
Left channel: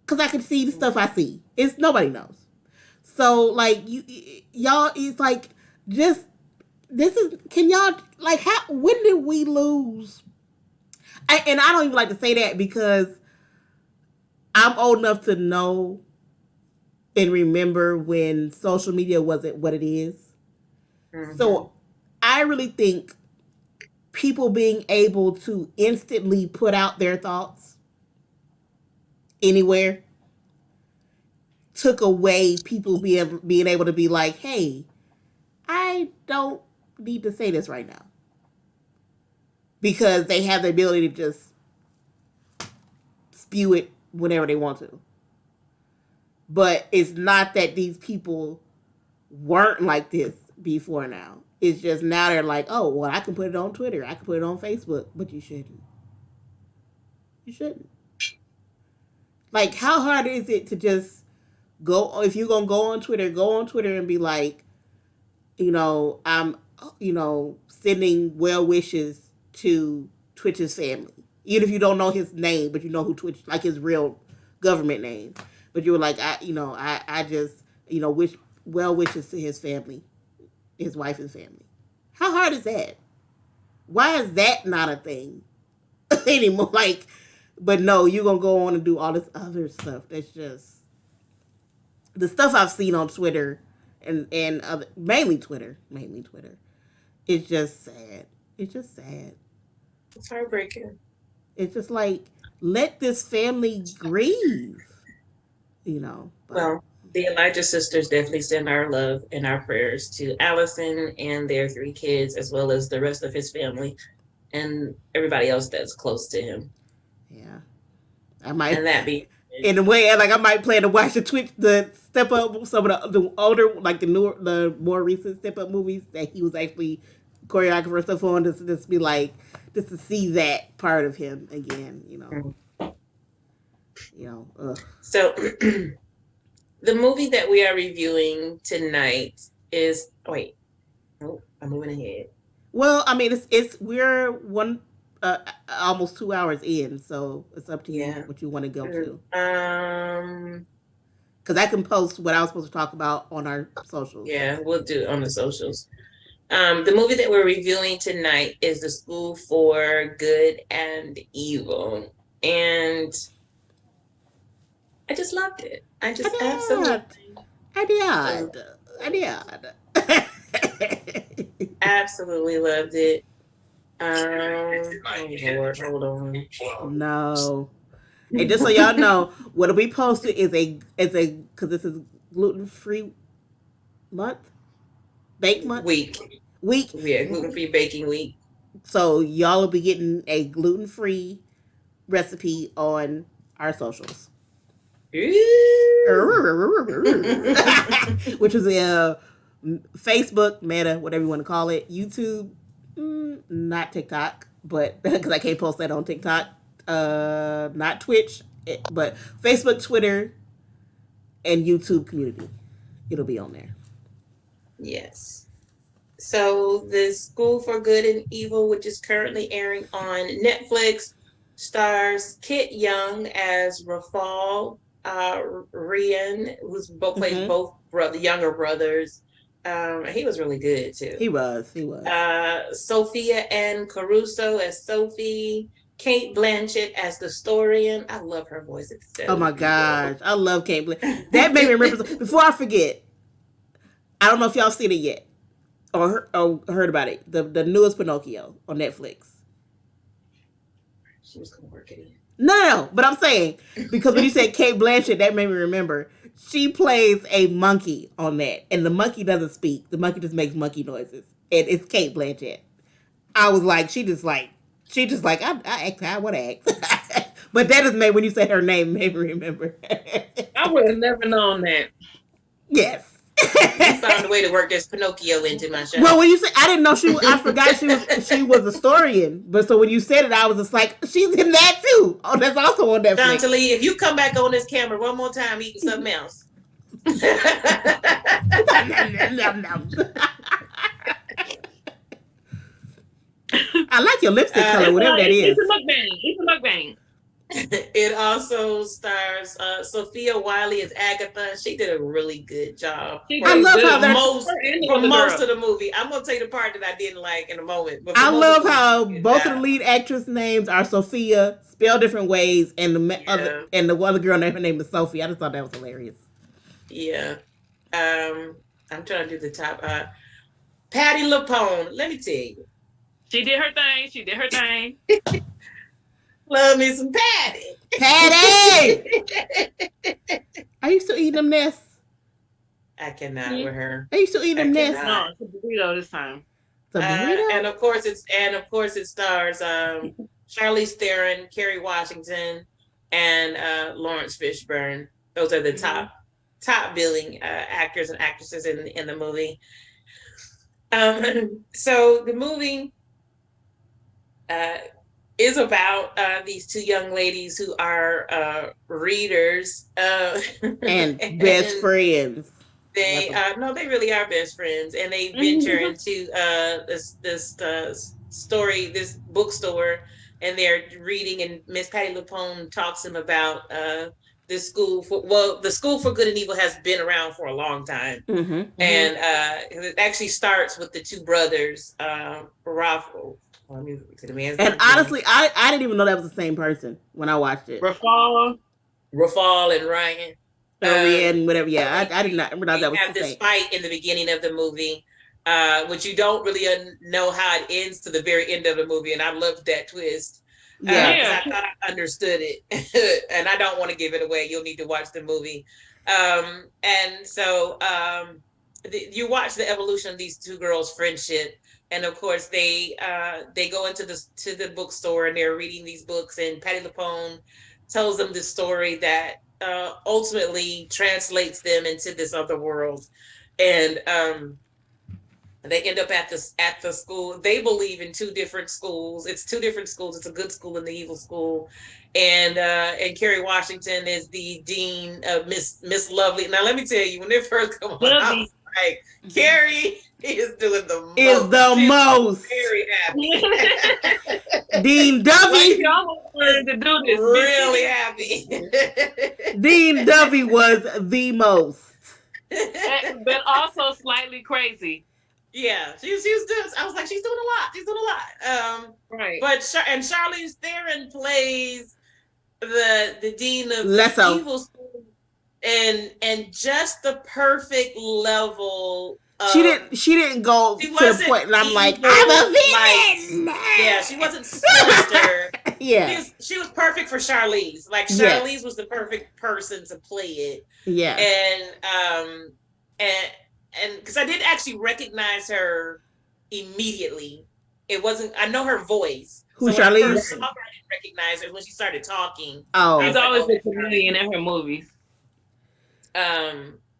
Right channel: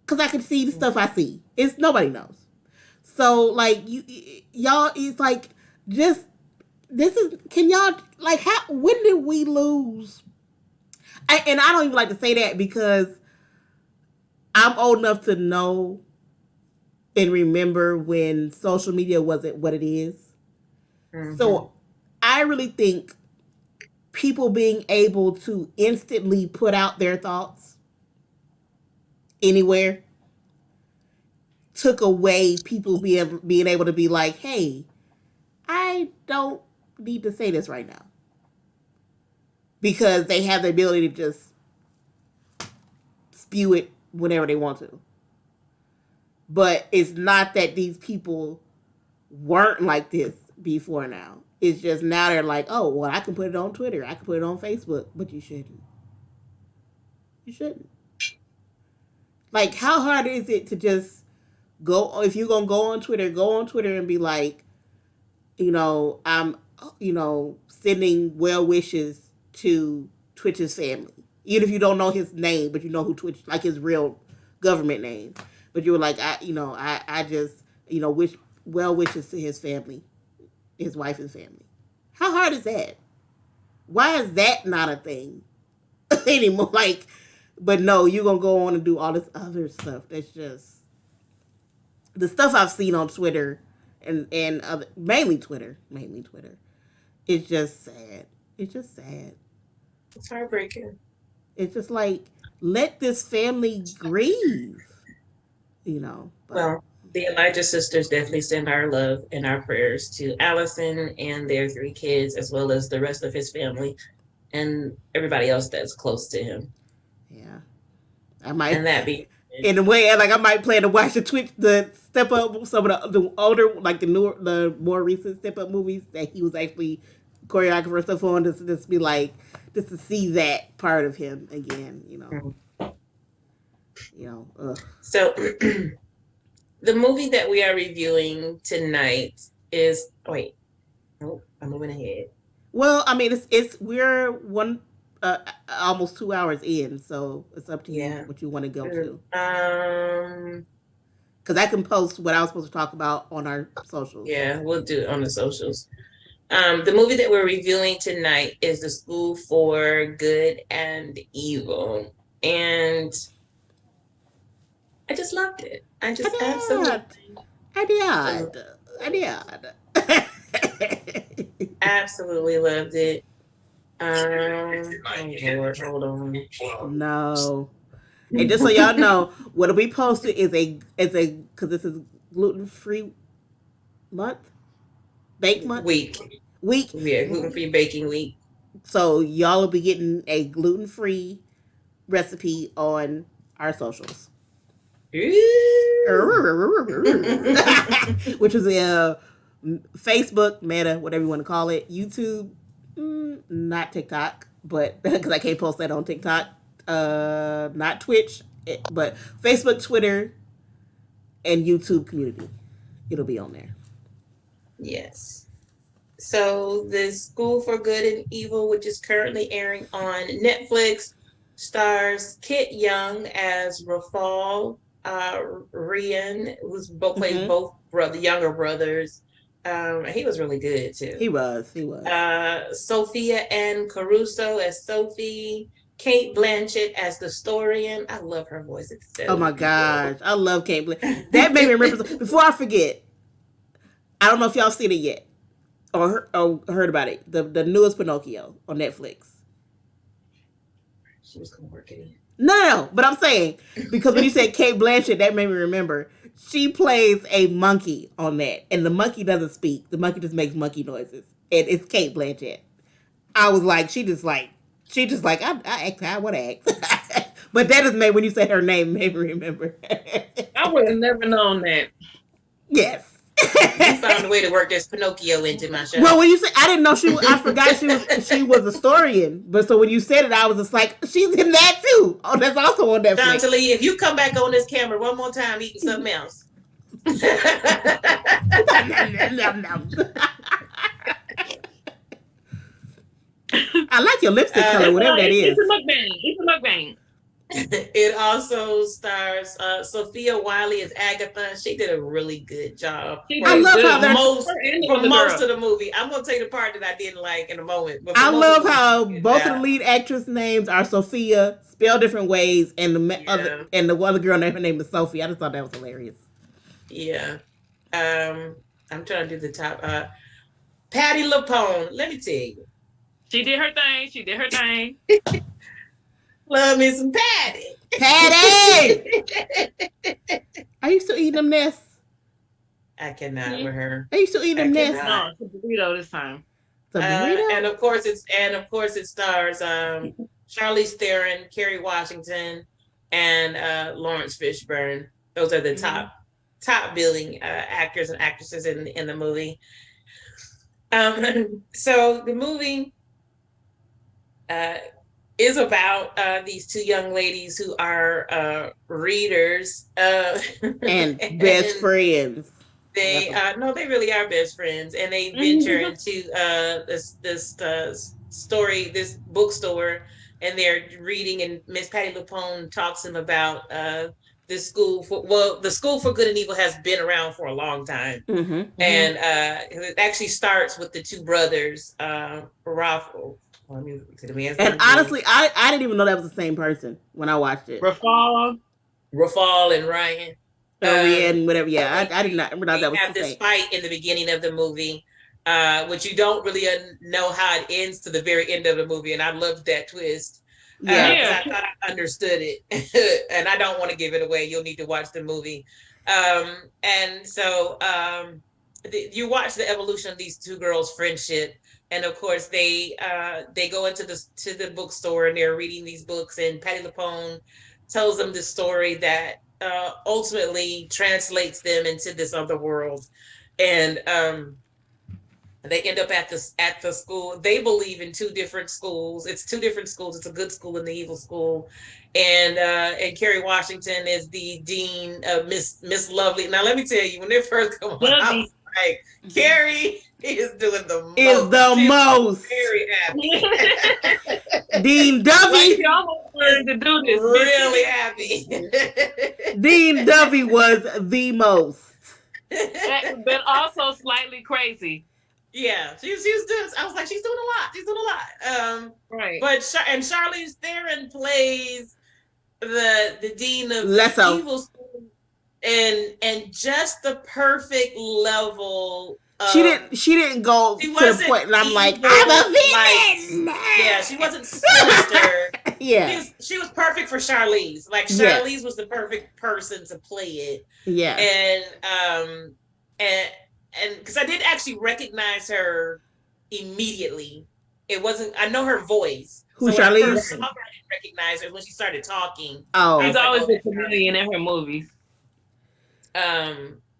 because I can see the stuff I see. It's nobody knows. So like y'all, it's like just this is. Can y'all like how? When did we lose? And I don't even like to say that because I'm old enough to know and remember when social media wasn't what it is. So I really think people being able to instantly put out their thoughts anywhere took away people being able to be like, hey, I don't need to say this right now. Because they have the ability to just spew it whenever they want to. But it's not that these people weren't like this before now. It's just now they're like, oh, well, I can put it on Twitter. I can put it on Facebook. But you shouldn't. You shouldn't. Like, how hard is it to just go, if you're going to go on Twitter and be like, I'm, sending well wishes to Twitch's family. Even if you don't know his name, but you know who Twitch, like his real government name. But you were like, I just, wish well wishes to his family, his wife and family. How hard is that? Why is that not a thing anymore? Like, but no, you're going to go on and do all this other stuff. That's just, the stuff I've seen on Twitter and other, mainly Twitter. It's just sad. It's just sad. It's heartbreaking. It's just like, let this family grieve, But. Well, the Elijah sisters definitely send our love and our prayers to Allison and their 3 kids, as well as the rest of his family and everybody else that's close to him. Yeah. I might. And that be in a way, like I might plan to watch the Step Up, some of the older, like the more recent Step Up movies that he was actually choreographer and stuff on, just be like, just to see that part of him again, Ugh. So the movie that we are reviewing tonight is I'm moving ahead. Well, I mean, we're almost 2 hours in, so it's up to you what you want to go to. Because I can post what I was supposed to talk about on our socials. Yeah, we'll do it on the socials. The movie that we're reviewing tonight is The School for Good and Evil, and I just loved it. I absolutely loved it. Lord, hold on. No. And just so y'all know, what we posted is because this is gluten-free month? Bake month? Week. Yeah, gluten-free baking week. So y'all will be getting a gluten-free recipe on our socials. Which is Facebook, Meta, whatever you want to call it. YouTube, not TikTok, but because I can't post that on TikTok. Not Twitch, but Facebook, Twitter, and YouTube community. It'll be on there. Yes. So the School for Good and Evil, which is currently airing on Netflix, stars Kit Young as Rafal, Rian, who's plays both younger brothers. He was really good too. He was. Sophia Ann Caruso as Sophie. Kate Blanchett as the Historian. I love her voice. It's so my gosh. I love Kate Blanchett. That made me remember. Before I forget, I don't know if y'all seen it yet or heard about it. The newest Pinocchio on Netflix. She was going to work it in. No, but I'm saying, because when you said Kate Blanchett, that made me remember. She plays a monkey on that, and the monkey doesn't speak. The monkey just makes monkey noises, and it's Kate Blanchett. I was like, she just like, I act how I want to act. But that is made, when you said her name, made me remember. I would have never known that. Yes. You found a way to work this Pinocchio into my show. Well, when you said, I didn't know I forgot she was a historian. But so when you said it, I was just like, she's in that too. Oh, that's also on Netflix. Chantilly, if you come back on this camera one more time eating something else. I like your lipstick color, whatever that It's is. a mukbang. It's a mukbang. It also stars Sophia Wiley as Agatha. She did a really good job She I did love how good. they're. for most of the movie. I'm gonna tell you the part that I didn't like in a moment. But for I most of love the movie, how she did a good both of the job. lead actress names are Sophia, spelled different ways, and Yeah, the other girl her name is Sophie. I just thought that was hilarious. yeah. I'm trying to do the top. Patty LuPone. Let me tell you, She did her thing. She did her thing. love me some Patty. Patty, are you still eating them nests? I cannot with her. Are you still eating I them nests? cannot. No, it's a burrito this time. The burrito. And of course it stars Charlize Theron, Kerry Washington, and Lawrence Fishburne. Those are the top billing actors and actresses in the movie. So the movie is about these two young ladies who are readers and best friends. They no, they really are best friends, and they venture into this bookstore, and they're reading. And Miss Patty LuPone talks to them about the school for good and evil has been around for a long time, and it actually starts with the two brothers, Ralph. And honestly, I didn't even know that was the same person when I watched it. Rafal and Ryan. And whatever. Yeah, I did not realize that was the same. This fight in the beginning of the movie, which you don't really know how it ends to the very end of the movie, and I loved that twist. Yeah, I thought I understood it, and I don't want to give it away. You'll need to watch the movie. And so you watch the evolution of these two girls' friendship, and of course they go into the bookstore and they're reading these books, and Patty LuPone tells them the story that ultimately translates them into this other world, and they end up at the school. They believe in two different schools. It's two different schools. It's a good school and the evil school, and Kerry Washington is the dean of Miss Lovely. Now let me tell you, when they first come on, I was like, Kerry is doing the most. Is the most. Very happy. Dean Duffy. She almost learned to do this. Really happy. Dean Duffy was the most. But also slightly crazy. Yeah, she was doing. I was like, she's doing a lot. She's doing a lot. Right. But Charlize Theron plays the dean of Lesso. evil school, and just the perfect level. She didn't go to the point, and I'm like, I'm a villain. Yeah, she wasn't sinister. Yeah, she was perfect for Charlize. Like Charlize was the perfect person to play it. Yeah, and because I didn't actually recognize her immediately. It wasn't. I know her voice. Who, Charlize? I didn't recognize her when she started talking. Oh, she's always a comedian in her movies.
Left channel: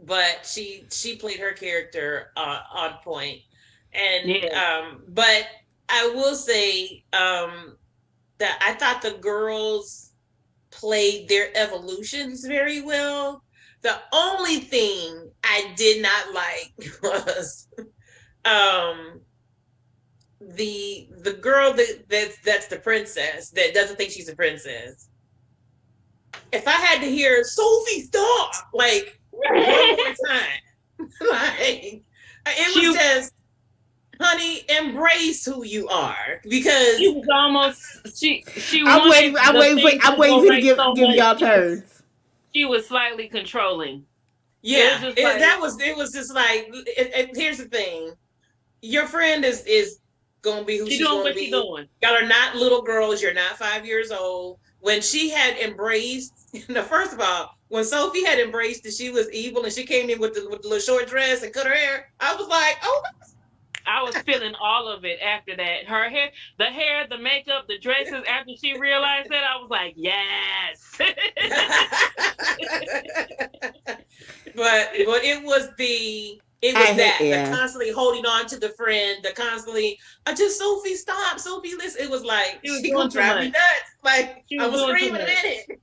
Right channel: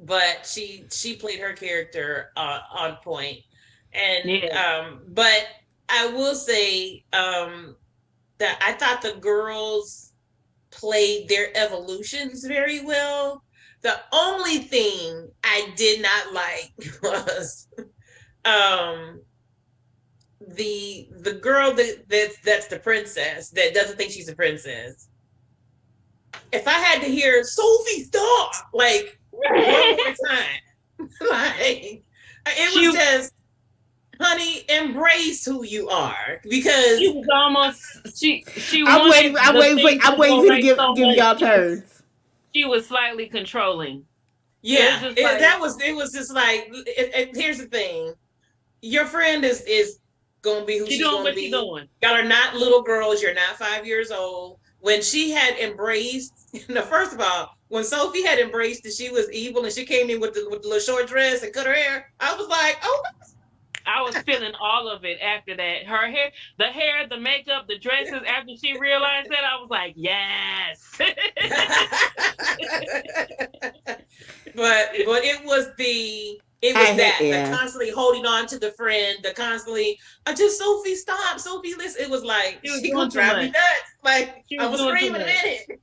But she played her character on point, and but I will say that I thought the girls played their evolutions very well. The only thing I did not like was the girl that's the princess that doesn't think she's a princess. If I had to hear Sophie stop like one more time, like it was just, honey, embrace who you are, because she was almost she. I'm waiting for you to give y'all turns. She was slightly controlling. Yeah, it was just like, here's the thing: your friend is gonna be who she's gonna be. Y'all are not little girls. You're not 5 years old. When she had embraced, first of all, when Sophie had embraced that she was evil and she came in with the little short dress and cut her hair, I was like, oh. I was feeling all of it after that. Her hair, the makeup, the dresses. After she realized that, I was like, yes. But it was the constantly holding on to the friend, the constantly, just Sophie, stop, Sophie, listen. It was like, she gonna drive me nuts. Like, I was screaming in it.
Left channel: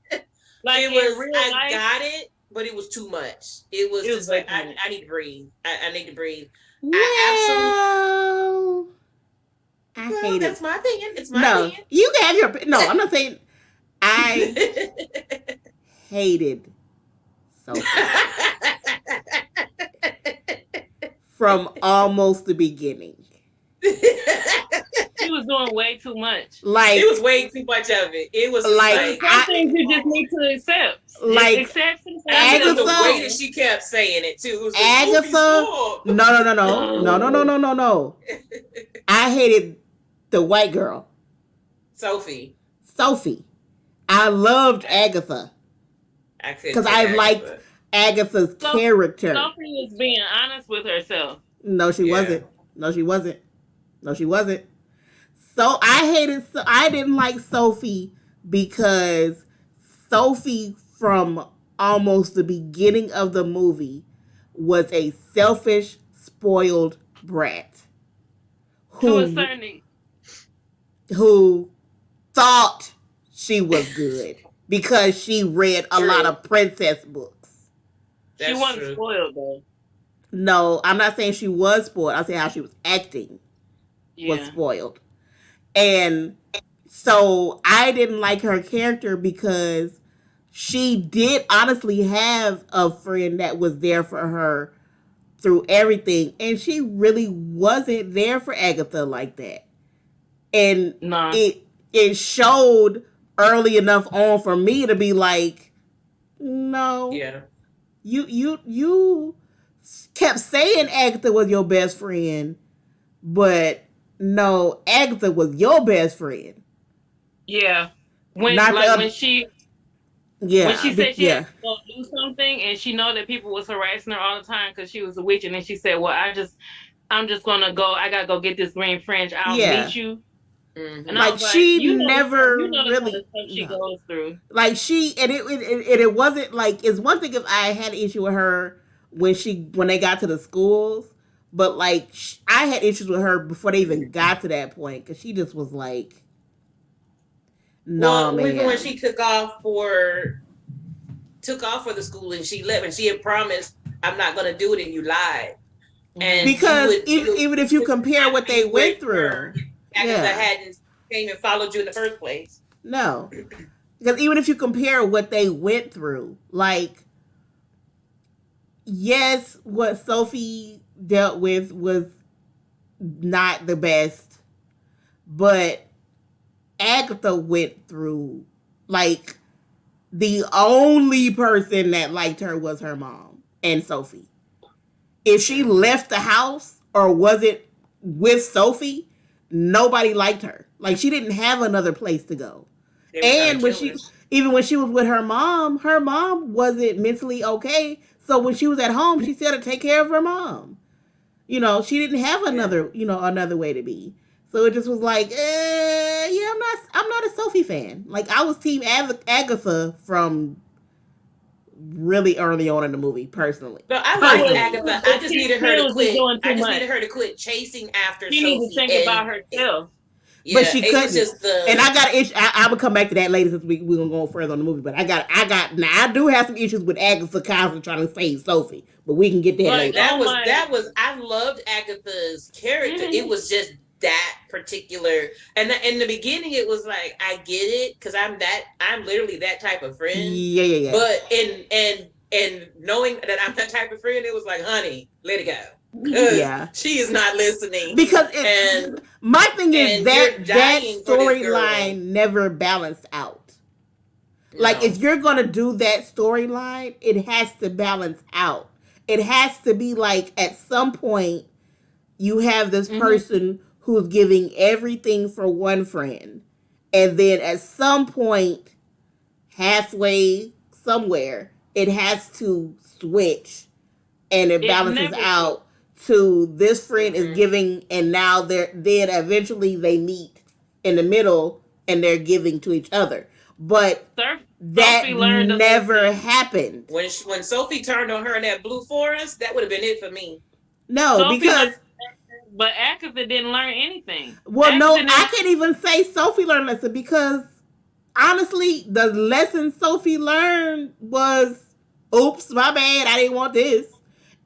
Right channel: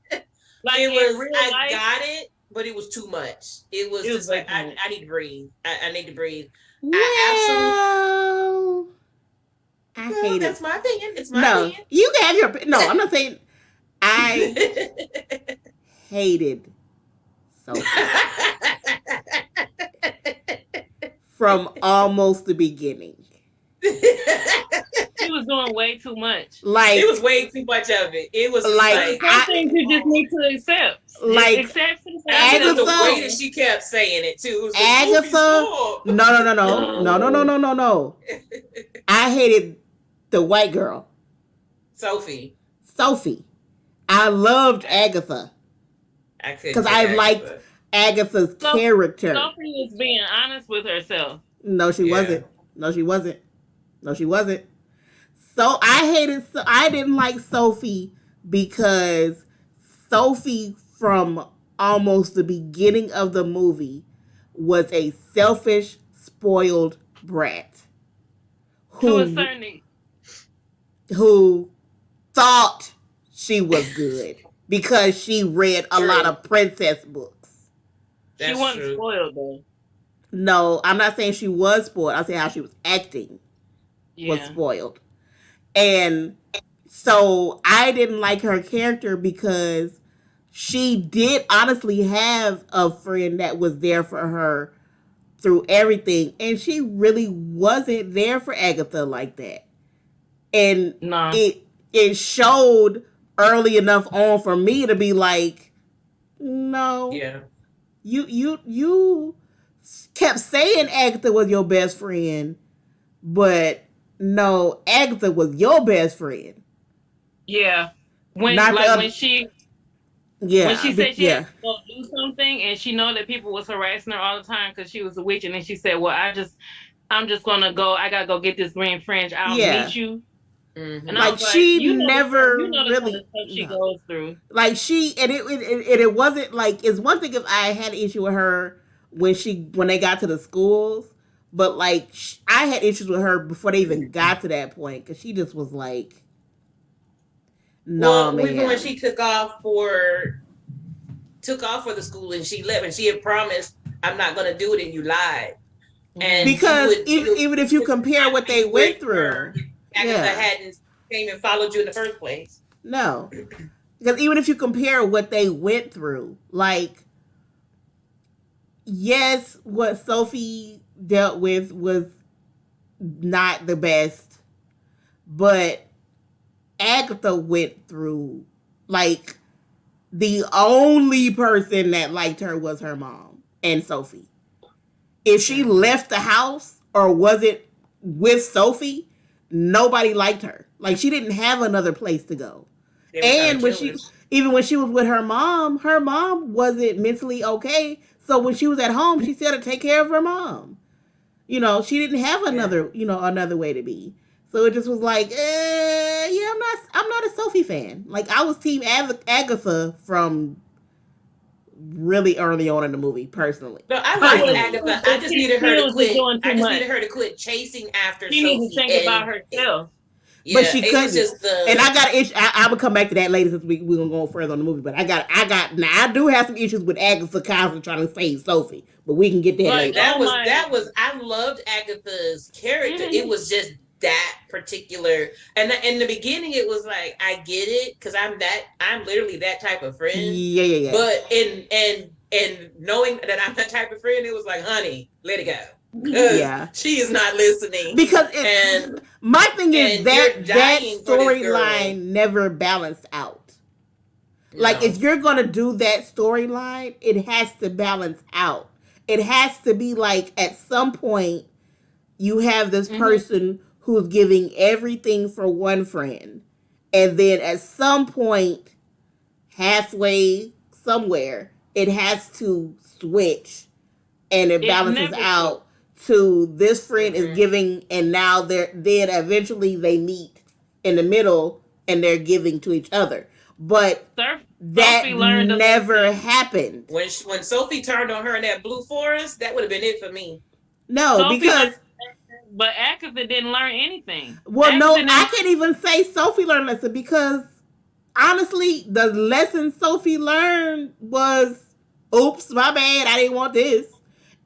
Like, it was, I got it, but it was too much. It was just like, I need to breathe. I need to breathe. Well, I Well, hated. that's my opinion. It's my No, opinion. you can have your. No, I'm not saying. I hated Sophie from almost the beginning. She was doing way too much. It Like, was way too much of it. It was just like But like, some I things you just need to accept. Just like accept some and I things mean, and the move Agatha. way that on. she kept saying it too, it was just Sophie, Agatha. stop. No, no, no, no, no, no, no, no, no, no. I hated the white girl, Sophie. Sophie. I loved I, Agatha I couldn't because take I liked Agatha. Agatha's So character. Sophie was being honest with herself. No, she Yeah. wasn't. No, she wasn't. No, she wasn't. So I hated. I didn't like Sophie because Sophie from almost the beginning of the movie was a selfish, spoiled brat To a who certain who thought she was good because she read a lot True. of princess books. she That's wasn't true. spoiled though. No, I'm not saying she was spoiled. I'm saying how she was acting was Yeah. spoiled. And so I didn't like her character because she did honestly have a friend that was there for her through everything. And she really wasn't there for Agatha like that. And Nah. it showed early enough on for me to be like, no, Yeah. you kept saying Agatha was your best friend, but no, Agatha was your best friend, Yeah. When not the like other. when Yeah, she said she had yeah, to go do something and she know that people was harassing her all the time because she was a witch, and then she said, "Well, I'm just gonna go. I gotta go get this green fringe. I'll yeah. meet you." And I Mm-hmm. Like was like, she you never know the kind of really stuff she no. goes through. Like she and it wasn't like it's one thing if I had an issue with her when they got to the schools, but like I had issues with her before they even got to that point because she just was like, nah, Well, even when man. she took off for the school and she left and she had promised, I'm not gonna do it, and you lied. And Because she would even if you compare what they be with went her. through, Agatha yeah, hadn't came and followed you in the first place. no. Because even if you compare what they went through, like, yes, what Sophie dealt with was not the best, but Agatha went through, like, the only person that liked her was her mom and Sophie. If she left the house or wasn't with Sophie, nobody liked her. Like, she didn't have another place to go. They were trying And to when kill her. even when she was with her mom wasn't mentally okay. So when she was at home, she still had to take care of her mom. She didn't have Yeah. another way to be. So it just was like, yeah, I'm not a Sophie fan. Like I was team Agatha from really early on in the movie, personally. No, I liked But Personally. Agatha. I but just she needed her to still just quit. doing I too just much. needed her to quit chasing after She needs to Sophie. think about herself. But Yeah, she it was couldn't. just And I the got an issue. I would come back to that later since we're gonna go further on the movie. But now I do have some issues with Agatha constantly trying to save Sophie. But we can get that Like, later. oh my. that was I loved Agatha's character. It Mhm. was just that particular, and in the beginning it was like I get it because I'm literally that type of friend. Yeah, yeah, yeah. But and knowing that I'm that type of friend, it was like, honey, let it go. Because Yeah. she is not listening. Because And my thing is and that you're that dying for this girl. storyline never balanced out. Like No. if you're gonna do that storyline, it has to balance out. It has to be like at some point you have this person who's giving everything for one friend, and then at some point, halfway somewhere, it has to switch, and it It balances never out to this friend is Mhm. giving, and now then eventually they meet in the middle and they're giving to each other. But that Sophie learned a never lesson. happened. When Sophie turned on her in that blue forest, that would have been it for me. No, Sophie because learned, but Agatha didn't learn anything. well, Agatha no, didn't I can't even say Sophie learned a lesson because honestly, the lesson Sophie learned was, "Oops, my bad. I didn't want this."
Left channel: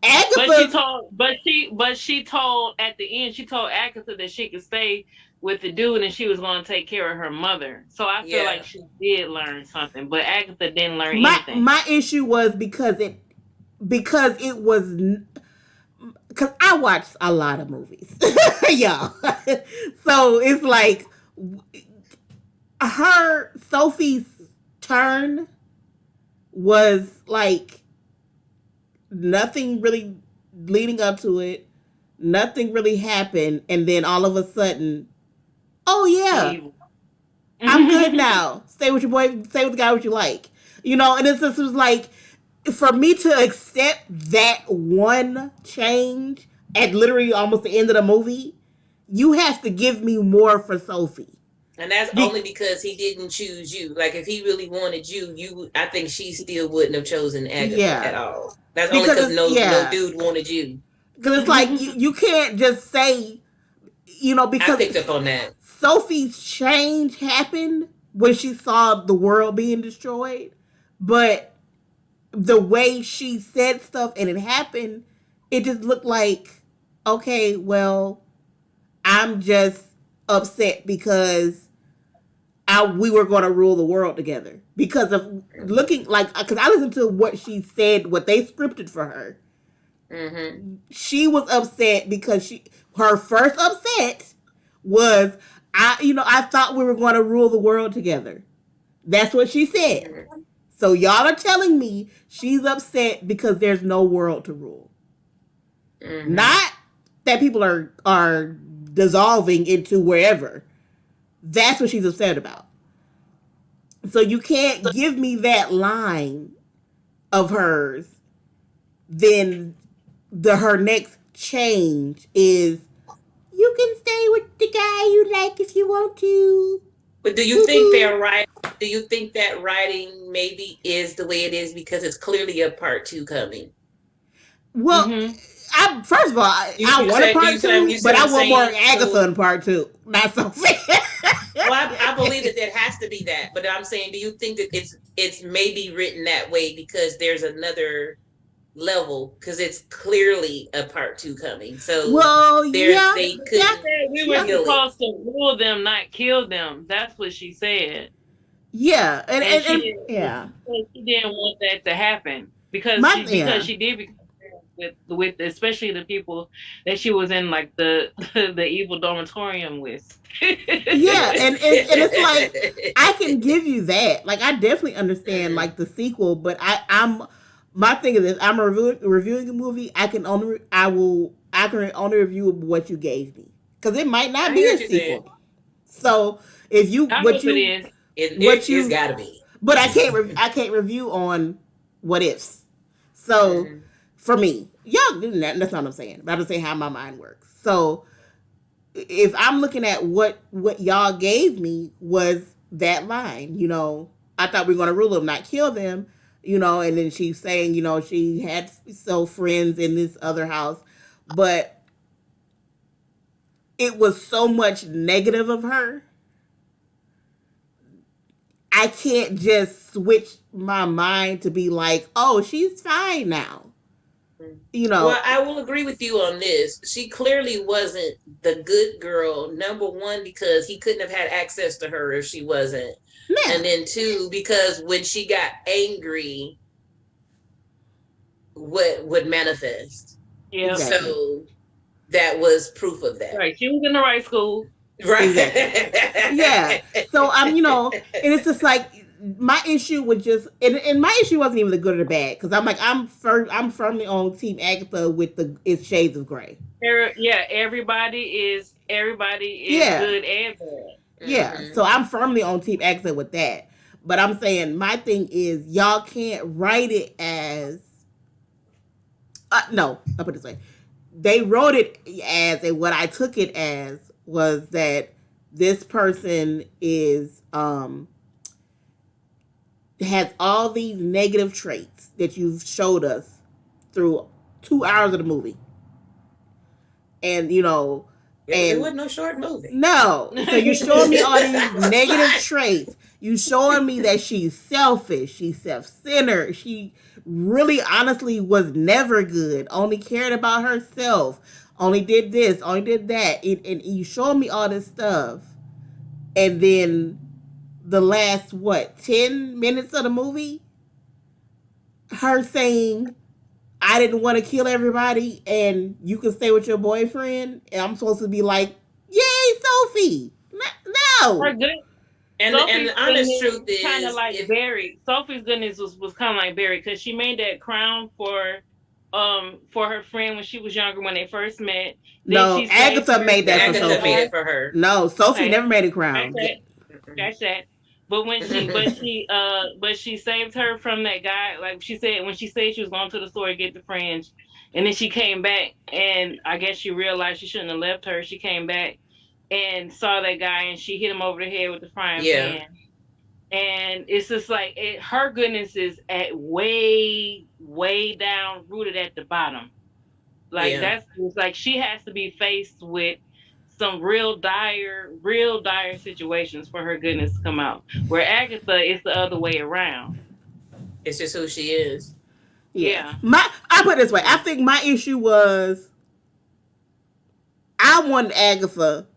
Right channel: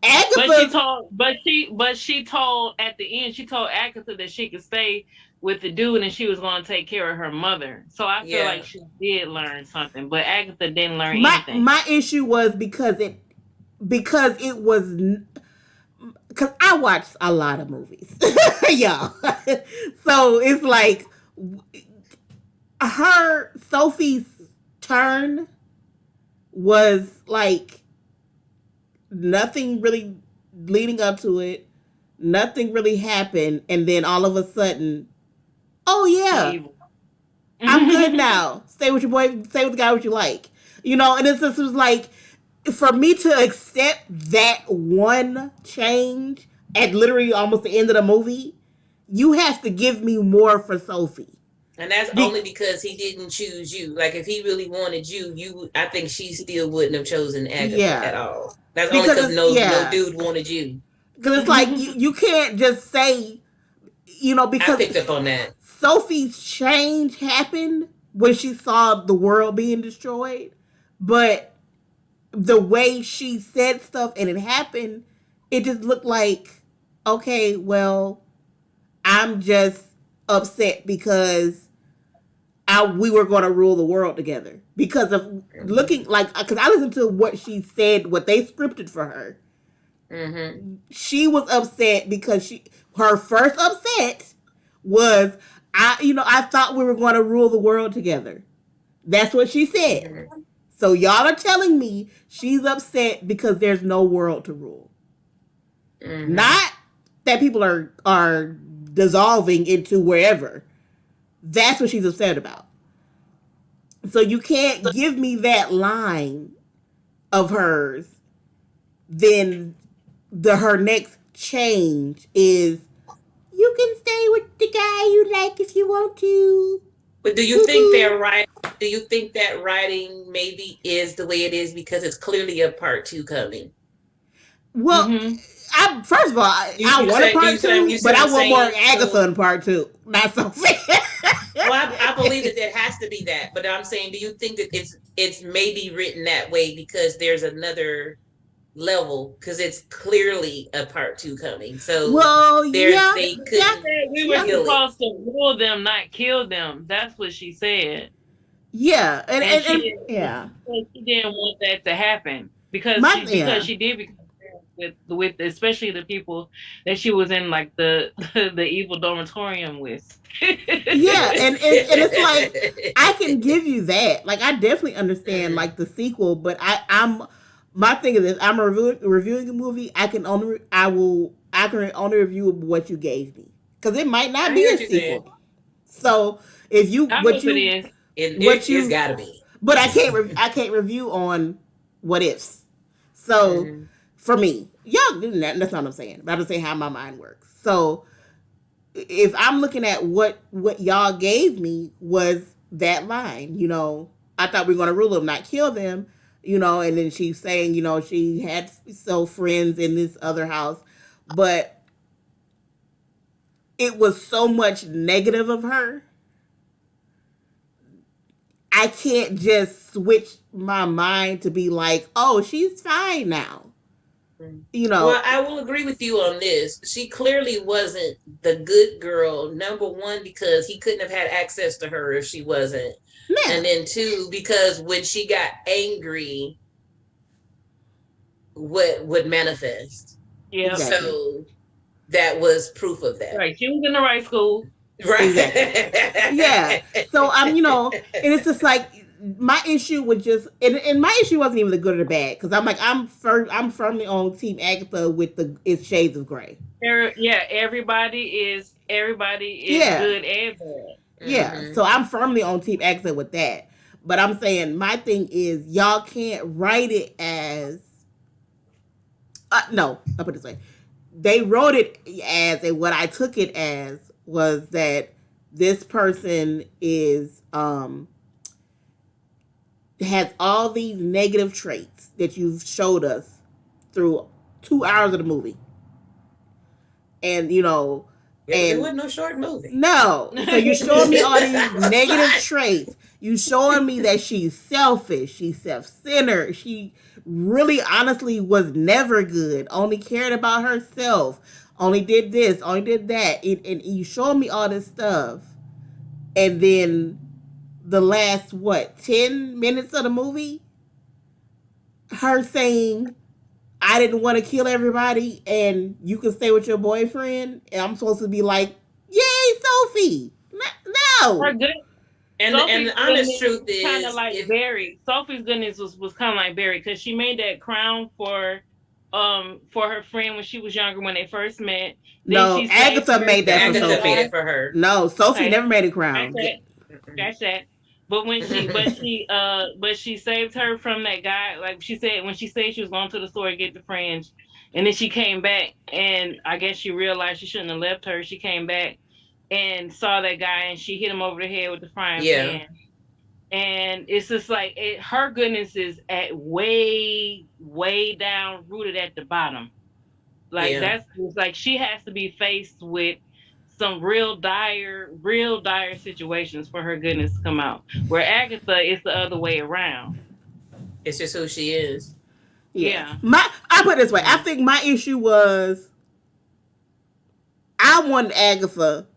But Agatha, she told at the end, she told Agatha that she could stay with the dude, and she was going to take care of her mother. So I feel Yeah. like she did learn something, but Agatha didn't learn My anything. my issue was because it was because I watched a lot of movies, y'all. So it's like her Sophie's turn was like nothing really leading up to it. Nothing really happened, and then all of a sudden, oh yeah, Evil. I'm good now. Stay with your boy. Stay with the guy what you like. And it's just it was like for me to accept that one change at literally almost the end of the movie, you have to give me more for Sophie. And that's only because he didn't choose you. Like if he really wanted you, I think she still wouldn't have chosen Agatha at Yeah, all. That's only because because no dude wanted you. because it's like you can't just say I because picked up on that. Sophie's change happened when she saw the world being destroyed, but the way she said stuff and it happened, it just looked like, okay, well, I'm just upset because we were going to rule the world together because of looking like because I listened to what she said, what they scripted for her. Mm-hmm. She was upset because her first upset was I thought we were going to rule the world together. That's what she said. Mm-hmm. So y'all are telling me she's upset because there's no world to rule. Mm-hmm. Not that people are dissolving into wherever. That's what she's upset about. So you can't give me that line of hers. Then her next change is you can stay with the guy you like if you want to. But do you think they're right? Do you think that writing maybe is the way it is because it's clearly a part 2 coming? Well, first of all, I want a part 2, but I want more Agatha in part 2. Not so fair. Well, I believe that it has to be that, but I'm saying, do you think that it's maybe written that way because there's another level because it's clearly a part 2 coming? So well, they could. We were supposed to rule them, not kill them. That's what she said. Yeah, and yeah, she didn't want that to happen because she did with especially the people that she was in like the evil dormitorium with. Yeah, and it's like I can give you that. Like I definitely understand like the sequel, but I'm my thing is this: I'm reviewing a movie. I can only review what you gave me because it might not be a sequel. So if you it's gotta be, but I can't review on what ifs. So for me, y'all do that. That's not what I'm saying. But I'm just saying how my mind works. So if I'm looking at what y'all gave me was that line, I thought we were gonna rule them, not kill them, and then she's saying, she had friends in this other house, but it was so much negative of her. I can't just switch my mind to be like, oh, she's fine now. Well, I will agree with you on this. She clearly wasn't the good girl. Number one, because he couldn't have had access to her if she wasn't. Yeah. And then two, because when she got angry, what would manifest? Yeah. Exactly. So that was proof of that. Right. She was in the right school. Right. Exactly. Yeah. So I'm, and it's just like my issue was just, and my issue wasn't even the good or the bad, because I'm like I'm firmly on Team Agatha with it's shades of gray. Yeah, everybody is good and bad. Yeah. Mm-hmm. So I'm firmly on Team Agatha with that. But I'm saying my thing is y'all can't write it as no, I'll put it this way. They wrote it as, and what I took it as was that this person is has all these negative traits that you've showed us through 2 hours of the movie. And it wasn't no short movie. No. So you're showing me all these negative traits. You showing me that she's selfish, she's self-centered, she really honestly was never good, only cared about herself, only did this, only did that, and you showing me all this stuff, and then the last what 10 minutes of the movie, her saying, "I didn't want to kill everybody, and you can stay with your boyfriend," and I'm supposed to be like, "Yay, Sophie!" Her No, good And Sophie's the honest goodness truth kind of is, like if buried. Sophie's goodness was kind of like buried because she made that crown for her friend when she was younger when they first met. Then no, she saved Agatha her made that from for the Agatha made Sophie. it guy. for her. No, Sophie Okay, never made a that's crown. Yeah. that. That's that. But she saved her from that guy. Like she said, when she said she was going to the store to get the fringe, and then she came back, and I guess she realized she shouldn't have left her. She came back and saw that guy, and she hit him over the head with the frying Yeah, pan. And it's just like her goodness is at way down, rooted at the bottom. Like yeah. that's it's like she has to be faced with some real dire situations for her goodness to come out. Where Agatha is the other way around. It's just who she is. Yeah. Yeah, I put it this way. I think my issue was I wanted Agatha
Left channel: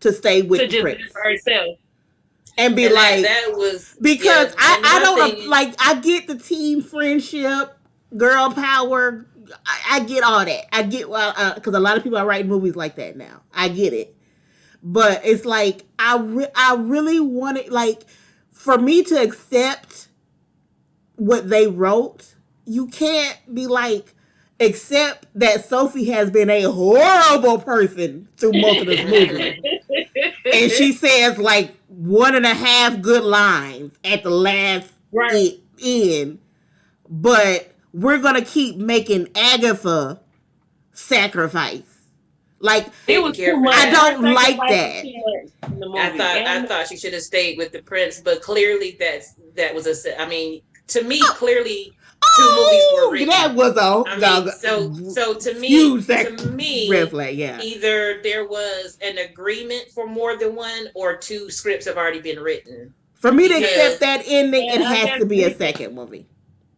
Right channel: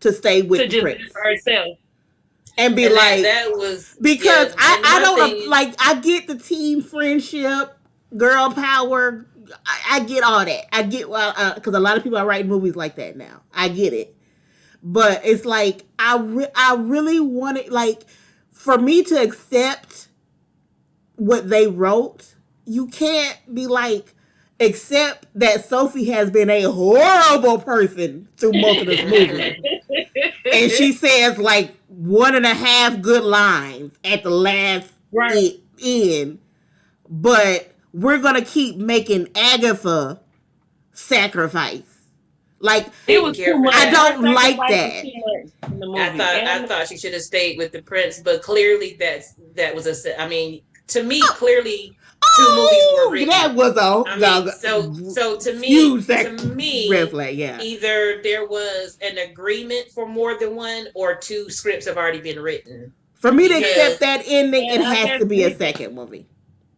to stay with to the just prince be for herself. and be And like, that was, yeah. because And I my don't thing, like, I get the team friendship, girl power. I get all that. I get, well, because a lot of people are writing movies like that now. I get it. But it's like I really wanted, like, for me to accept what they wrote. You can't be like, accept that Sophie has been a horrible person through most of this movie, and she says like one and a half good lines at the last Right. end, but we're gonna keep making Agatha sacrifice. Like, It didn't was care too for much. I that. Her don't like sacrifice was that. too much in the I movie. thought I And thought she should have stayed with the prince, but clearly that was a. I mean, to me, clearly two movies were Oh, that written. was I mean, so huge to red me, flag. Yeah, either there was an agreement for more than one, or two scripts have already been written. for me to accept Because that ending, it I has guess to be a second movie.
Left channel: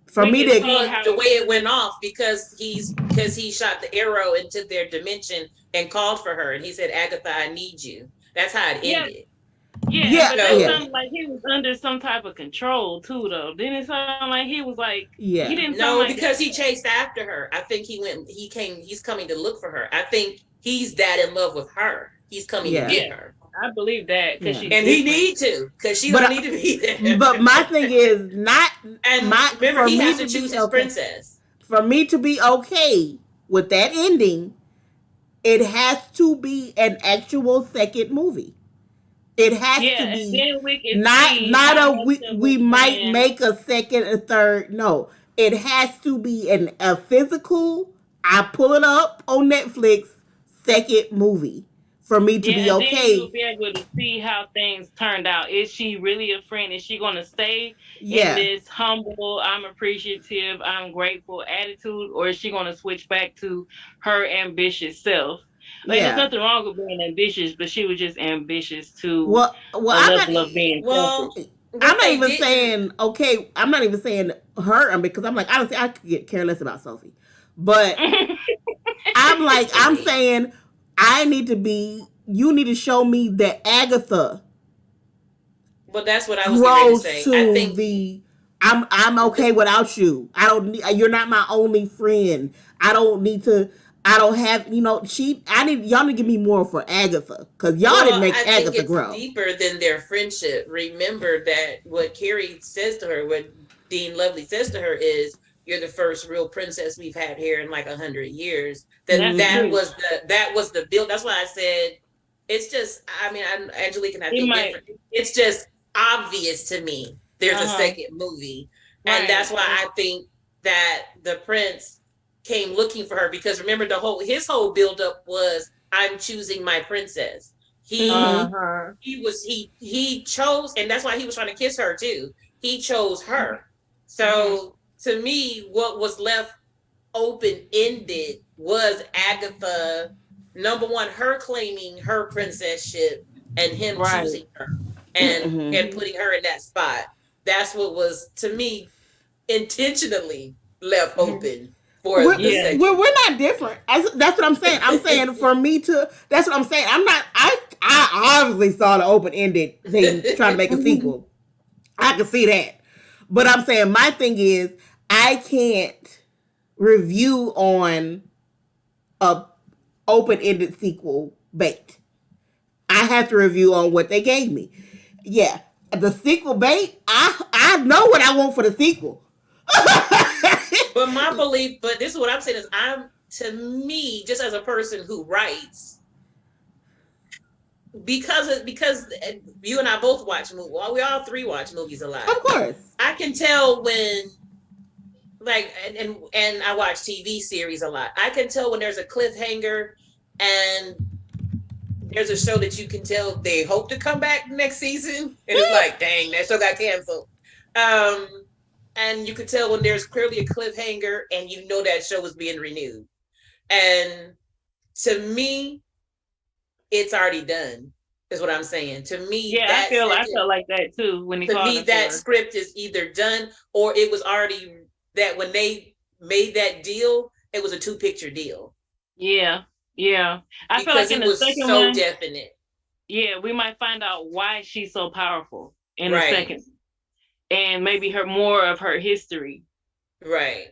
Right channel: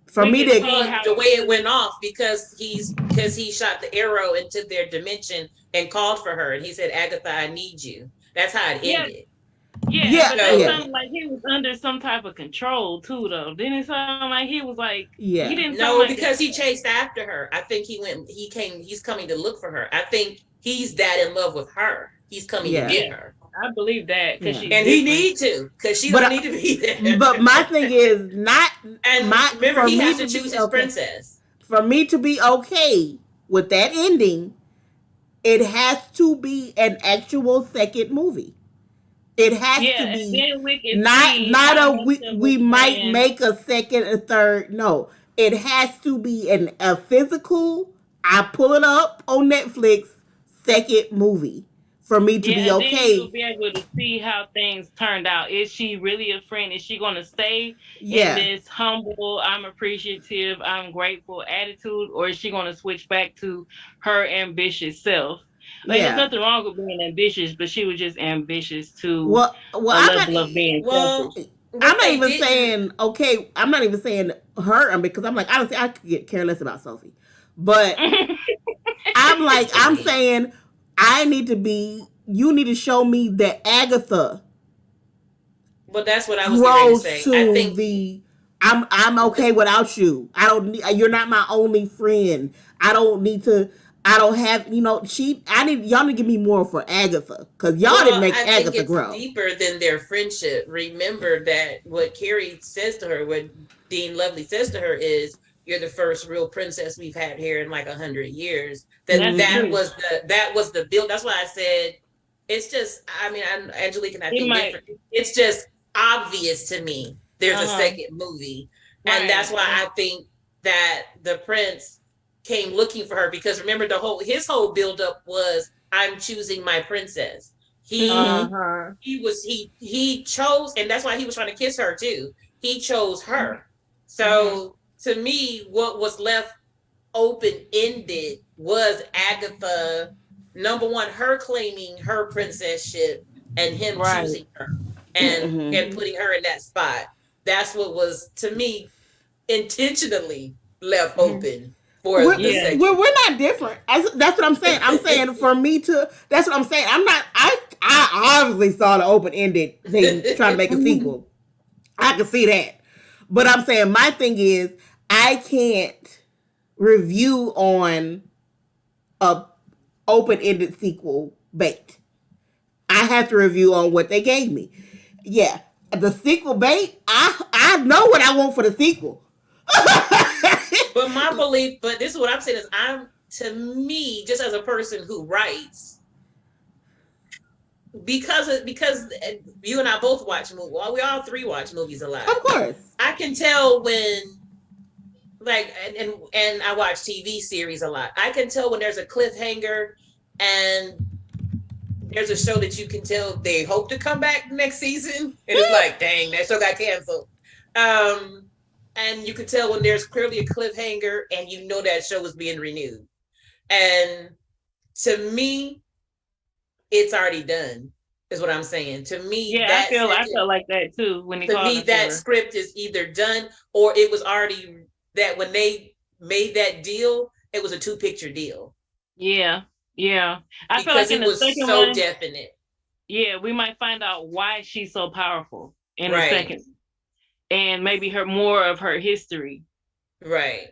For we me can to, see well, how the way it went off, because he shot the arrow into their dimension and called for her, and he said, "Agatha, I need you." That's how it yeah, ended. yeah, yeah, but that So yeah, sounded like he was under some type of control too, though. Didn't it sound like he was like he yeah, didn't sound no, like because he chased after her. I think he's coming to look for her. I think he's that in love with her. He's coming to yeah, get yeah. her. I believe that because yeah. she's And he different. need to, because she But don't need to be there. but my thing is not And my remember, for he me has to to be choose his okay. princess. For me to be okay with that ending, it has to be an actual second movie. It has Yeah, to and be then we can not see not how a much of a we might man. make a second, a third. No, it has to be a physical. I pull it up on Netflix, second movie for me to Yeah, be and then you'll okay. be able to see how things turned out. Is she really a friend? Is she going to stay in Yeah, this humble, I'm appreciative, I'm grateful attitude, or is she going to switch back to her ambitious self? Like, there's yeah. nothing wrong with being ambitious, but she was just ambitious to Well, a I'm not. level of being Well, selfish. I'm what not they even didn't. saying okay. I'm not even saying her because I'm like, honestly, I could care less about Sophie. But I'm like, I'm saying I need to be. You need to show me that Agatha Well, that's what I was getting ready to grows say. I to think the. I'm the okay without you. I don't need. You're not my only friend. I don't need to. I don't have. She. I need y'all to give me more for Agatha because y'all didn't Well, make I think Agatha it's grow. deeper than their friendship. Remember that what Carrie says to her, what Dean Lovely says to her is, "You're the first real princess we've had here in like 100 years." That That's Mm-hmm. that true. was the build. That's why I said it's just. I mean, Angelique and I He think might. different. It's just obvious to me. There's a Uh-huh. second movie, and that's Right. why I think that the prince came looking for her, because remember his whole buildup was, I'm choosing my princess. Mm-hmm. He chose, and that's why he was trying to kiss her too. He chose her. Mm-hmm. So to me, what was left open ended was Agatha, number one, her claiming her princesship and him Right. choosing her, Mm-hmm. and putting her in that spot. That's what was, to me, intentionally left Mm-hmm. open. for we're, the Yeah. second. we're not different. That's what I'm saying. I'm saying for me to. That's what I'm saying. I'm not. I obviously saw the open ended thing trying to make a Mhm. sequel. I can see that, but I'm saying my thing is I can't review on a open ended sequel bait. I have to review on what they gave me. Yeah, the sequel bait. I know what I want for the sequel. But my belief, but this is what I'm saying is to me, just as a person who writes, because you and I both watch movies. Well, we all three watch movies a lot. Of course. I can tell when like and I watch TV series a lot. I can tell when there's a cliffhanger and there's a show that you can tell they hope to come back next season, and it's like, dang, that show got canceled. And you can tell when there's clearly a cliffhanger and you know that show is being renewed. And to me, it's already done, is what I'm saying. To me, Yeah, I felt like that too when he to called me her that for. script is either done or it was already that when they made that deal, it was a two-picture deal Yeah, yeah. I feel because like in it the was second so one, definite. yeah, we might find out why she's so powerful in the Right. second, and maybe her more of her history. Right.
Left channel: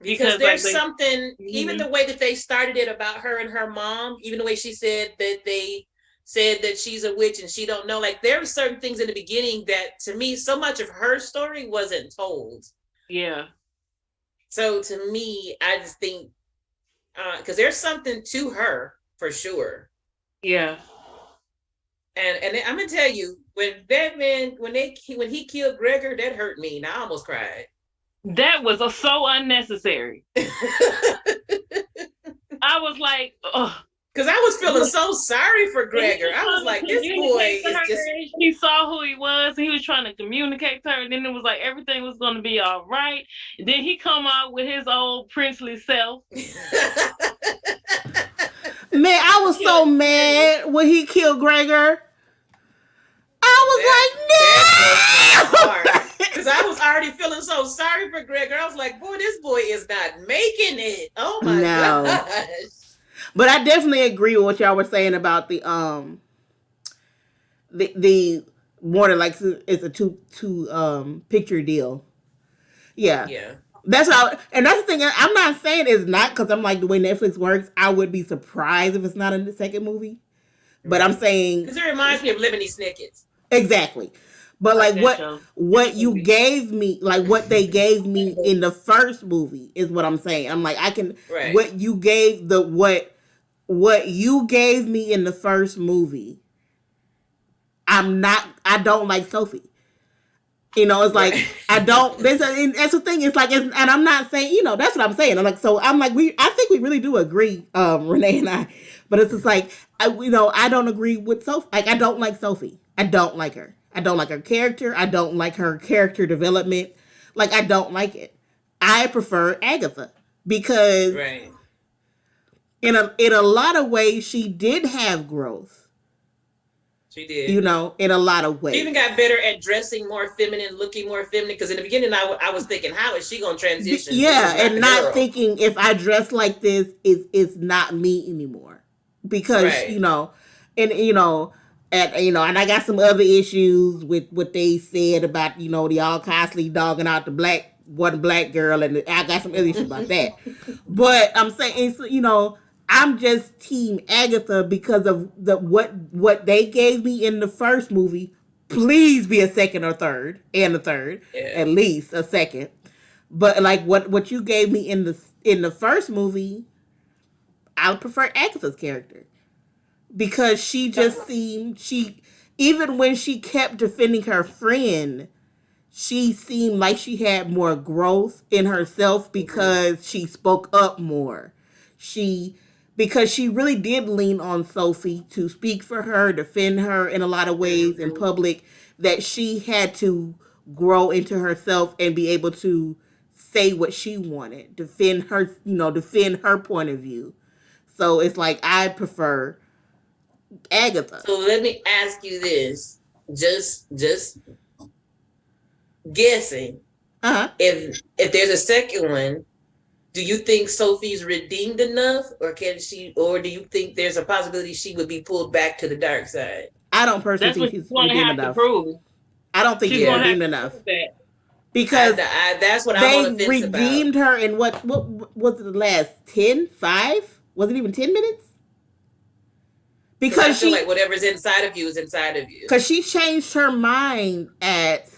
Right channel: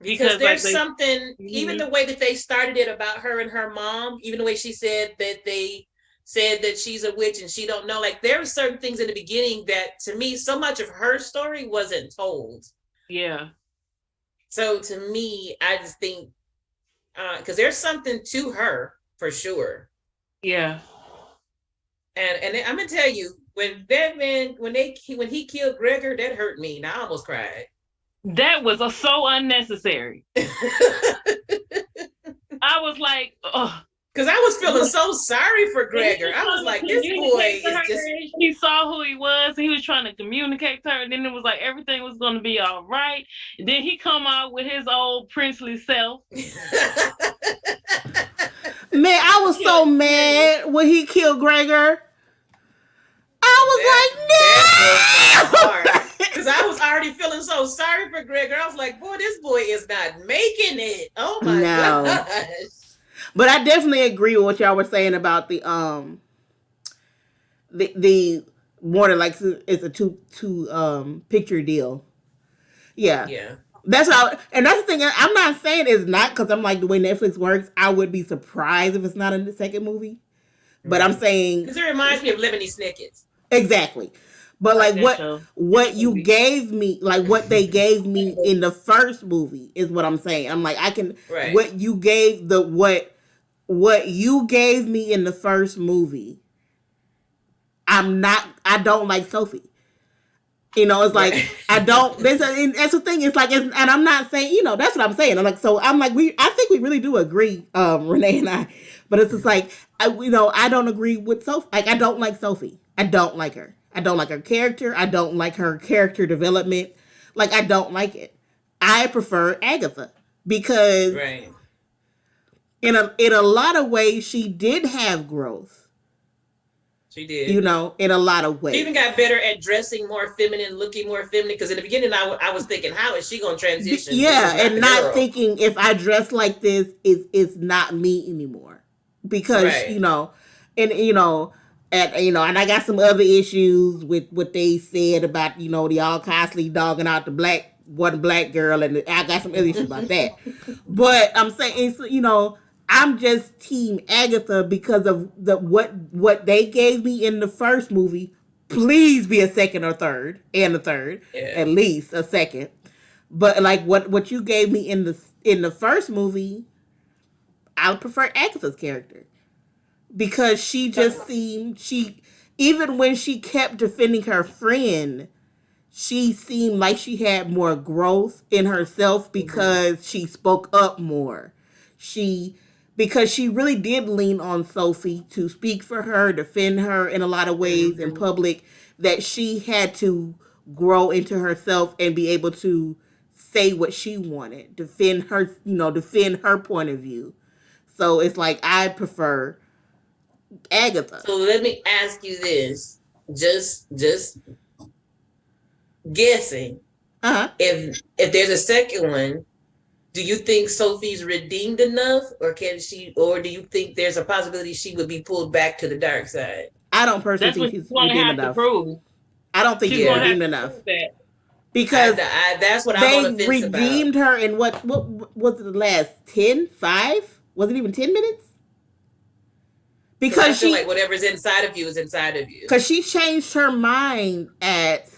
Because Because like there's they, something, even mhm. the way that they started it about her and her mom, even the way she said that they said that she's a witch and she don't know, like there were certain things in the beginning that to me, so much of her story wasn't told. Yeah, So to me, I just think, because there's something to her for sure. yeah. And I'm gonna tell you, when that man, when he killed Gregor, that hurt me. And I almost cried. That was so unnecessary. I was like, oh. Because I was feeling so sorry for Gregor. I was like, this boy Communicate to is her, just. and she saw who he was, and he was trying to communicate to her, and then it was like everything was going to be all right. And then he come out with his old princely self. Man, I was so mad when he killed Gregor. I was like, no. Because I was already feeling so sorry for Gregor. I was like, boy, this boy is not making it. Oh my No. gosh. But I definitely agree with what y'all were saying about the more than like it's a two picture deal. Yeah. Yeah. That's how, and that's the thing. I'm not saying it's not because I'm like the way Netflix works. I would be surprised if it's not in the second movie. But I'm saying because it reminds me of Lemony Snicket's. exactly. But like what you gave me, like what they gave me in the first movie is what I'm saying. I'm like I can Right. what you gave the what you gave me in the first movie. I don't like Sophie. You know, it's like I don't. That's the thing. It's like, and I'm not saying, you know, that's what I'm saying. I'm like, so I'm like, I think we really do agree, Renee and I. But it's just like, I don't agree with Sophie. Like, I don't like Sophie. I don't like her. I don't like her character. I don't like her character development. Like, I don't like it. I prefer Agatha because right. in a lot of ways she did have growth. She did. You know, in a lot of ways. She even got better at dressing more feminine, looking more feminine. Because in the beginning, I was thinking, how is she going to transition? Yeah, and not thinking if I dress like this, it's not me anymore. Because right. and I got some other issues with what they said about the all constantly dogging out the one black girl, and I got some other issues about that. But I'm saying, I'm just team Agatha because of what they gave me in the first movie. Please be a second or third, and a third, at least a second. But like what you gave me in the first movie, I would prefer Agatha's character because she just seemed even when she kept defending her friend, she seemed like she had more growth in herself because she spoke up more. Because she really did lean on Sophie to speak for her, defend her in a lot of ways in public, that she had to grow into herself and be able to say what she wanted, defend her point of view. So it's like I prefer Agatha. So let me ask you this, just guessing. Uh-huh. If there's a second one, do you think Sophie's redeemed enough, or do you think there's a possibility she would be pulled back to the dark side? I don't personally That's think what she's she's going to redeemed have to enough. prove. I don't think She's she's going to have redeemed to enough prove that. because That's what I'm on they the fence about. redeemed her in what was it, the last 10, 5? Was it even 10 minutes? Because I Because feel like whatever's inside of you is inside of you. because she changed her mind at.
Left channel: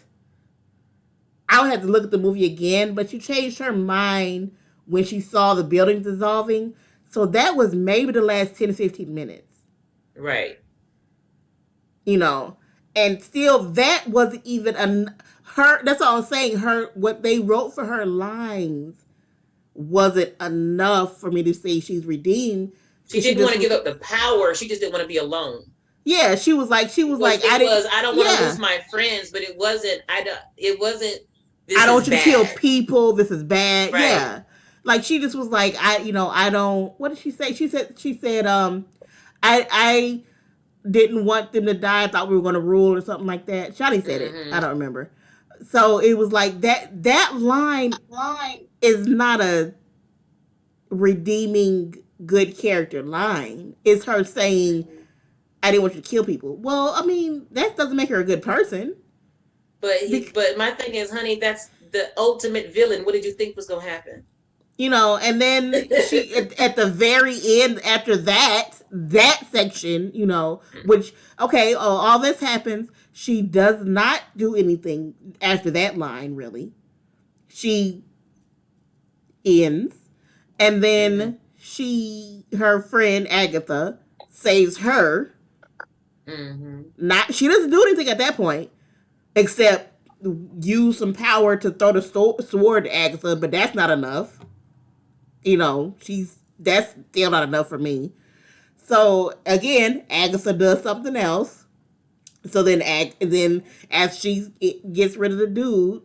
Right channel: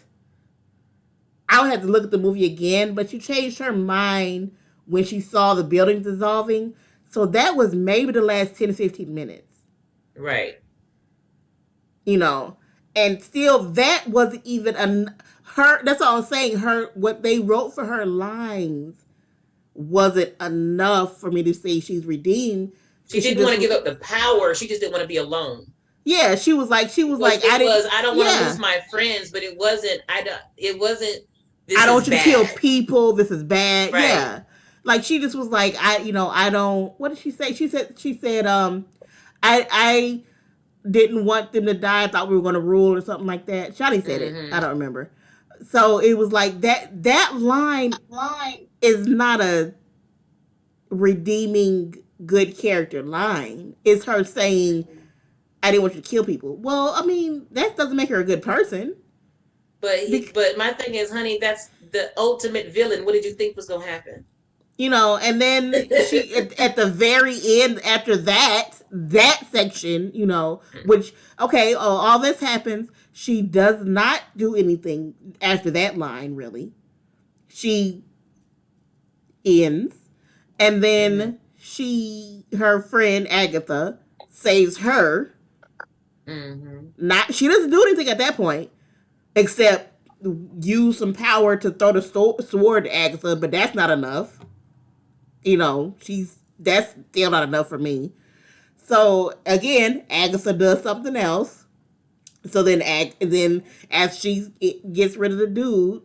I would have to look at the movie again, but she changed her mind when she saw the building dissolving. So that was maybe the last 10 to 15 minutes. Right. You know, and still that wasn't even her. That's all I'm saying. What they wrote for her lines wasn't enough for me to say she's redeemed. She didn't want to give up the power. She just didn't want to be alone. Yeah, she was like, I don't want to lose my friends, but it wasn't. I don't want you to kill people. This is bad. Right. Yeah, like she just was like, I don't. What did she say? She said, I didn't want them to die. I thought we were going to rule or something like that. Shotty said it. I don't remember. So it was like that line is not a redeeming good character line. It's her saying, I didn't want you to kill people. Well, I mean, that doesn't make her a good person. But my thing is, honey, that's the ultimate villain. What did you think was going to happen? You know, and then she at the very end, after that section, you know, which all this happens. She does not do anything after that line. Really, she ends, and then her friend Agatha saves her. She doesn't do anything at that point, except use some power to throw the sword to Agatha, but that's not enough. You know, that's still not enough for me. So again, Agatha does something else. So then as she gets rid of the dude,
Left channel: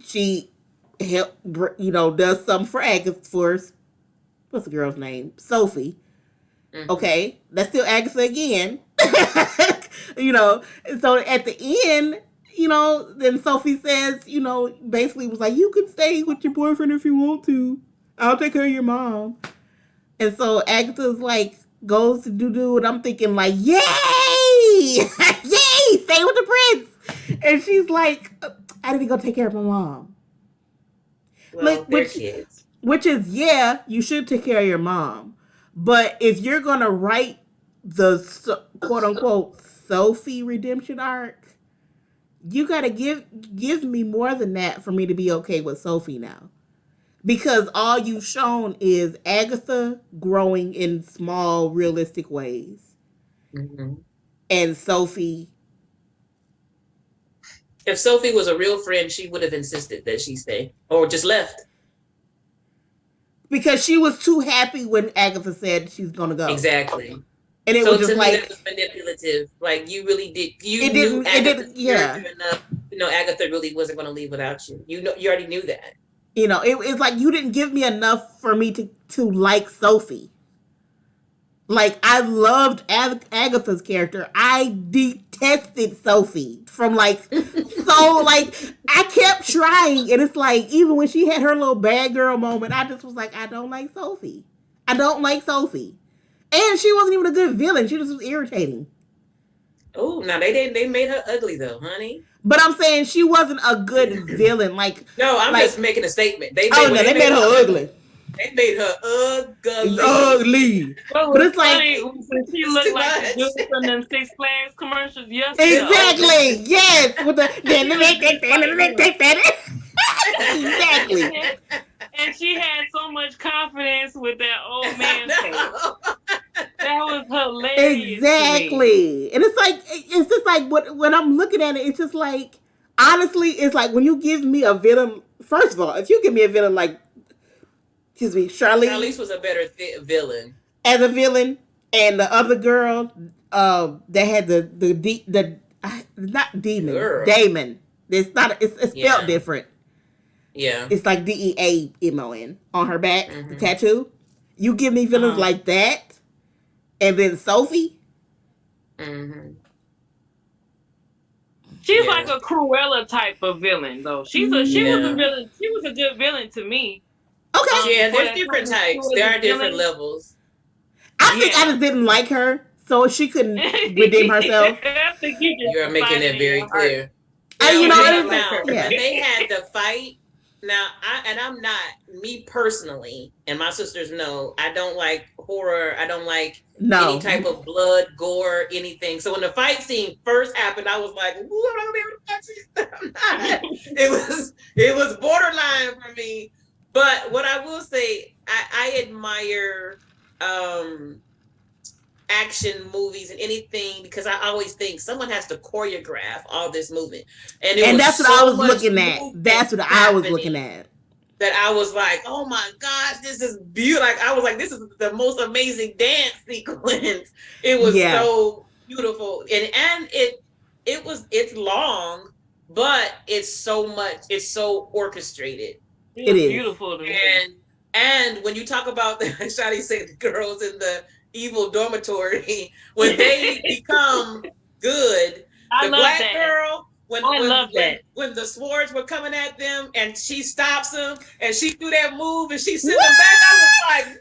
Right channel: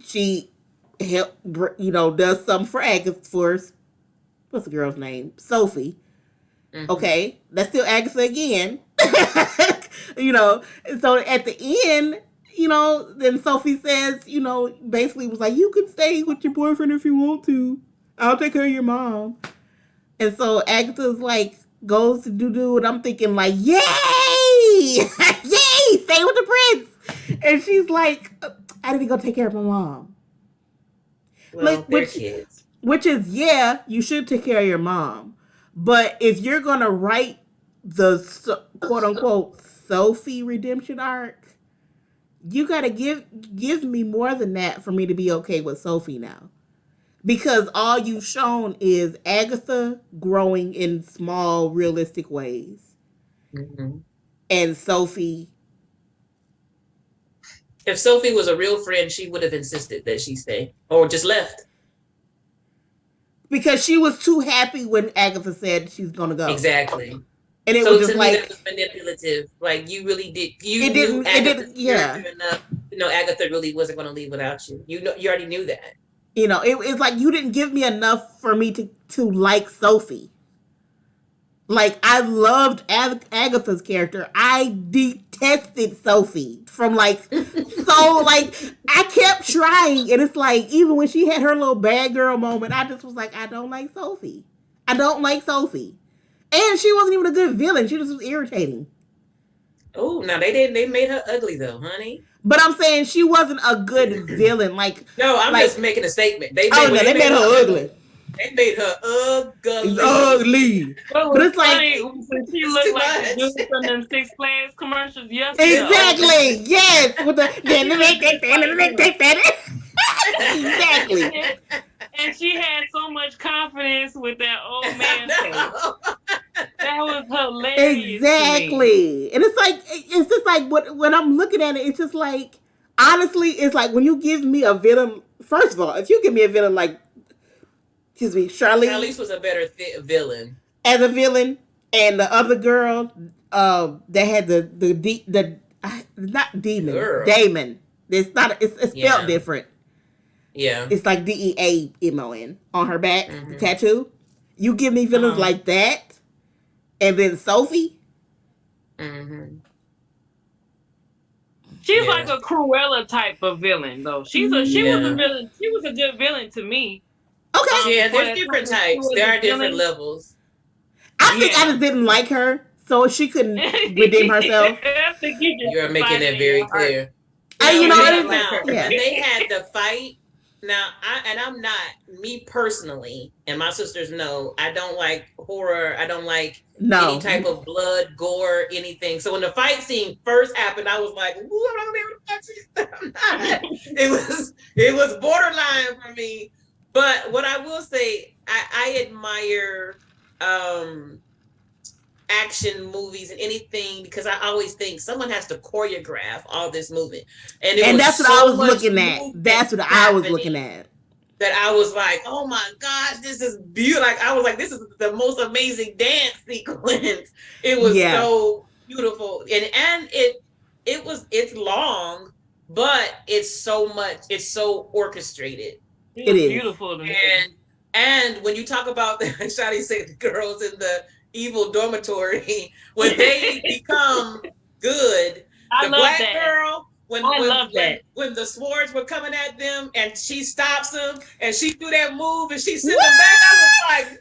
she does something for Agatha what's the girl's name? Sophie. Okay, that's still Agatha again. You know, so at the end, you know, then Sophie says, you know, basically was like, you can stay with your boyfriend if you want to. I'll take care of your mom. And so Agatha's like, goes to do, and I'm thinking like, yay! Yay! Stay with the prince! And she's like, I didn't go take care of my mom. Well, which is, yeah, you should take care of your mom. But if you're going to write the quote unquote Sophie redemption arc, you got to give me more than that for me to be okay with Sophie now. Because all you've shown is Agatha growing in small, realistic ways. And Sophie. If Sophie was a real friend, she would have insisted that she stay or just left. Because she was too happy when Agatha said she's going to go. Exactly. And it was just like. That was manipulative. Like, you really did. It didn't, yeah. Enough. You know, Agatha really wasn't going to leave without you. You already knew that. You know, it's like you didn't give me enough for me to like Sophie. Like, I loved Agatha's character. I detested Sophie from like, so like, I kept trying. And it's like, even when she had her little bad girl moment, I just was like, I don't like Sophie. I don't like Sophie. And she wasn't even a good villain. She just was irritating. Oh, now they made her ugly though, honey. But I'm saying she wasn't a good villain. Like, no, I'm just making a statement. They made her ugly. They made her ugly. Ugly. Well, but it's like she looked like the dude from them Six Flags commercials. Yes. Exactly. Yes. With the exactly. And she had so much confidence with that old man face. That was hilarious. Exactly. And it's just like when I'm looking at it, it's just like, honestly, it's like when you give me a villain. First of all, if you give me a villain like, excuse me, Charlize was a better villain as a villain, and the other girl that had the not demon, girl. Damon. It's not. It's spelled different. Yeah. It's like DEAMON on her back, the tattoo. You give me villains like that, and then Sophie. She's like a Cruella type of villain, though. She was a villain. She was a good villain to me. Okay. Yeah, For there's that different time types. towards There the are different feeling. levels. I think I Yeah. just didn't like her, so she couldn't redeem herself. I think you just You're making decided that in your very heart clear. I, Now you you know, when did it they not is like just now her. yeah. when they had the fight, now I'm not, me personally, and my sisters know I don't like horror. I don't like any No, type of blood, gore, anything. So when the fight scene first happened, I was like, "Ooh, I'm not gonna be able to watch this." I'm not. It was borderline for me. But what I will say, I admire um action movies and anything because I always think someone has to choreograph all this movement. And it and was that's what I so was much looking at. movement That's what I was looking happening at. that I was like, oh my gosh, this is beautiful. Like I was like, this is the most amazing dance sequence. It was Yeah, so beautiful. It's long, but it's so orchestrated. It it was is. beautiful to me. And when you talk about Shadi said the girls in the evil dormitory, when they become good, I the love black that. girl, when I when love when that. when the swords were coming at them and she stops them and she threw that move and she sent them back, I was What? like,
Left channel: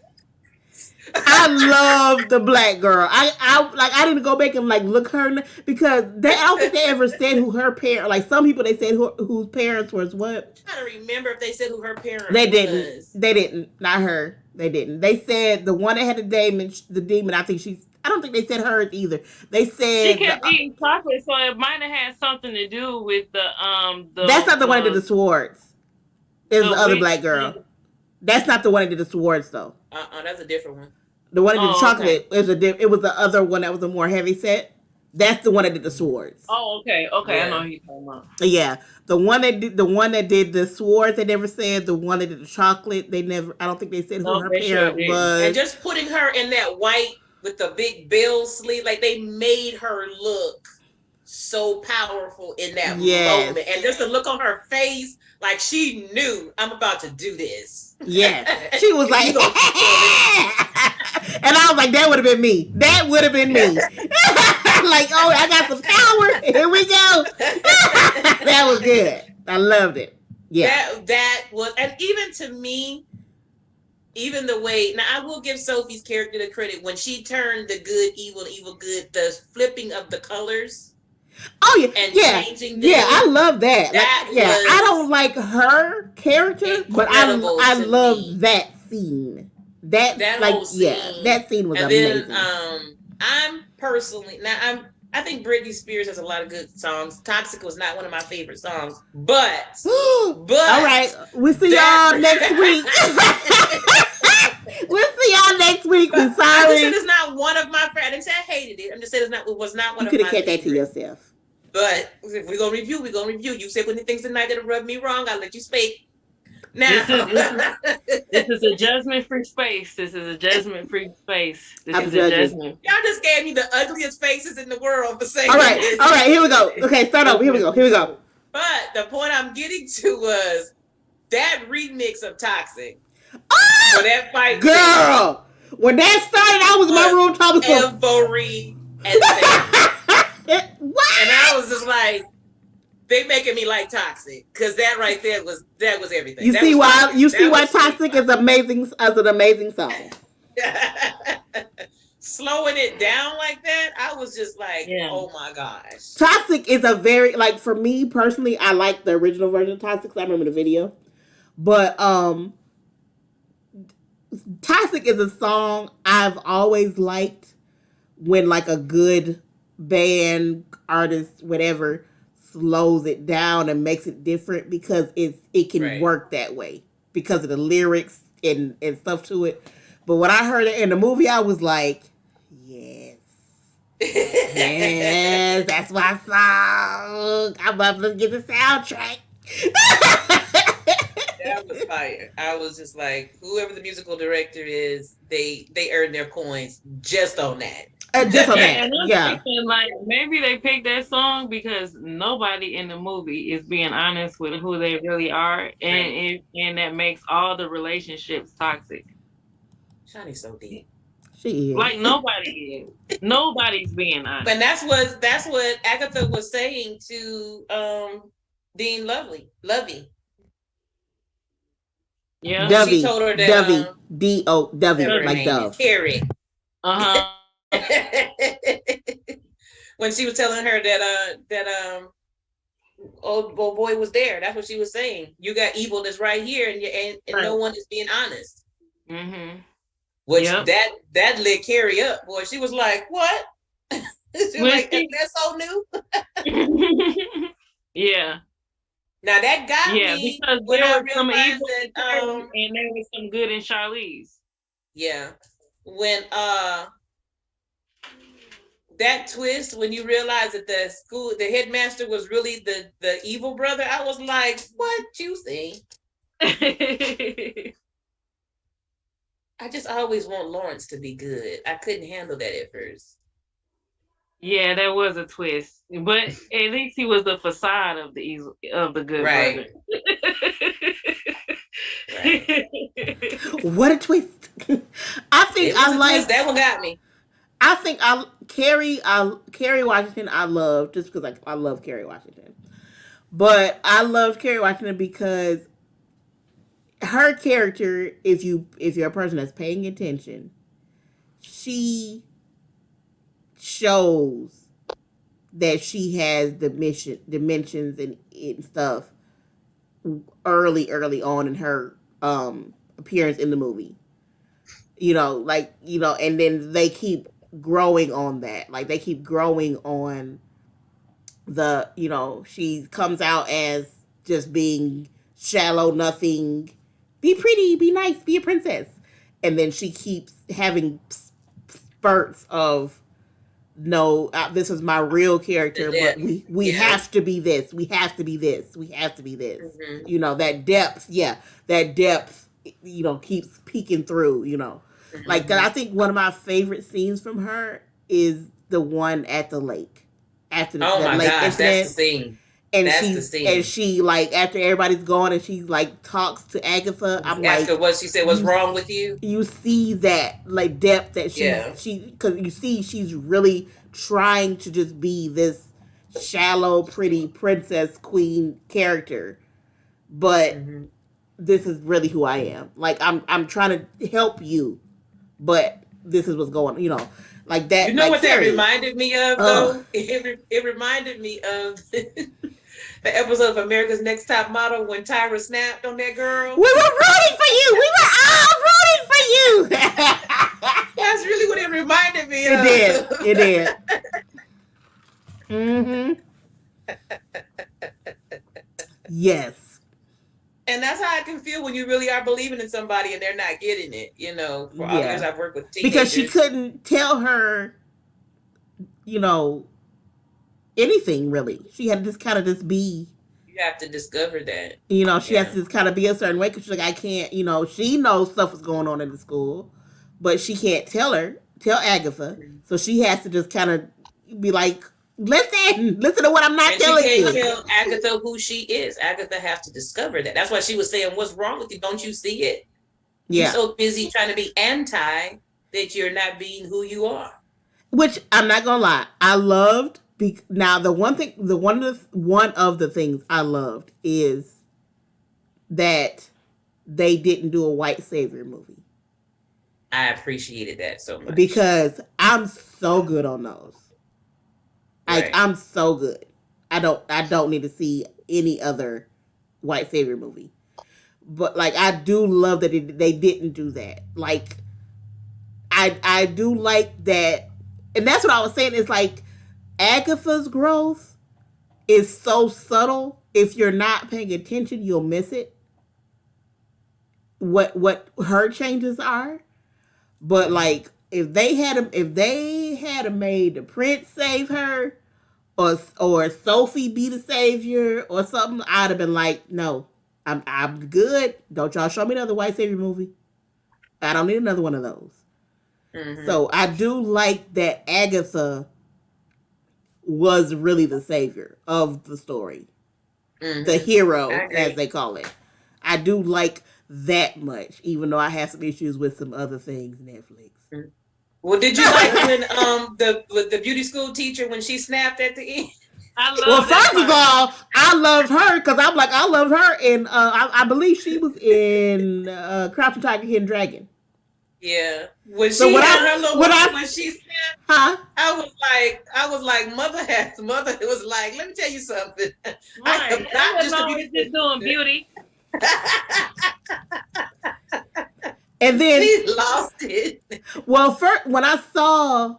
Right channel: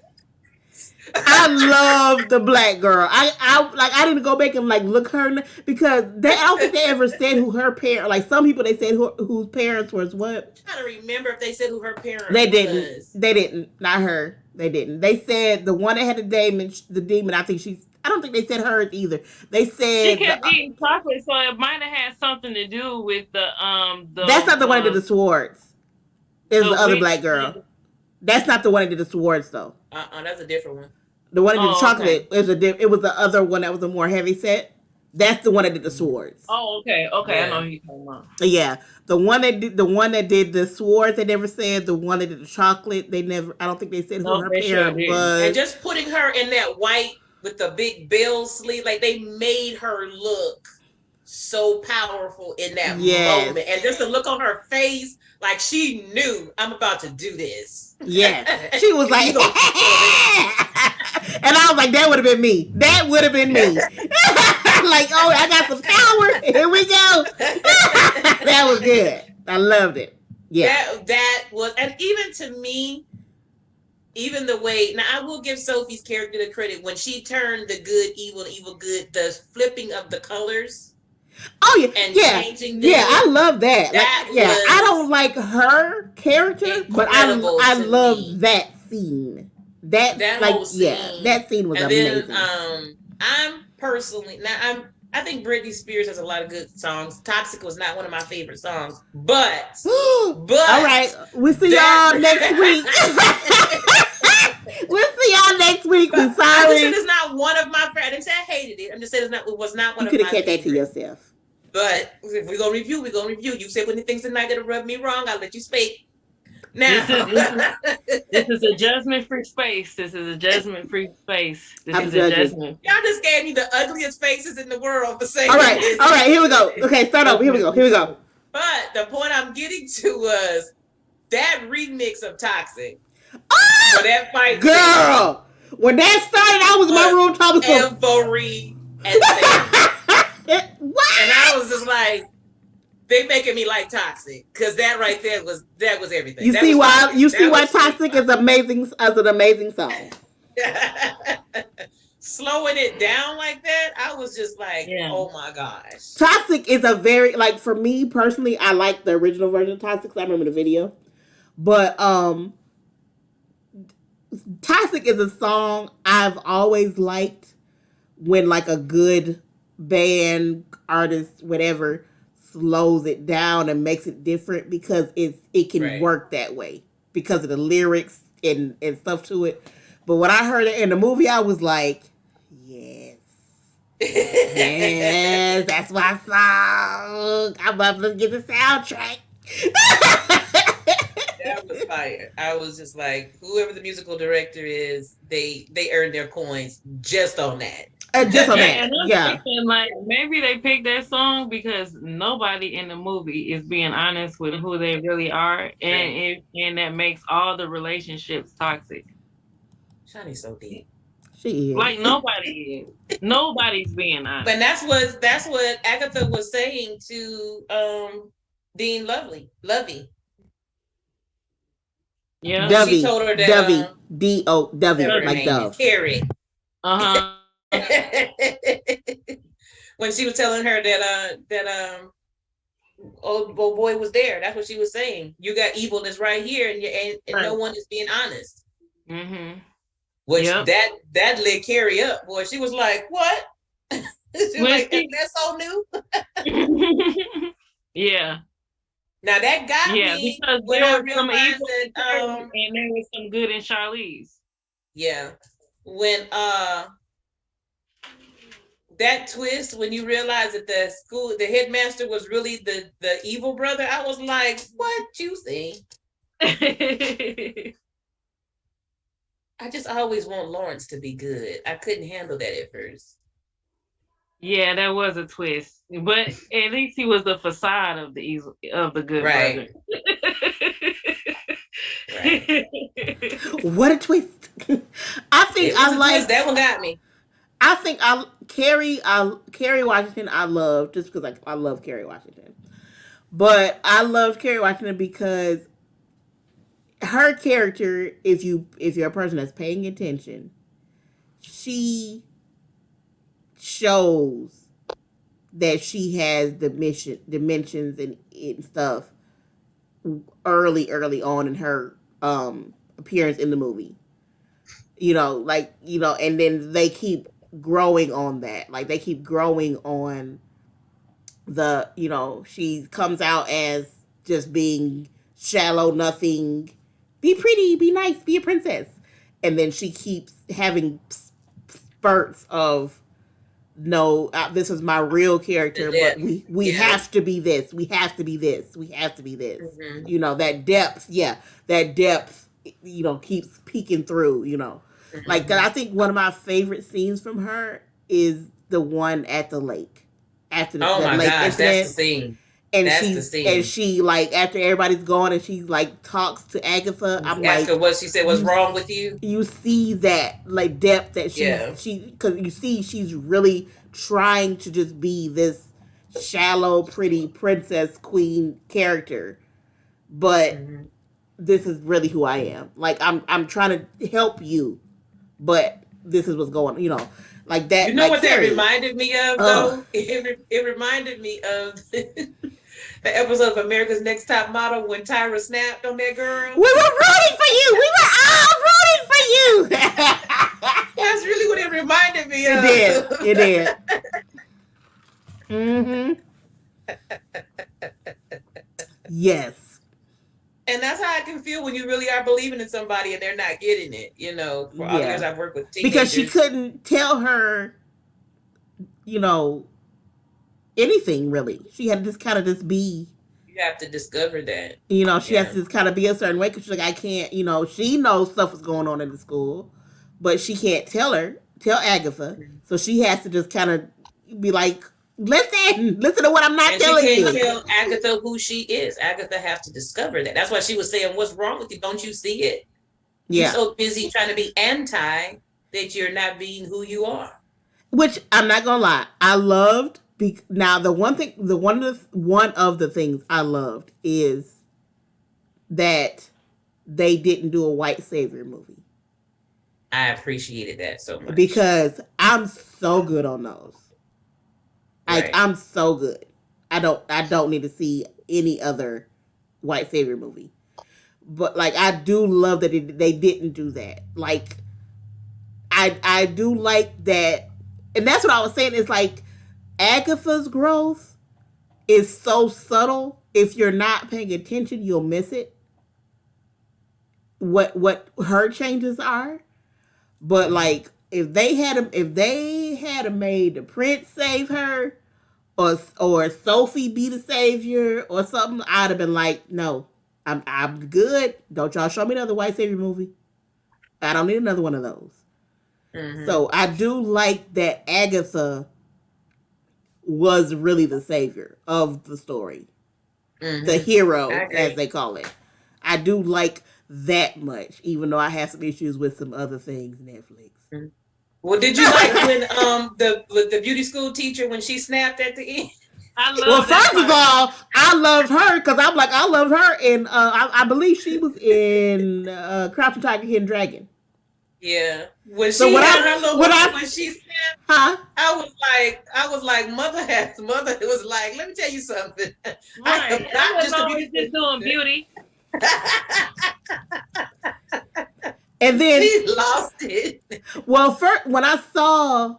I love the black girl. I didn't go back and like look her because I don't think they ever said who her parent. Like some people they said whose parents was what. I'm trying to remember if they said who her parent They didn't. was. They didn't. Not her. They didn't. They said the one that had the demon. The demon. I think she's. I don't think they said hers either. They She said kept eating chocolate, so it might have had something to do with that's not the one that did the swords. It was the the other witch black girl. thing. That's not the one that did the swords though. That's a different one. The one that did the Oh, okay. chocolate it was the other one that was a more heavy set. That's the one that did the swords. Oh, okay. Okay, I know Yeah. who you're talking about. Yeah, the one that did the swords. They never said the one that did the chocolate. They never. I don't think they said who No, her they sure parent didn't. And was. just putting her in that white with the big bill sleeve, like they made her look so powerful in that Yes, moment. And just the look on her face, like she knew I'm about to do this. yes. She was like, You and gonna I was like, that would have been me. That would have been me. Like, oh, I got some power. Here we go. That was good. I loved it. Yeah. that was, and even to me, even the way, now I will give Sophie's character the credit when she turned the good evil, evil good, the flipping of the colors Oh yeah, and yeah, changing yeah. I them. love that. That Like, yeah, I was don't like her character, but incredible I to love me. that scene. That's That like, whole yeah, scene. that scene was And then amazing. I'm personally, now I think Britney Spears has a lot of good songs. Toxic was not one of my favorite songs, but All right, we'll see that y'all next week. We'll see y'all next week. We're I'm just saying sorry. it's not one of my. I didn't say I hated it. I'm just saying it was not one You of could have my kept that to favorites. yourself. But if we're gonna review, we're gonna review. You said any things tonight that'll rub me wrong, I'll let you speak. Now, This is a judgment-free space. This is a judgment-free space. This I'm is judging. a judgment. y'all just gave me the ugliest faces in the world for saying All right, this. all right. Here we go. Okay, start over. Here we go. Here we go. But the point I'm getting to was that remix of Toxic. Ah, For that fight, girl. When that started, I was in my room talking to every and what? I was just like, they making me like Toxic because that right there was everything. You That see was why? fire. You That see why was Toxic is amazing as an amazing song. Slowing it down like that, I was just like, Yeah. oh my gosh. Toxic is a very like for me personally, I like the original version of Toxic. I remember the video, but Toxic is a song I've always liked when like a good band, artist, whatever, slows it down and makes it different because it can Right. work that way because of the lyrics and stuff to it. But when I heard it in the movie, I was like, yes. Yes, that's my song. I'm about to get the soundtrack. That was fire. I was just like, whoever the musical director is, they earned their coins just on that. Just on that, And I'm yeah. thinking, like, maybe they picked that song because nobody in the movie is being honest with who they really are, and that makes all the relationships toxic. Shawty's so deep. She is. Like nobody is. Nobody's being honest. But that's what Agatha was saying to Dean Lovey. Yeah. when she Dovey, told her that Dovey, Dovey, whatever her like name is, Dove. Carrie. Uh huh. When she was telling her that old boy was there. That's what she was saying. You got evil that's right here, and no Right. one is being honest. Mhm. Which Yep. that lit Carrie up, boy. She was like, "What?" She was When like, she. "That's so new." Yeah. Now that got Yeah, me because when there I was some realized evil in that Carrie and there was some good in Charlize. yeah, when that twist when you realize that the headmaster was really the evil brother, I was like, "What you see?" I just always want Lawrence to be good. I couldn't handle that at first. Yeah, that was a twist, but at least he was the facade of the good Right, brother. right. What a twist! I think It was I a twist. That liked. one got me. I think Kerry Washington. I love just because I love Kerry Washington, but I love Kerry Washington because her character, if you're a person that's paying attention, she shows that she has dimensions and stuff early on in her appearance in the movie. And then they keep growing on that. Like they keep growing on she comes out as just being shallow, nothing, be pretty, be nice, be a princess. And then she keeps having spurts of no, this is my real The character, but depth. we Yeah. have to be this, we have to be this, we have to be this. Mm-hmm. That depth, yeah, that depth, keeps peeking through. Like Mm-hmm. I think one of my favorite scenes from her is the one at the lake, after Oh the my lake gosh, that's the incident, scene. and That's the scene. she like after everybody's gone and she like talks to Agatha. I'm Ask her like, what she said. What's you wrong with you? you see that like depth that Yeah. because you see she's really trying to just be this shallow, pretty princess queen character, but Mm-hmm. this is really who I am. Like I'm trying to help you, but this is what's going. Like You that. know Like what that Carrie. reminded me of, Ugh. though? It reminded me of the episode of America's Next Top Model when Tyra snapped on that girl. We were rooting for you. We were all rooting for you. That's really what it reminded me It did. of. It did. Mm-hmm. Yes. And that's how I can feel when you really are believing in somebody and they're not getting it. For all the years Yeah. I've worked with Because she teenagers, couldn't tell her, you know, anything really. She had to just kind of just be. you have to discover that. She has Yeah. to just kind of be a certain way because she's like, I can't. She knows stuff is going on in the school, but she can't tell Agatha. Mm-hmm. So she has to just kind of be like, listen to what I'm not And she telling can't you. tell Agatha who she is. Agatha has to discover that. That's why she was saying, "What's wrong with you? Don't you see it? You're Yeah. so busy trying to be anti that you're not being who you are." Which I'm not gonna lie, I loved. Now the one of the things I loved is that they didn't do a white savior movie I appreciated that so much. because I'm so good on those. Like Right. I'm so good. I don't need to see any other white savior movie. But like I do love that they didn't do that. Like I do like that, and that's what I was saying. Is like Agatha's growth is so subtle. If you're not paying attention, you'll miss it. What her changes are, but like if they had a made the prince save her, or Sophie be the savior or something, I'd have been like, no, I'm good. Don't y'all show me another white savior movie. I don't need another one of those. Mm-hmm. So I do like that Agatha was really the savior of the story, Mm-hmm. the hero as they call it. I do like that much, even though I have some issues with some other things Netflix. Well, did you like when the beauty school teacher when she snapped at the end? I Well, love that first of part. all, I loved her because I'm like, I loved her, and I believe she was in Crouching Tiger, Hidden Dragon. Yeah. When So she had her little when moment I, when she said, huh? I was like, mother was like, let me tell you something. I am Right. I not wasn't just a always beauty just doing queen. beauty. And then, She lost it. well, first when I saw,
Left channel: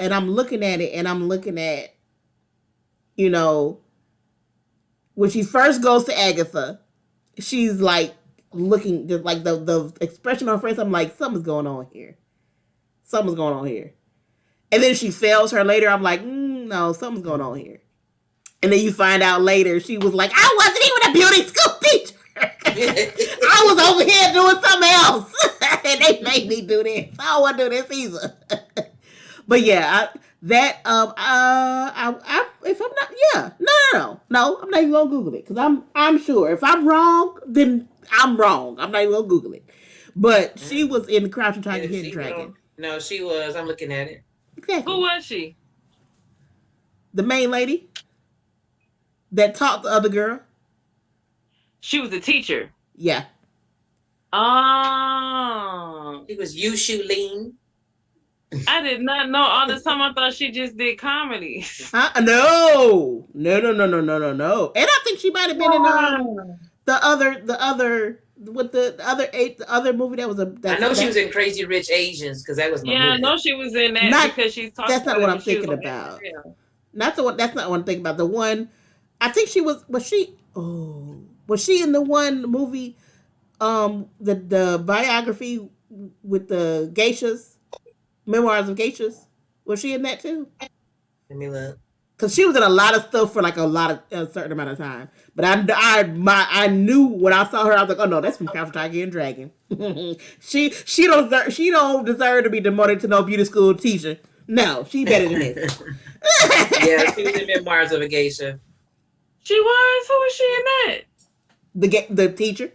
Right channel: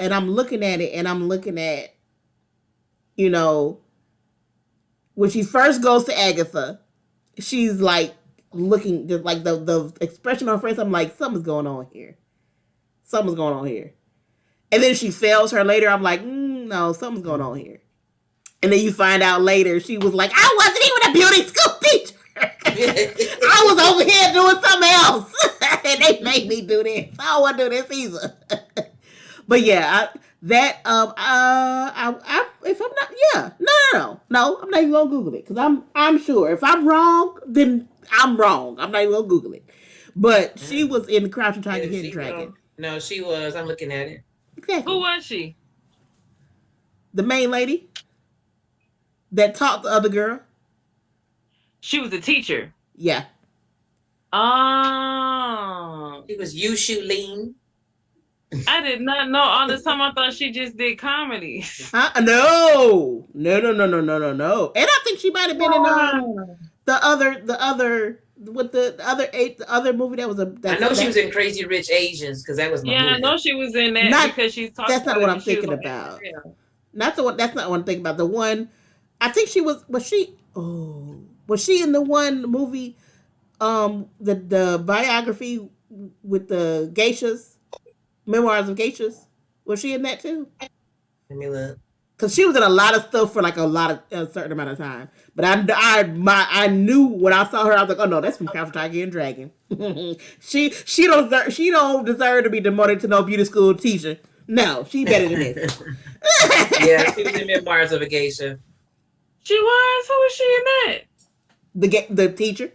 and I'm looking at it, and I'm looking at, you know, when she first goes to Agatha, she's like looking just like the expression on her face. I'm like, something's going on here. Something's going on here. And then she fails her later. I'm like, no, something's going on here. And then you find out later she was like, I wasn't even a beauty school teacher. I was over here doing something else. And they made me do this. I don't want to do this either. But yeah, if I'm not, yeah, no, I'm not even gonna Google it because I'm sure if I'm wrong, then I'm wrong. I'm not even gonna Google it. But she was in Crouching Tiger, Is Hidden she wrong? Dragon. No, she was. I'm looking at it. Who Exactly. was she? The main lady that taught the other girl. She was a teacher. Yeah. Oh. She was Yushu Lean. I did not know. All this time I thought she just did comedies. No. No. And I think she might have been in the other with the other movie that was a I know she that was in Crazy Rich Asians because that was my Yeah, I movie. know she was in that not because she's talking that's not about what it I'm when she was thinking on about. SNL. Not the one. That's not what I'm thinking about. The one I think she was she was she in the one movie the biography with the geishas, memoirs of geishas? Was she in that too? Let me look. Because she was in a lot of stuff for like a certain amount of time. But I knew when I saw her, I was like, oh no, that's from Crouching Tiger and Dragon. She don't deserve to be demoted to no beauty school teacher. No, she better than this. Yeah, she was in Memoirs of a Geisha. She was? Who was she in that? The teacher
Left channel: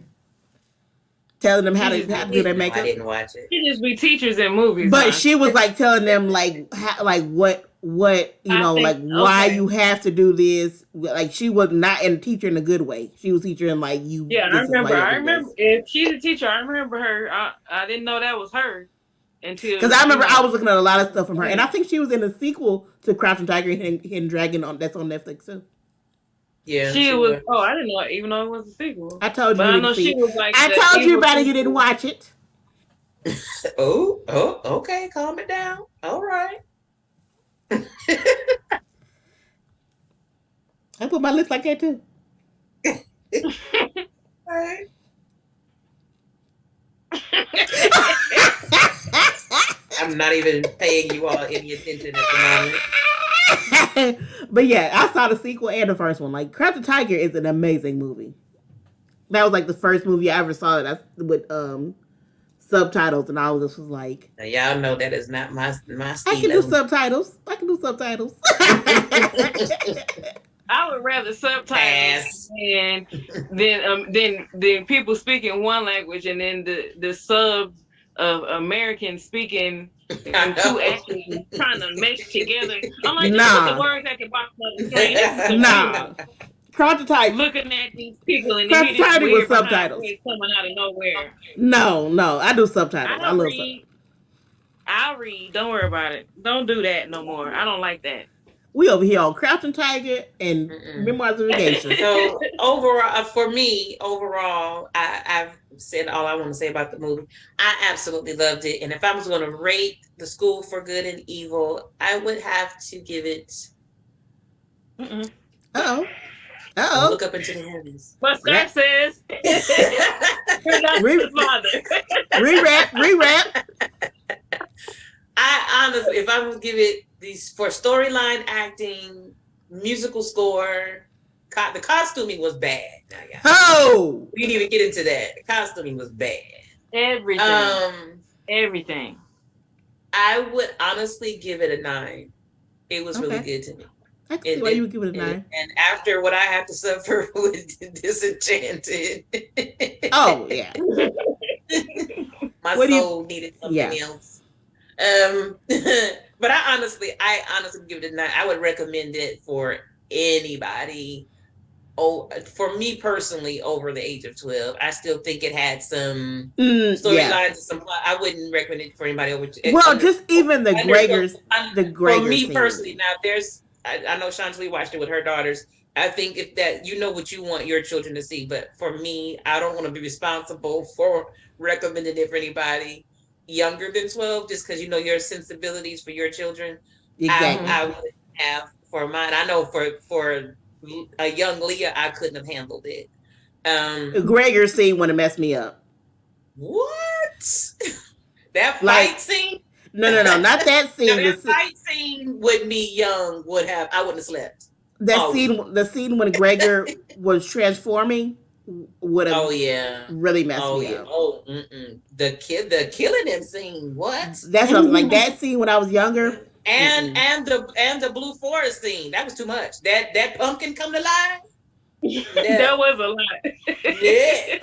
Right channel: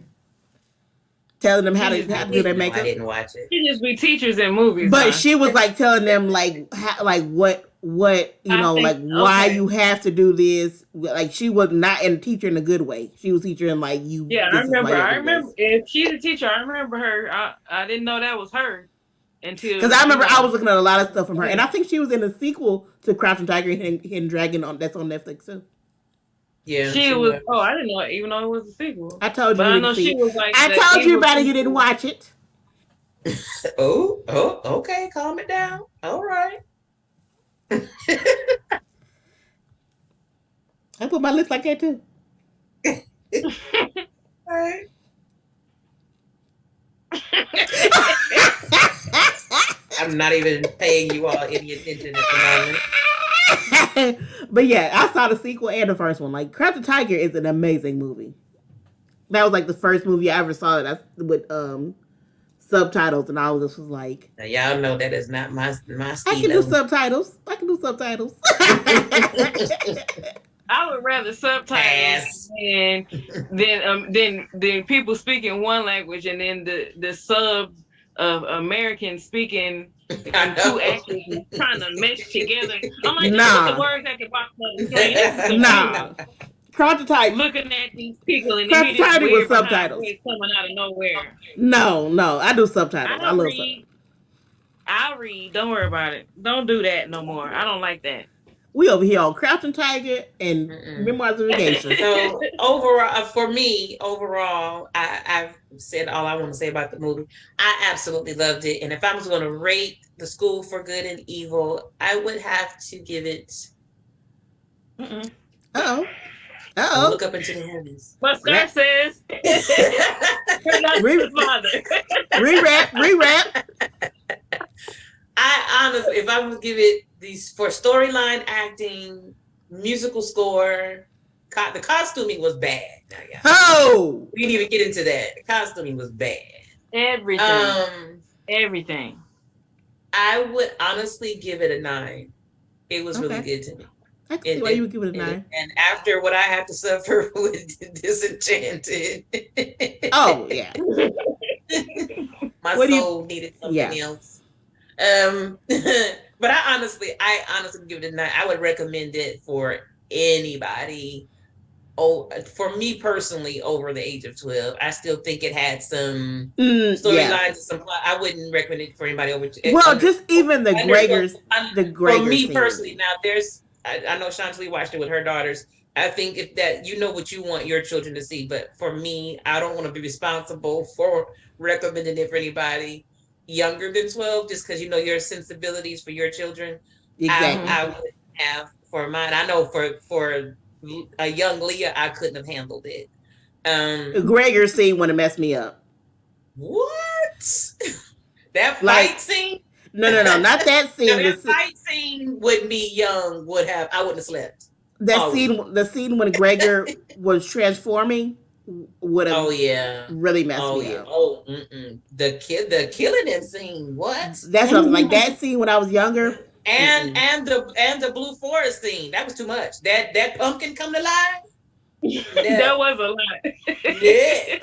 telling them how to do their No, I makeup. didn't watch it. She just be teachers in movies. But Huh? she was like telling them like how, like what you I know think like why okay. you have to do this. Like she was not in teacher in a good way. She was teacher in like you. Yeah, This is why I you do remember. this. If she's a teacher, I remember her. I didn't know that was her until Because I remember I was looking at a lot of stuff from her, and I think she was in a sequel to Crouching Tiger and Hidden Dragon that's on Netflix too. Yeah, she was. Oh, I didn't know. Even though it was a sequel, I told you but you I didn't know see. she was like. I told you about it. You didn't watch it. Oh, okay. Calm it down. All right. I put my lips like that too. All right. I'm not even paying you all any attention at the moment. But yeah, I saw the sequel and the first one. Like Crouching Tiger is an amazing movie. That was like the first movie I ever saw that's with subtitles, and I was like, now, y'all know that is not my I style. can do subtitles. I would rather subtitles than people speaking one language and then the subs of Americans speaking and two actors trying to mesh together. I'm like, nah. the words that can box on the screen. Nah. Crouching Tiger. Looking at these people and Crouching Tiger with subtitles coming out of nowhere. No, I do subtitles. I love subtitles. I'll read. Don't worry about it. Don't do that no more. I don't like that. We over here on Crouching Tiger and Memoirs of a Geisha. So overall, for me, I've said all I want to say about the movie. I absolutely loved it, and if I was going to rate The School for Good and Evil, I would have to give it. Look up into the heavens. What Scott says. Rewrap. I honestly, if I would give it these for storyline, acting, musical score, the costuming was bad. We didn't even get into that. The costuming was bad. Everything. I would honestly give it a 9. It was really good to me. I can see why you would give it a 9. And after what I had to suffer with Disenchanted. Oh, yeah. My soul needed something else. But I honestly give it a 9. I would recommend it for anybody. Oh, for me personally, over the age of 12, I still think it had some Yeah. storylines and some plot. I wouldn't recommend it for anybody Well, under just even the under 12. Gregors, the For Gregor me scene. personally, now I know Chantilly watched it with her daughters. I think if that you know what you want your children to see, but for me, I don't want to be responsible for recommending it for anybody younger than 12, just because you know your sensibilities for your children. Exactly. I would have for mine. I know for a young Leah, I couldn't have handled it. The Gregor scene would have messed me up. What? That Like, fight scene? no, not that No, scene. that fight scene with me young I wouldn't have slept. The scene when Gregor was transforming would have really messed me up. The killing him scene. What? That's what I was like. That scene when I was younger. And the Blue Forest scene. That was too much. That pumpkin come to life. That was a lot. Yeah.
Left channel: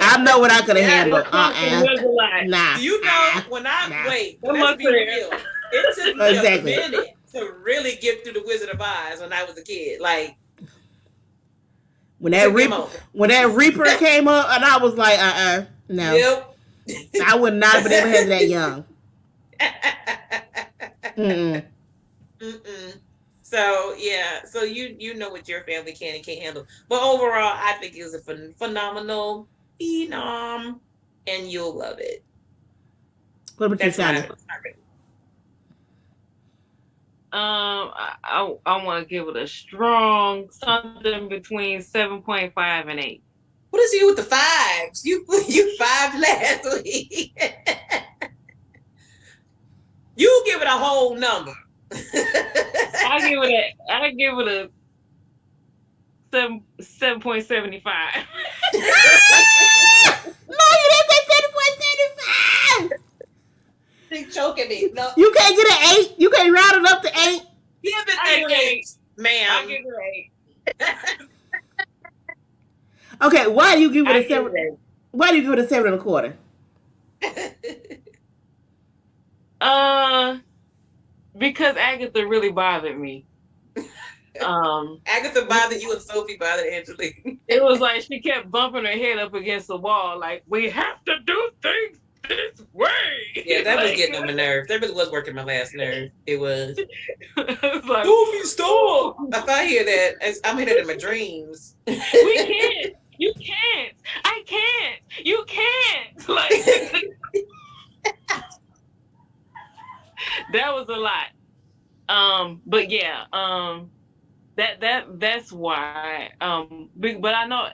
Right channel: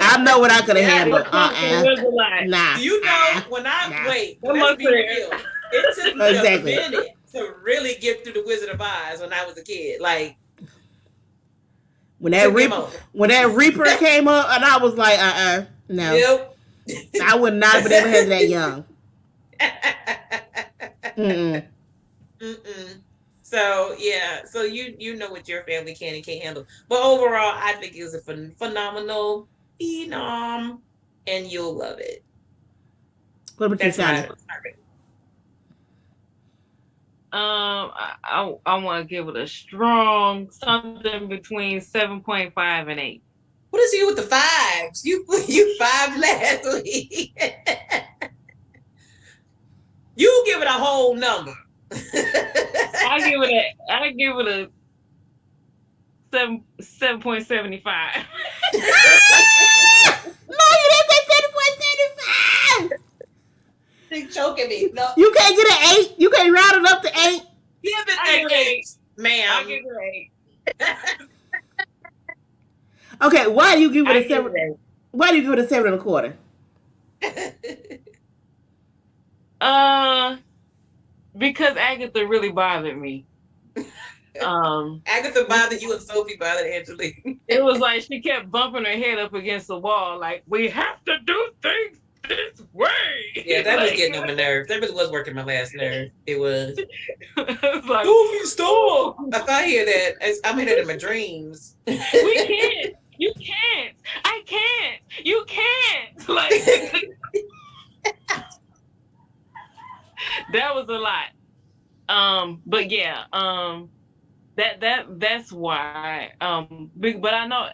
I know what I could have handled. It was a lot. Nah. You know, when I wait, let's be real. It took me a minute to really get through the Wizard of Oz when I was a kid. Like when that Reaper came up, and I was like, no. Yep. I would not have been able to have that young. So yeah, so you know what your family can and can't handle. But overall, I think it was a phenomenal phenom, and you'll love it. What about you, Shana? I want to give it a strong something between 7.5 and 8. What is you with the fives? You 5 last week. You give it a whole number. I give it a 7.75. No, you didn't say 7.75. She's choking me. No. You can't get an 8. You can't round it up to 8. Give it an 8, ma'am. I give it an 8. Okay, why do you give it a 7? Why do you give it a 7.25? Because Agatha really bothered me. Agatha bothered you and Sophie bothered Angelique. It was like she kept bumping her head up against the wall, like, we have to do things this way. Yeah, that was getting on my nerves. That really was working my last nerve. It was. It's like, Sophie, stop! If I hear that, I'm hearing it in my dreams. We can't. You can't. I can't. You can't. Like, that was a lot. But yeah, that's why. But I know,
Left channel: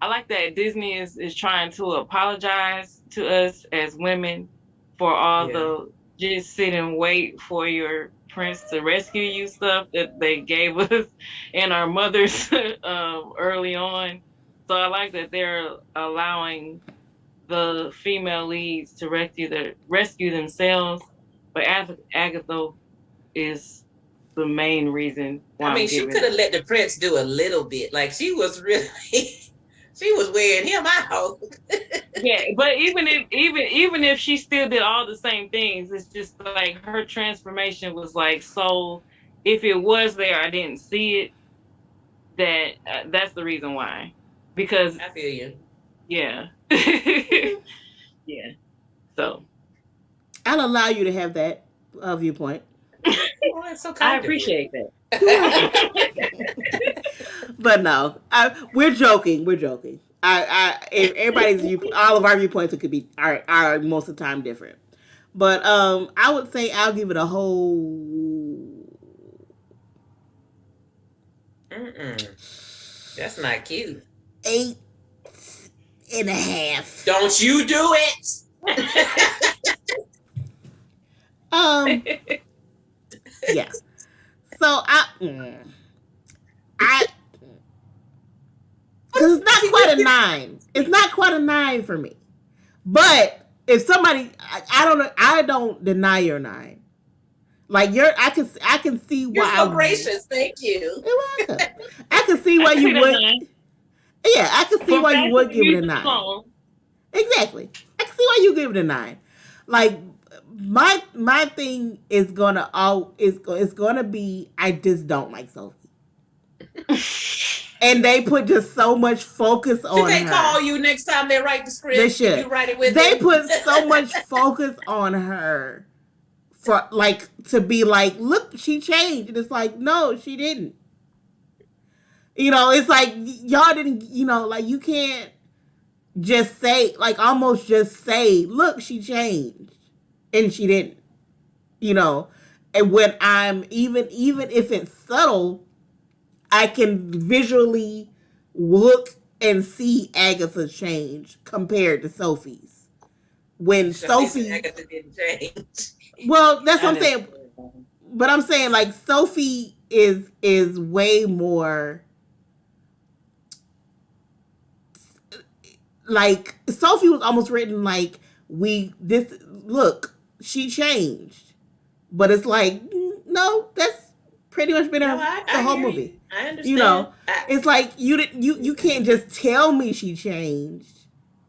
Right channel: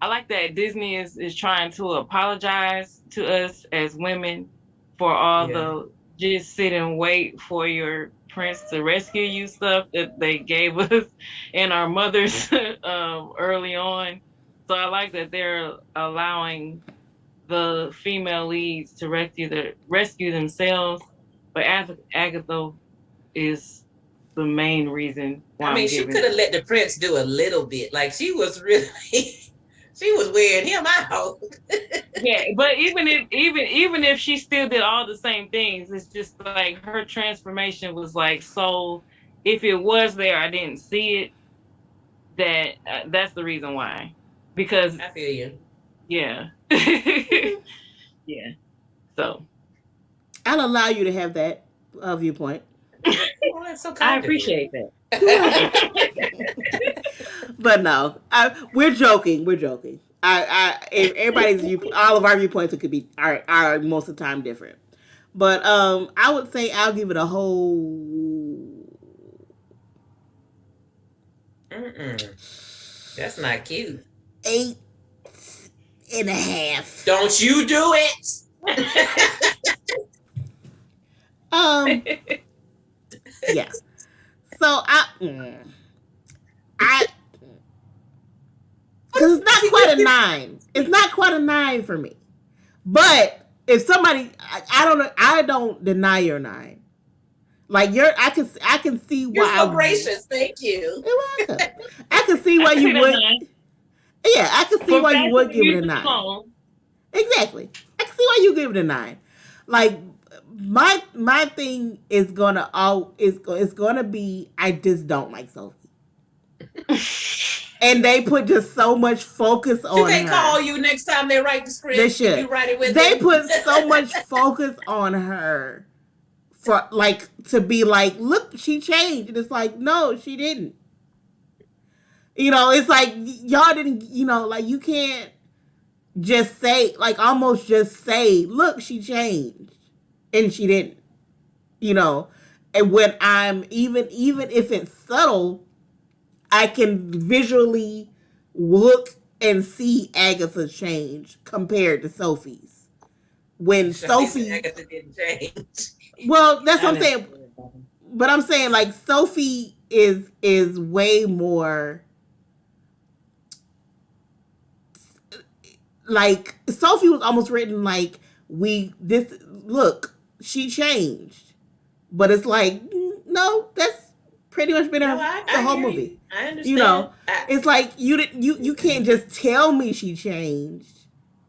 I like that Disney is trying to apologize to us as women for all the just sit and wait for your prince to rescue you stuff that they gave us and our mothers early on. So I like that they're allowing the female leads to rescue themselves, but Agatha is the main reason why. I mean, she could have let the prince do a little bit. Like she was really, she was wearing him out. Yeah, but even if she still did all the same things, it's just like her transformation was like, so if it was there, I didn't see it. That's the reason why. Because I feel you. Yeah. Yeah. So I'll allow you to have that viewpoint. Oh, that's so kind. I appreciate that. But no, we're joking. We're joking. All of our viewpoints could be are most of the time different. But I would say I'll give it a whole. That's not cute. 8.5. Don't you do it. Yeah. So I because it's not quite a 9. It's not quite a 9 for me. But if somebody, I don't deny your 9. Like I can see why. You're so gracious. Thank you. You're welcome. I can see why you would. Yeah, I can see why you would give it a 9. Exactly. I can see why you give it a 9. Like my thing is gonna all is gonna be I just don't like Sophie. And they put just so much focus Should on they call her. you next time they write the They script and should. you write it with They them? put so much focus on her for like to be like, look, she changed. And it's like, no, she didn't. It's like y'all didn't, like you can't just say, like almost just say, look, she changed. And she didn't. You know. And when I'm even if it's subtle, I can visually look and see Agatha's change compared to Sophie's. When Sophie, Agatha didn't change. well, that's I what I'm didn't. saying. But I'm saying like Sophie is way more like Sophie was almost written like we this look she changed, but it's like no, that's pretty much been No, her the I whole hear you. movie. I understand. It's like you can't just tell me she changed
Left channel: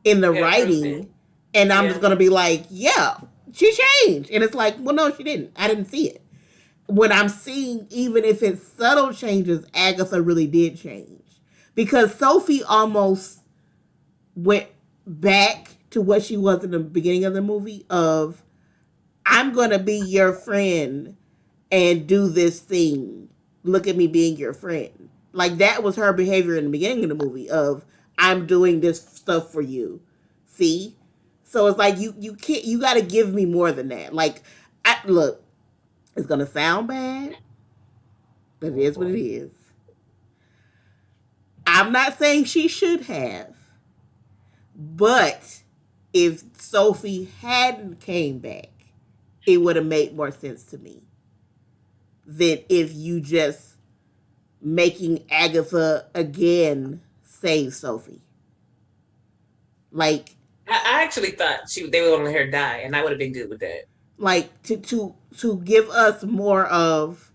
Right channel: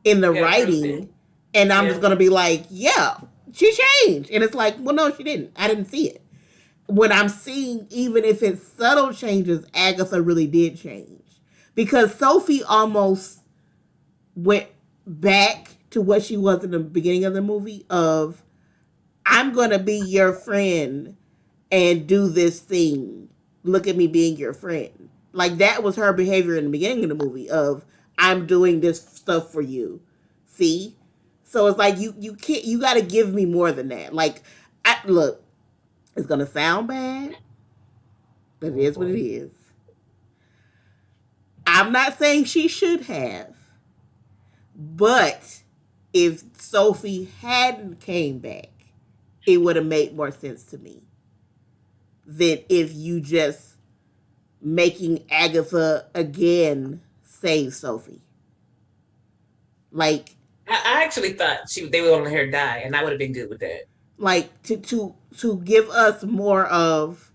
in the You gotta prove it. writing, and I'm just Yeah. gonna be like, yeah, she changed, and it's like, well, no, she didn't. I didn't see it. When I'm seeing, even if it's subtle changes, Agatha really did change because Sophie almost went back to what she was in the beginning of the movie of I'm gonna be your friend and do this thing. Look at me being your friend. Like that was her behavior in the beginning of the movie of I'm doing this stuff for you. See? So it's like you can't you gotta give me more than that. Like look, it's gonna sound bad, but it is what it is. I'm not saying she should have, but if Sophie hadn't came back, it would have made more sense to me than if you just making Agatha again save Sophie. Like I actually thought they would want to let her die, and I would have been good with that. like to give us more of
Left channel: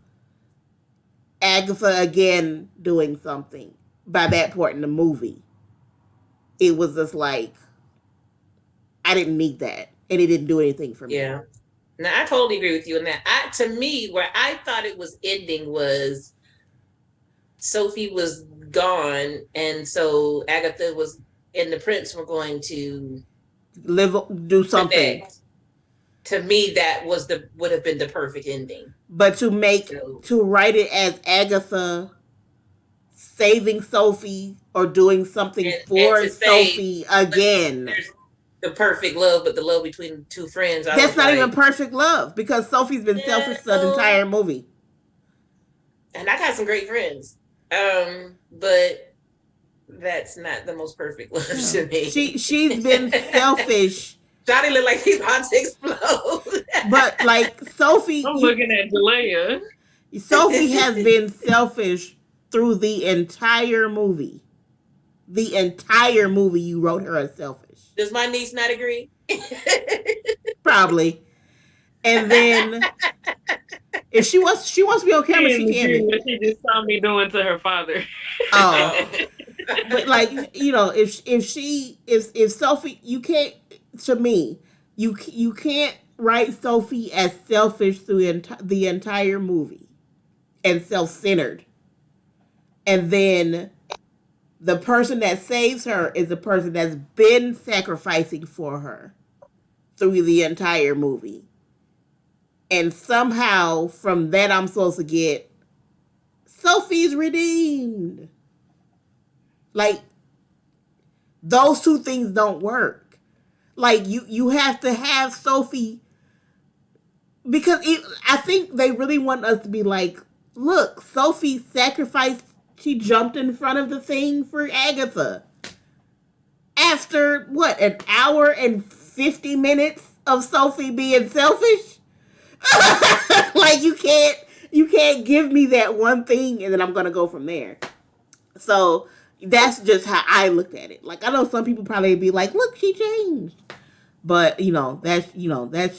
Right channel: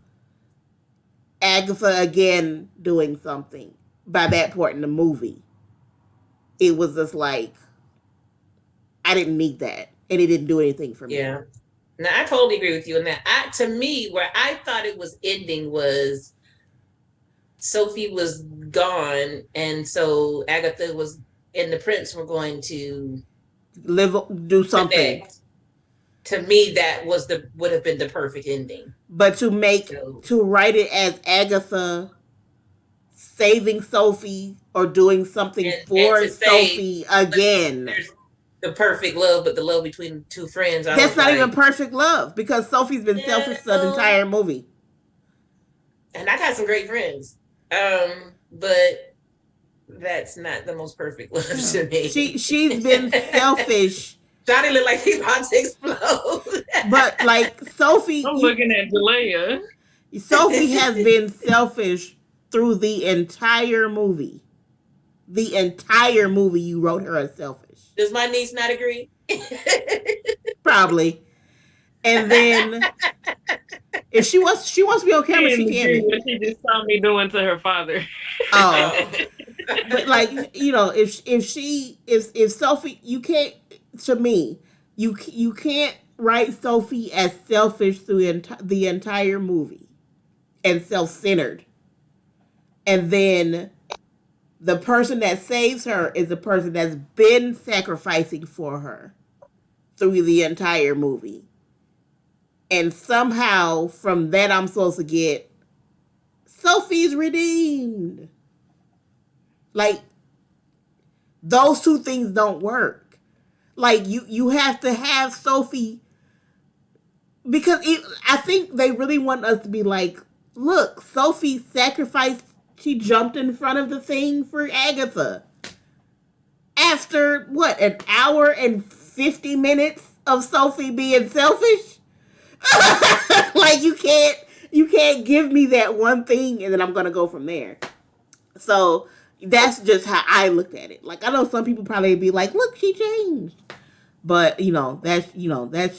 Agatha again doing something by that point in the movie. It was just like I didn't need that, and it didn't do anything for me. Yeah. Now I totally agree with you on that. To me, where I thought it was ending was Sophie was gone, and so Agatha was and the prince were going to Do something. connect. To me, that would have been the perfect ending. But to write it as Agatha saving Sophie or doing something for and Sophie again. The perfect love, but the love between two friends. That's not even perfect love because Sophie's been selfish the entire movie. And I got some great friends. But that's not the most perfect love to me. She's been selfish. Johnny looked like he's about to explode. But like Sophie, I'm looking at Leya. Sophie has been selfish through the entire movie. The entire movie, you wrote her as selfish. Does my niece not agree? Probably. And then, if she wants to be on camera, she can be. What she just saw me doing to her father. Oh, but like if Sophie, you can't. To me, you can't write Sophie as selfish through the entire movie and self-centered, and then the person that saves her is the person that's been sacrificing for her through the entire movie. And somehow from that I'm supposed to get Sophie's redeemed. Like those two things don't work. Like you have to have Sophie because I think they really want us to be like, look, Sophie sacrificed. She jumped in front of the thing for Agatha. After what, an hour and 50 minutes of Sophie being selfish? Like you can't give me that one thing and then I'm gonna go from there. So that's just how I looked at it. Like I know some people probably be like, look, she changed. But that's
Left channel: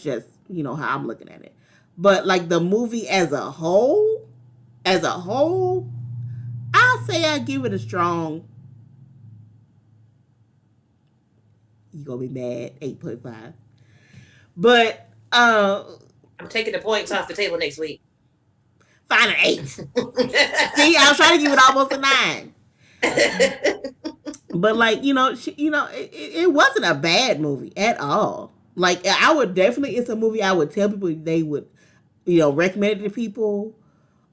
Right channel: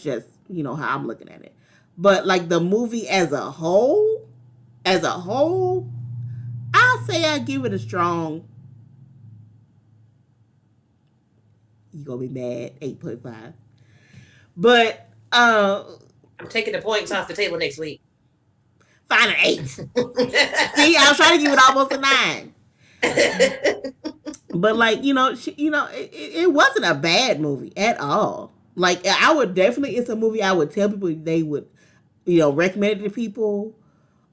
just, how I'm looking at it. But like the movie as a whole, I'll say I give it a strong. You gonna be mad? 8.5. But I'm taking the points off the table next week. find an 8. See, I was trying to give it almost a 9. But like it wasn't a bad movie at all. Like I would definitely, it's a movie I would tell people they would, recommend it to people.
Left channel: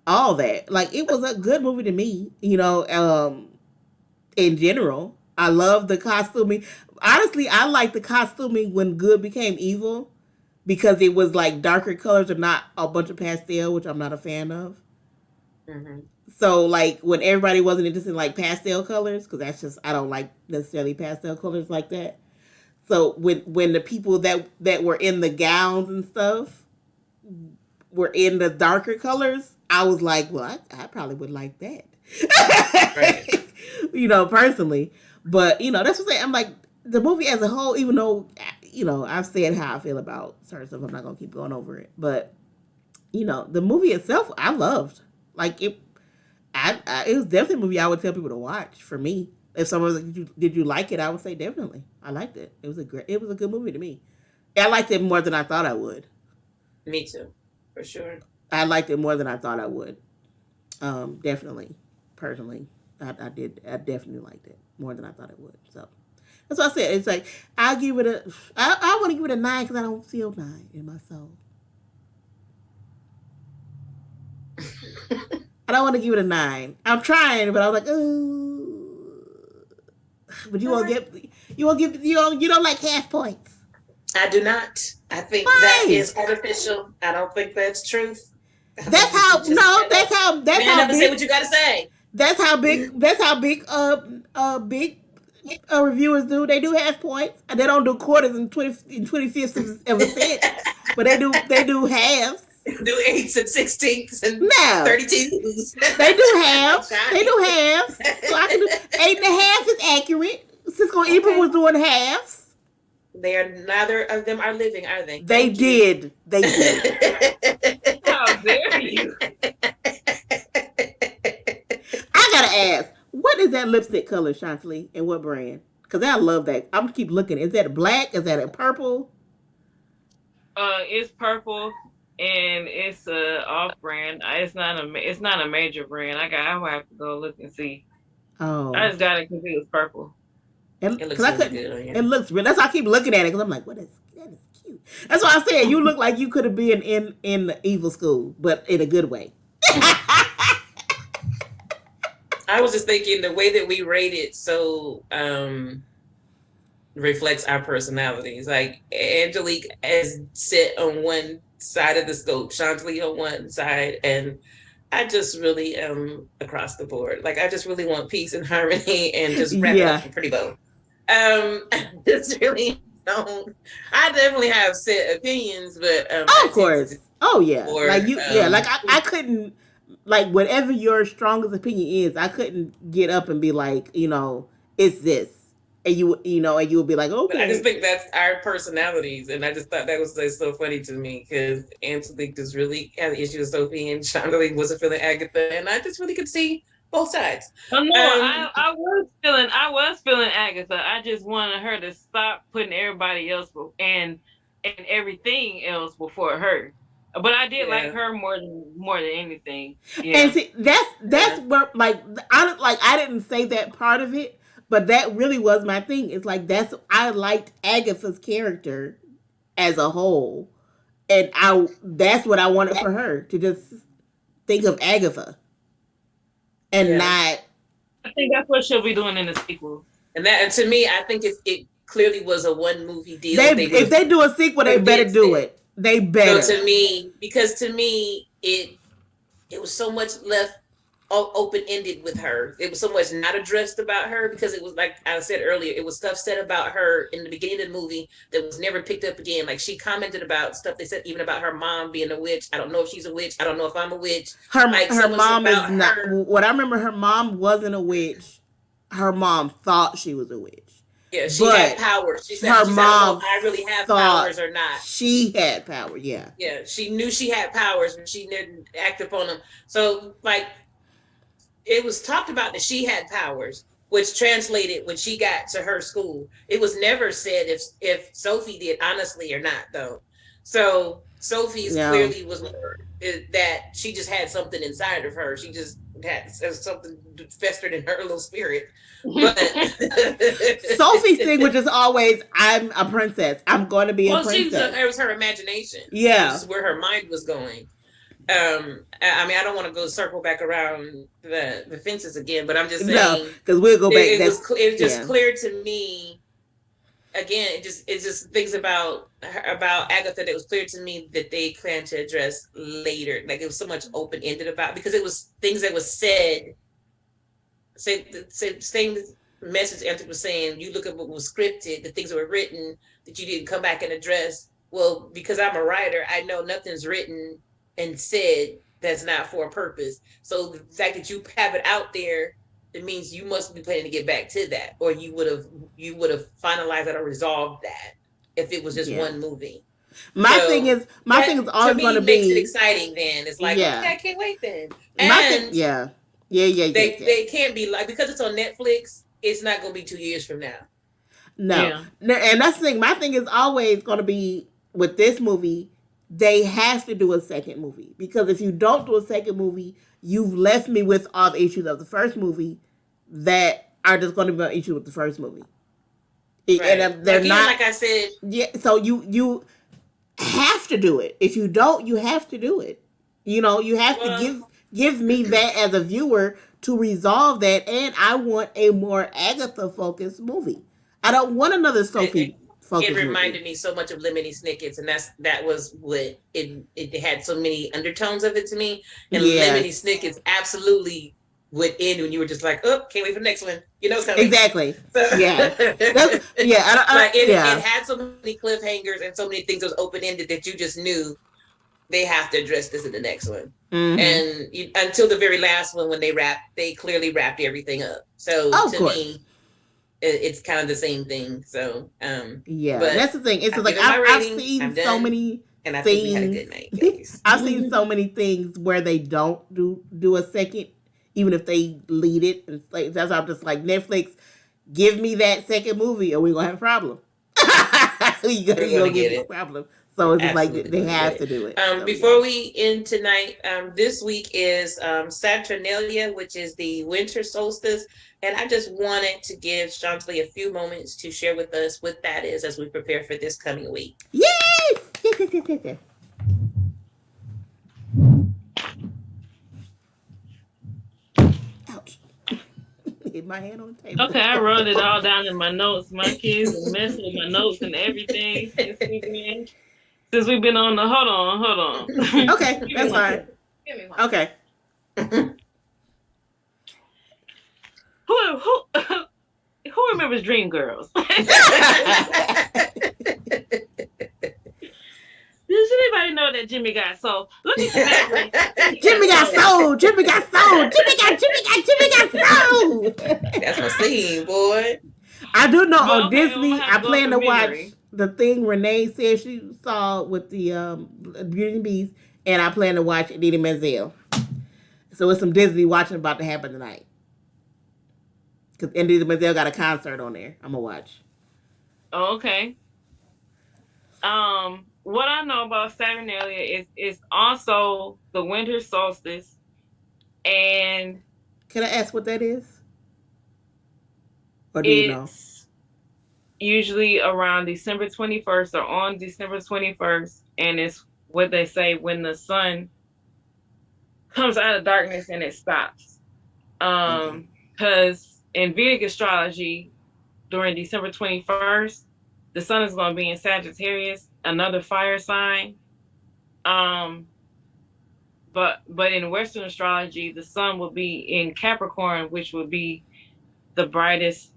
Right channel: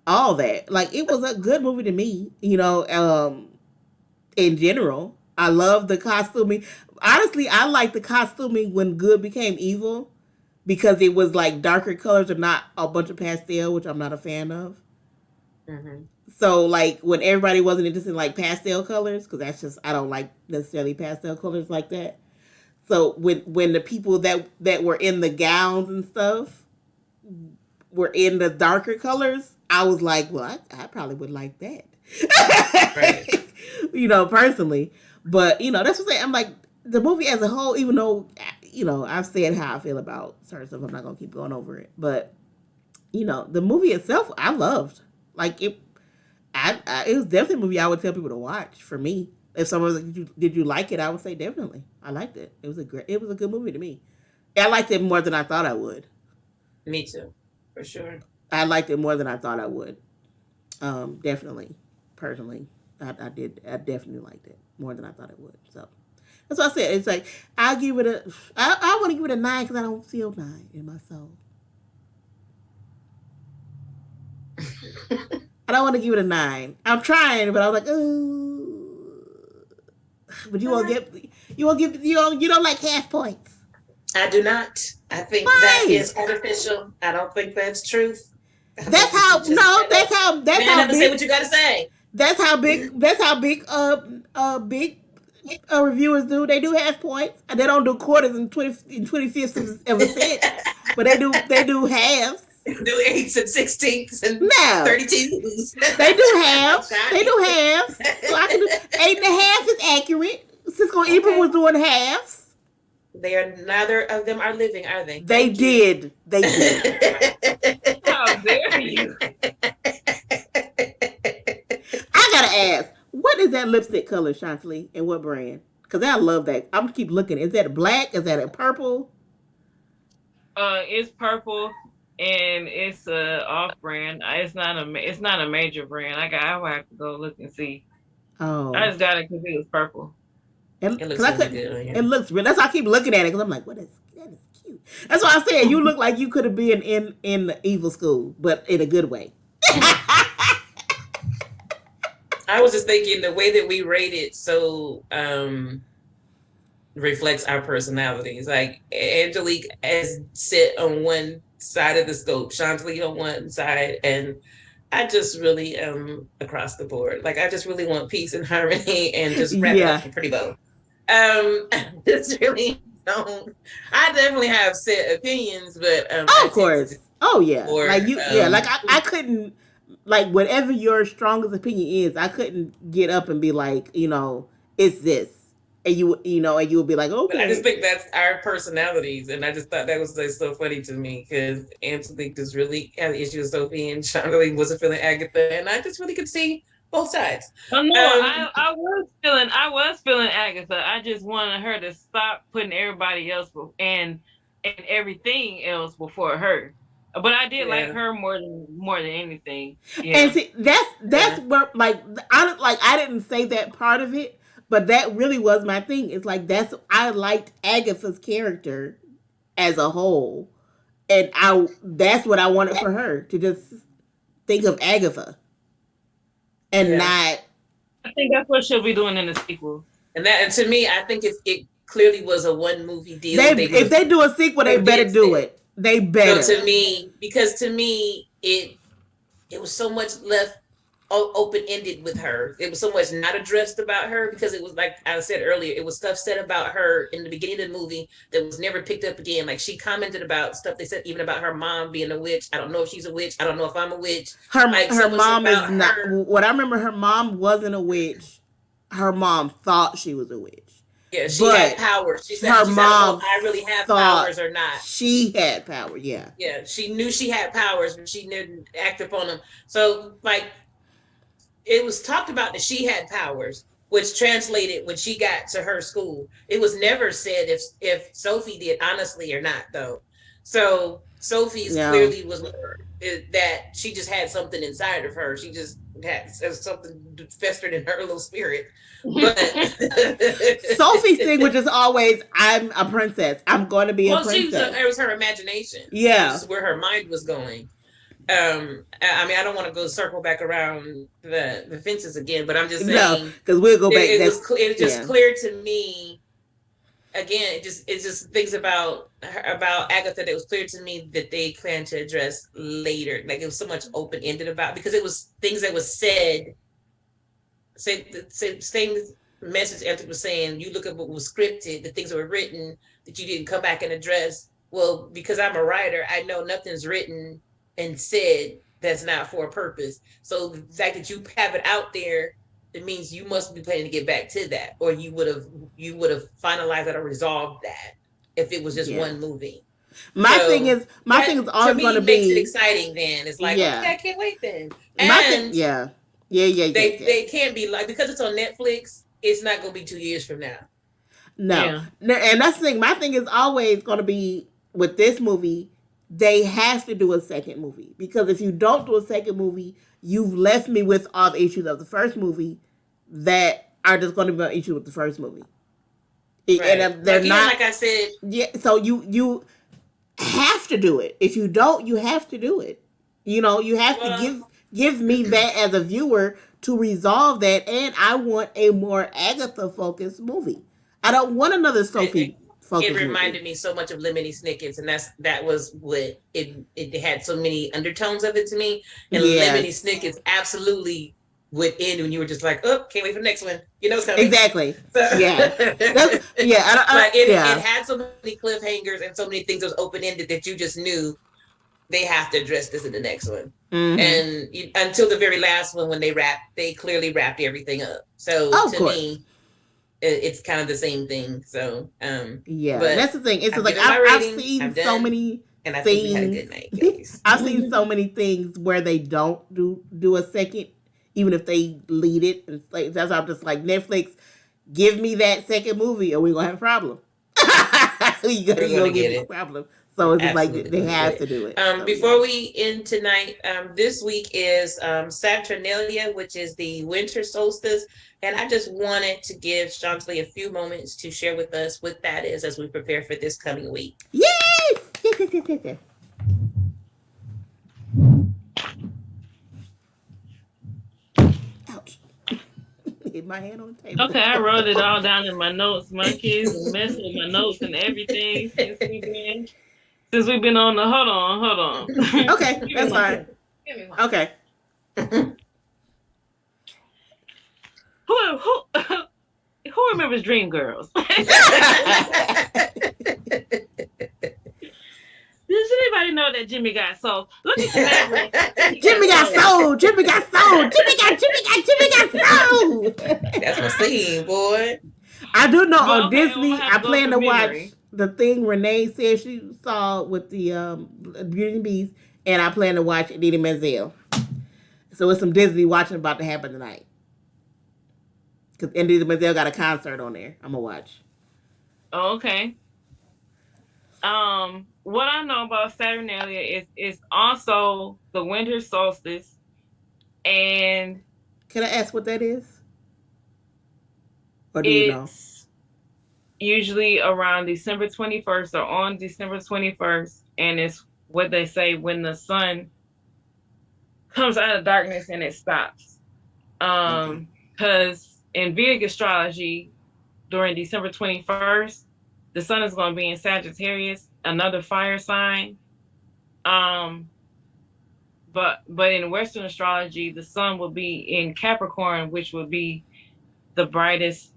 All that, like, it was a good movie to me. In general, I love the costuming. Honestly, I like the costuming when good became evil because it was like darker colors and not a bunch of pastel, which I'm not a fan of. Mm-hmm. So like when everybody wasn't interested in like pastel colors, because that's just, I don't like necessarily pastel colors like that. So when the people that were in the gowns and stuff were in the darker colors, I was like, well, I probably would like that. Right. Personally. But, that's what I'm saying. I'm like, the movie as a whole, even though, I've said how I feel about certain stuff, I'm not going to keep going over it. But, the movie itself, I loved. Like, it was definitely a movie I would tell people to watch for me. If someone was like, did you like it? I would say definitely. I liked it. It was a good movie to me. I liked it more than I thought I would. Me too, for sure. I liked it more than I thought I would. Definitely, personally, I did. I definitely liked it more than I thought it would. So that's what I said. It's like I'll give it a. I want to give it a 9 because I don't feel 9 in my soul. I don't want to give it a 9. I'm trying, but I was like, ooh. But you won't get. You won't give. You don't like half points. I do not. I think Why? that is artificial. I don't think that's truth. That's how. No. That's how. That's how big. Say what you gotta say. That's how big. That's how big. Big. Reviewers do. They do half points. And they don't do quarters and 25ths of a cent, but they do. They do halves. Do 8s and 16ths and No. 32s. They do halves. They do halves. So I can do 8.5 is accurate. Cisco Ebert was doing halves. They are, neither of them are living, are they? They did. They did. How dare you? I gotta ask, what is that lipstick color, Chantilly, and what brand? Because I love that. I'm gonna keep looking. Is that a black? Is that a purple? It's purple and it's off brand. It's not a major brand. I will have to go look and see. Oh, I just got it because it was purple. It looks really good. Yeah. It looks real. That's why I keep looking at it because I'm like, that is cute. That's why I said you look like you could have been in the evil school, but in a good way. I was just thinking the way that we rate it so reflects our personalities. Like Angelique is sit on one side of the scope, Chantilly on one side, and I just really am across the board. Like I just really want peace and harmony and just wrap it up in a pretty bow. Just really don't. I definitely have set opinions, but of course, like you, like I couldn't, like whatever your strongest opinion is, I couldn't get up and be like, it's this, and you would be like, okay. But I just think that's our personalities, and I just thought that was like, so funny to me because Angelique just really had an issue with Sophie, and Chantilly wasn't feeling Agatha, and I just really could see both sides. Oh no, I was feeling Agatha. I just wanted her to stop putting everybody else and everything else before her. But I did like her more than anything. Yeah. And see, that's where I didn't say that part of it, but that really was my thing. It's like I liked Agatha's character as a whole, and that's what I wanted for her to just think of Agatha. And not. I think that's what she'll be doing in the sequel. And to me, I think it clearly was a one movie deal. If they do a sequel, they better do it. They better. So to me, it was so much left open ended with her. It was so much not addressed about her because it was like I said earlier, it was stuff said about her in the beginning of the movie that was never picked up again. Like she commented about stuff they said even about her mom being a witch. I don't know if she's a witch. I don't know if I'm a witch. Her mom is not. What I remember, her mom wasn't a witch. Her mom thought she was a witch. Yeah, she had powers. Her mom I really have powers or not. She had power. Yeah. Yeah, she knew she had powers, but she didn't act upon them. So like. It was talked about that she had powers, which translated when she got to her school. It was never said if Sophie did honestly or not, though. So Sophie's No. clearly was that she just had something inside of her. She just had something festered in her little spirit. But Sophie's thing, which is always, I'm a princess. I'm going to be a well, princess. it was her imagination. It Yeah. was where her mind was going. I mean, I don't want to go circle back around the fences again, but I'm just No, saying because we'll go back. it was just yeah. clear to me. Again, it just things about Agatha that was clear to me that they plan to address later. Like it was so much open ended about, because it was things that was said. Same message Anthony was saying. You look at what was scripted, the things that were written that you didn't come back and address. Well, because I'm a writer, I know nothing's written and said that's not for a purpose. So the fact that you have it out there, it means you must be planning to get back to that, or you would have finalized that or resolved that if it was just one movie. My thing is always going to be, makes it exciting. Then it's like, okay, I can't wait. Then they can't be like, because it's on Netflix. It's not going to be 2 years from now. No, and that's the thing. My thing is always going to be with this movie. They have to do a second movie, because if you don't do a second movie, you've left me with all the issues of the first movie that are just going to be an issue with the first movie. Right. And they're not, like I said. Yeah, so you have to do it. If you don't, you have to do it. You know, you have to give me that as a viewer to resolve that, and I want a more Agatha focused movie. I don't want another Sophie. It reminded me so much of Lemony Snicket's, and that was what it had so many undertones of it to me. And Lemony Snicket's absolutely would end when you were just like, oh, can't wait for the next one. You know, exactly. So, yeah, it had so many cliffhangers and so many things that was open ended that you just knew they have to address this in the next one. Mm-hmm. And until the very last one, when they clearly wrapped everything up. So to me, it's kind of the same thing. So but that's the thing. It's like I've seen so many and I things. Think we had a good night, guys. I've seen so many things where they don't do a second, even if they lead it. And like, that's why I'm just like, Netflix, give me that second movie, or we're gonna have a problem. You're gonna give me a problem. So it's just like they have to do it. Before we end tonight, this week is Saturnalia, which is the winter solstice. And I just wanted to give Chantilly a few moments to share with us what that is as we prepare for this coming week. Yes! Ouch. Hit my hand on the table. Okay, I wrote it all down in my notes. My kids messed with my notes and everything since we've been on the... Hold on. Okay, that's fine. Okay. Who remembers Dreamgirls? Does anybody know that Jimmy got sold? Look at that. Jimmy got sold. Jimmy got sold. Jimmy got sold. That's my scene, boy. I do know on Disney, I plan to watch the thing Renee said she saw with the Beauty and the Beast, and I plan to watch Idina Menzel. So it's some Disney watching about to happen tonight. Because Idina Menzel got a concert on there. I'm going to watch. Oh, okay. What I know about Saturnalia is also the winter solstice. And can I ask what that is? Or do you know? Usually around December 21st or on December 21st. And it's what they say when the sun comes out of darkness and it stops. Because in Vedic astrology, during December 21st, the sun is going to be in Sagittarius, another fire sign. But in Western astrology, the sun will be in Capricorn, which would be the brightest,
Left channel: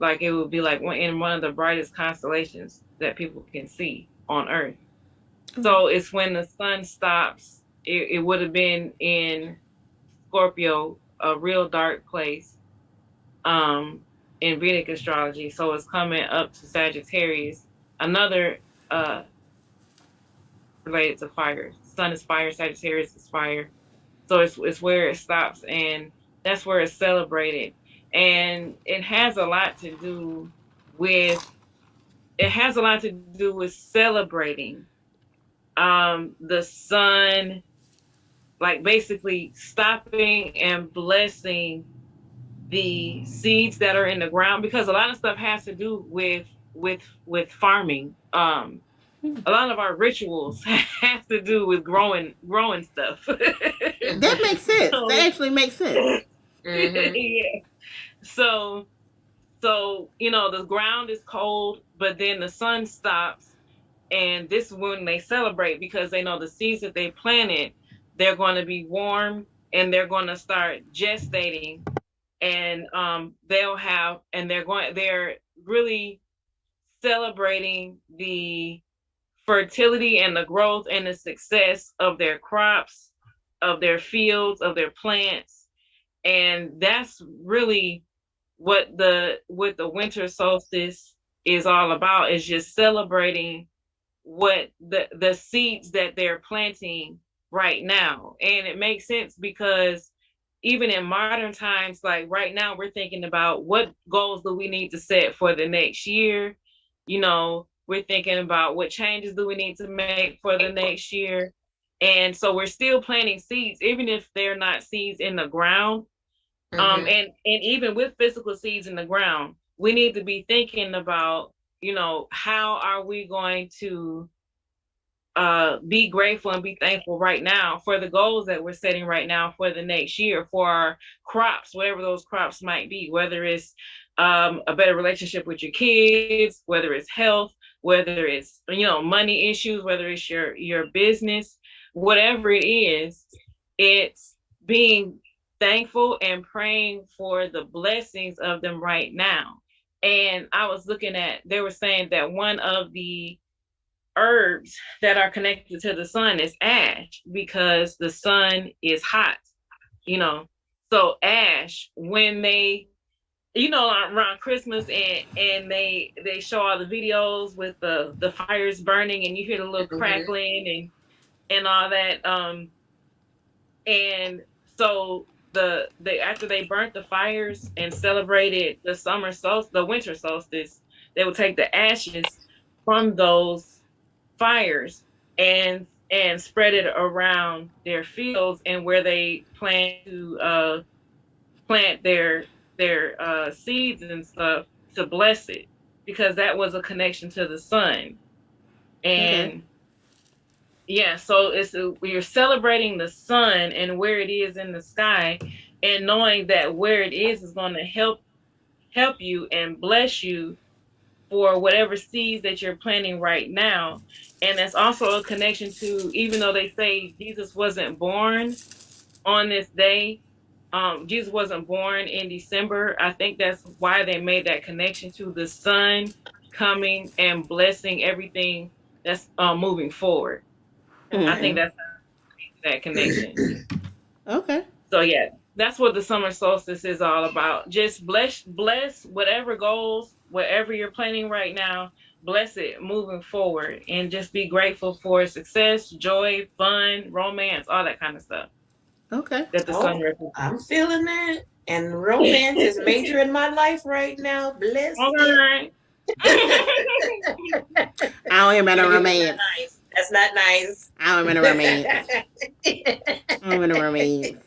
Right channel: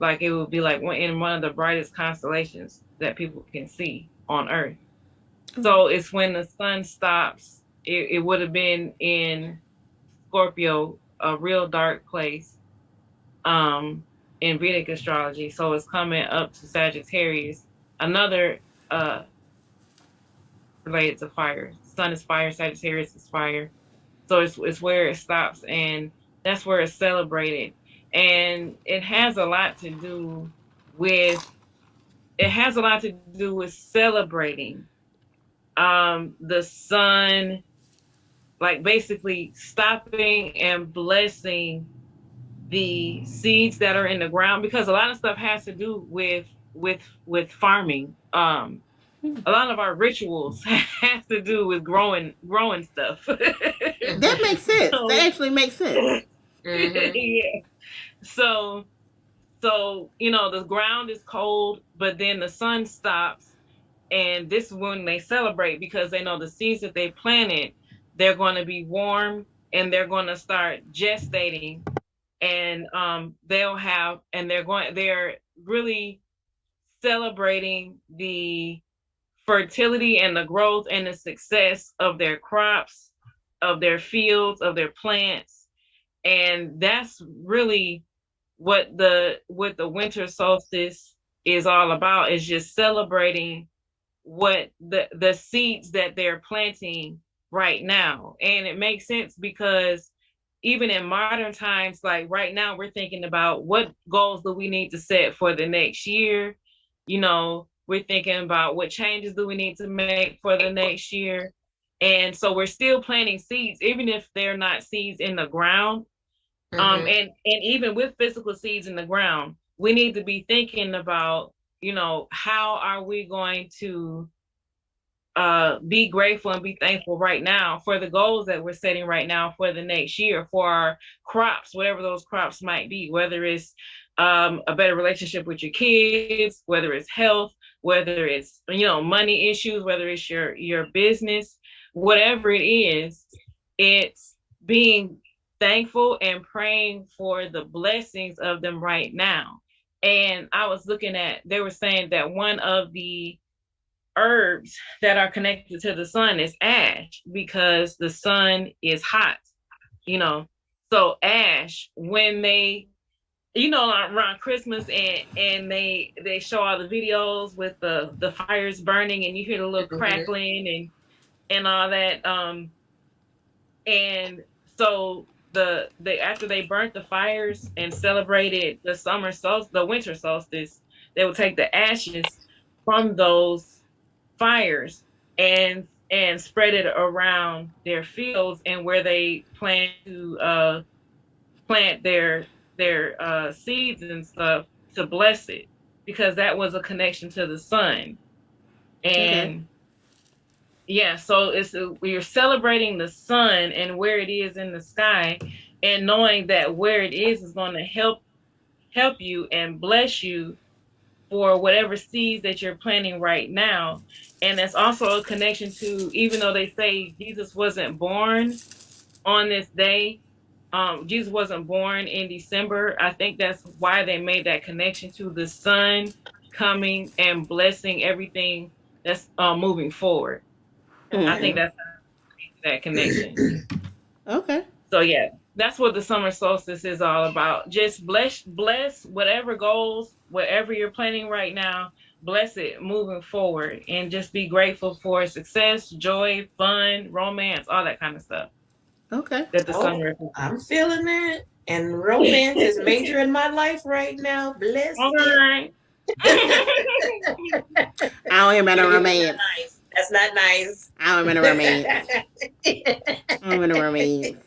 like it would be like in one of the brightest constellations that people can see on Earth. Mm-hmm. So it's when the sun stops. It would have been in Scorpio, a real dark place, in Vedic astrology. So it's coming up to Sagittarius, another related to fire. Sun is fire, Sagittarius is fire. So it's where it stops, and that's where it's celebrated. And it has a lot to do with celebrating the sun, like basically stopping and blessing the seeds that are in the ground, because a lot of stuff has to do with farming. A lot of our rituals have to do with growing stuff. That makes sense. That So actually makes sense. yeah. So the ground is cold, but then the sun stops, and this is when they celebrate because they know the seeds that they planted, they're going to be warm and they're going to start gestating, and they're really celebrating the fertility and the growth and the success of their crops, of their fields, of their plants. And that's really what the winter solstice is all about, is just celebrating what the seeds that they're planting right now. And it makes sense because even in modern times, like right now, we're thinking about what goals do we need to set for the next year. We're thinking about what changes do we need to make for the next year. And so we're still planting seeds, even if they're not seeds in the ground. And even with physical seeds in the ground, we need to be thinking about, how are we going to be grateful and be thankful right now for the goals that we're setting right now for the next year, for our crops, whatever those crops might be, whether it's a better relationship with your kids, whether it's health, whether it's money issues, whether it's your business, whatever it is. It's being thankful and praying for the blessings of them right now. And I was looking at, they were saying that one of the herbs that are connected to the sun is ash, because the sun is hot, you know. So ash, when they, around Christmas, and they show all the videos with the fires burning, and you hear the little crackling and all that. And so they after they burnt the fires and celebrated the winter solstice, they would take the ashes from those fires and spread it around their fields and where they plan to plant their seeds and stuff, to bless it, because that was a connection to the sun. Okay. And yeah, so we're celebrating the sun and where it is in the sky, and knowing that where it is going to help you and bless you for whatever seeds that you're planting right now. And that's also a connection to, even though they say Jesus wasn't born on this day, Jesus wasn't born in December. I think that's why they made that connection to the sun coming and blessing everything that's moving forward. I think Mm-hmm. that's that connection. Okay. So yeah, that's what the summer solstice is all about. Just bless whatever goals, whatever you're planning right now, bless it moving forward, and just be grateful for success, joy, fun, romance, all that kind of stuff Okay. that the sun Oh, represents. I'm feeling that. And romance is major in my life right now. Bless All it. right. I don't hear about no That's not romance. nice. That's not nice. I don't hear about no romance. I don't hear no romance.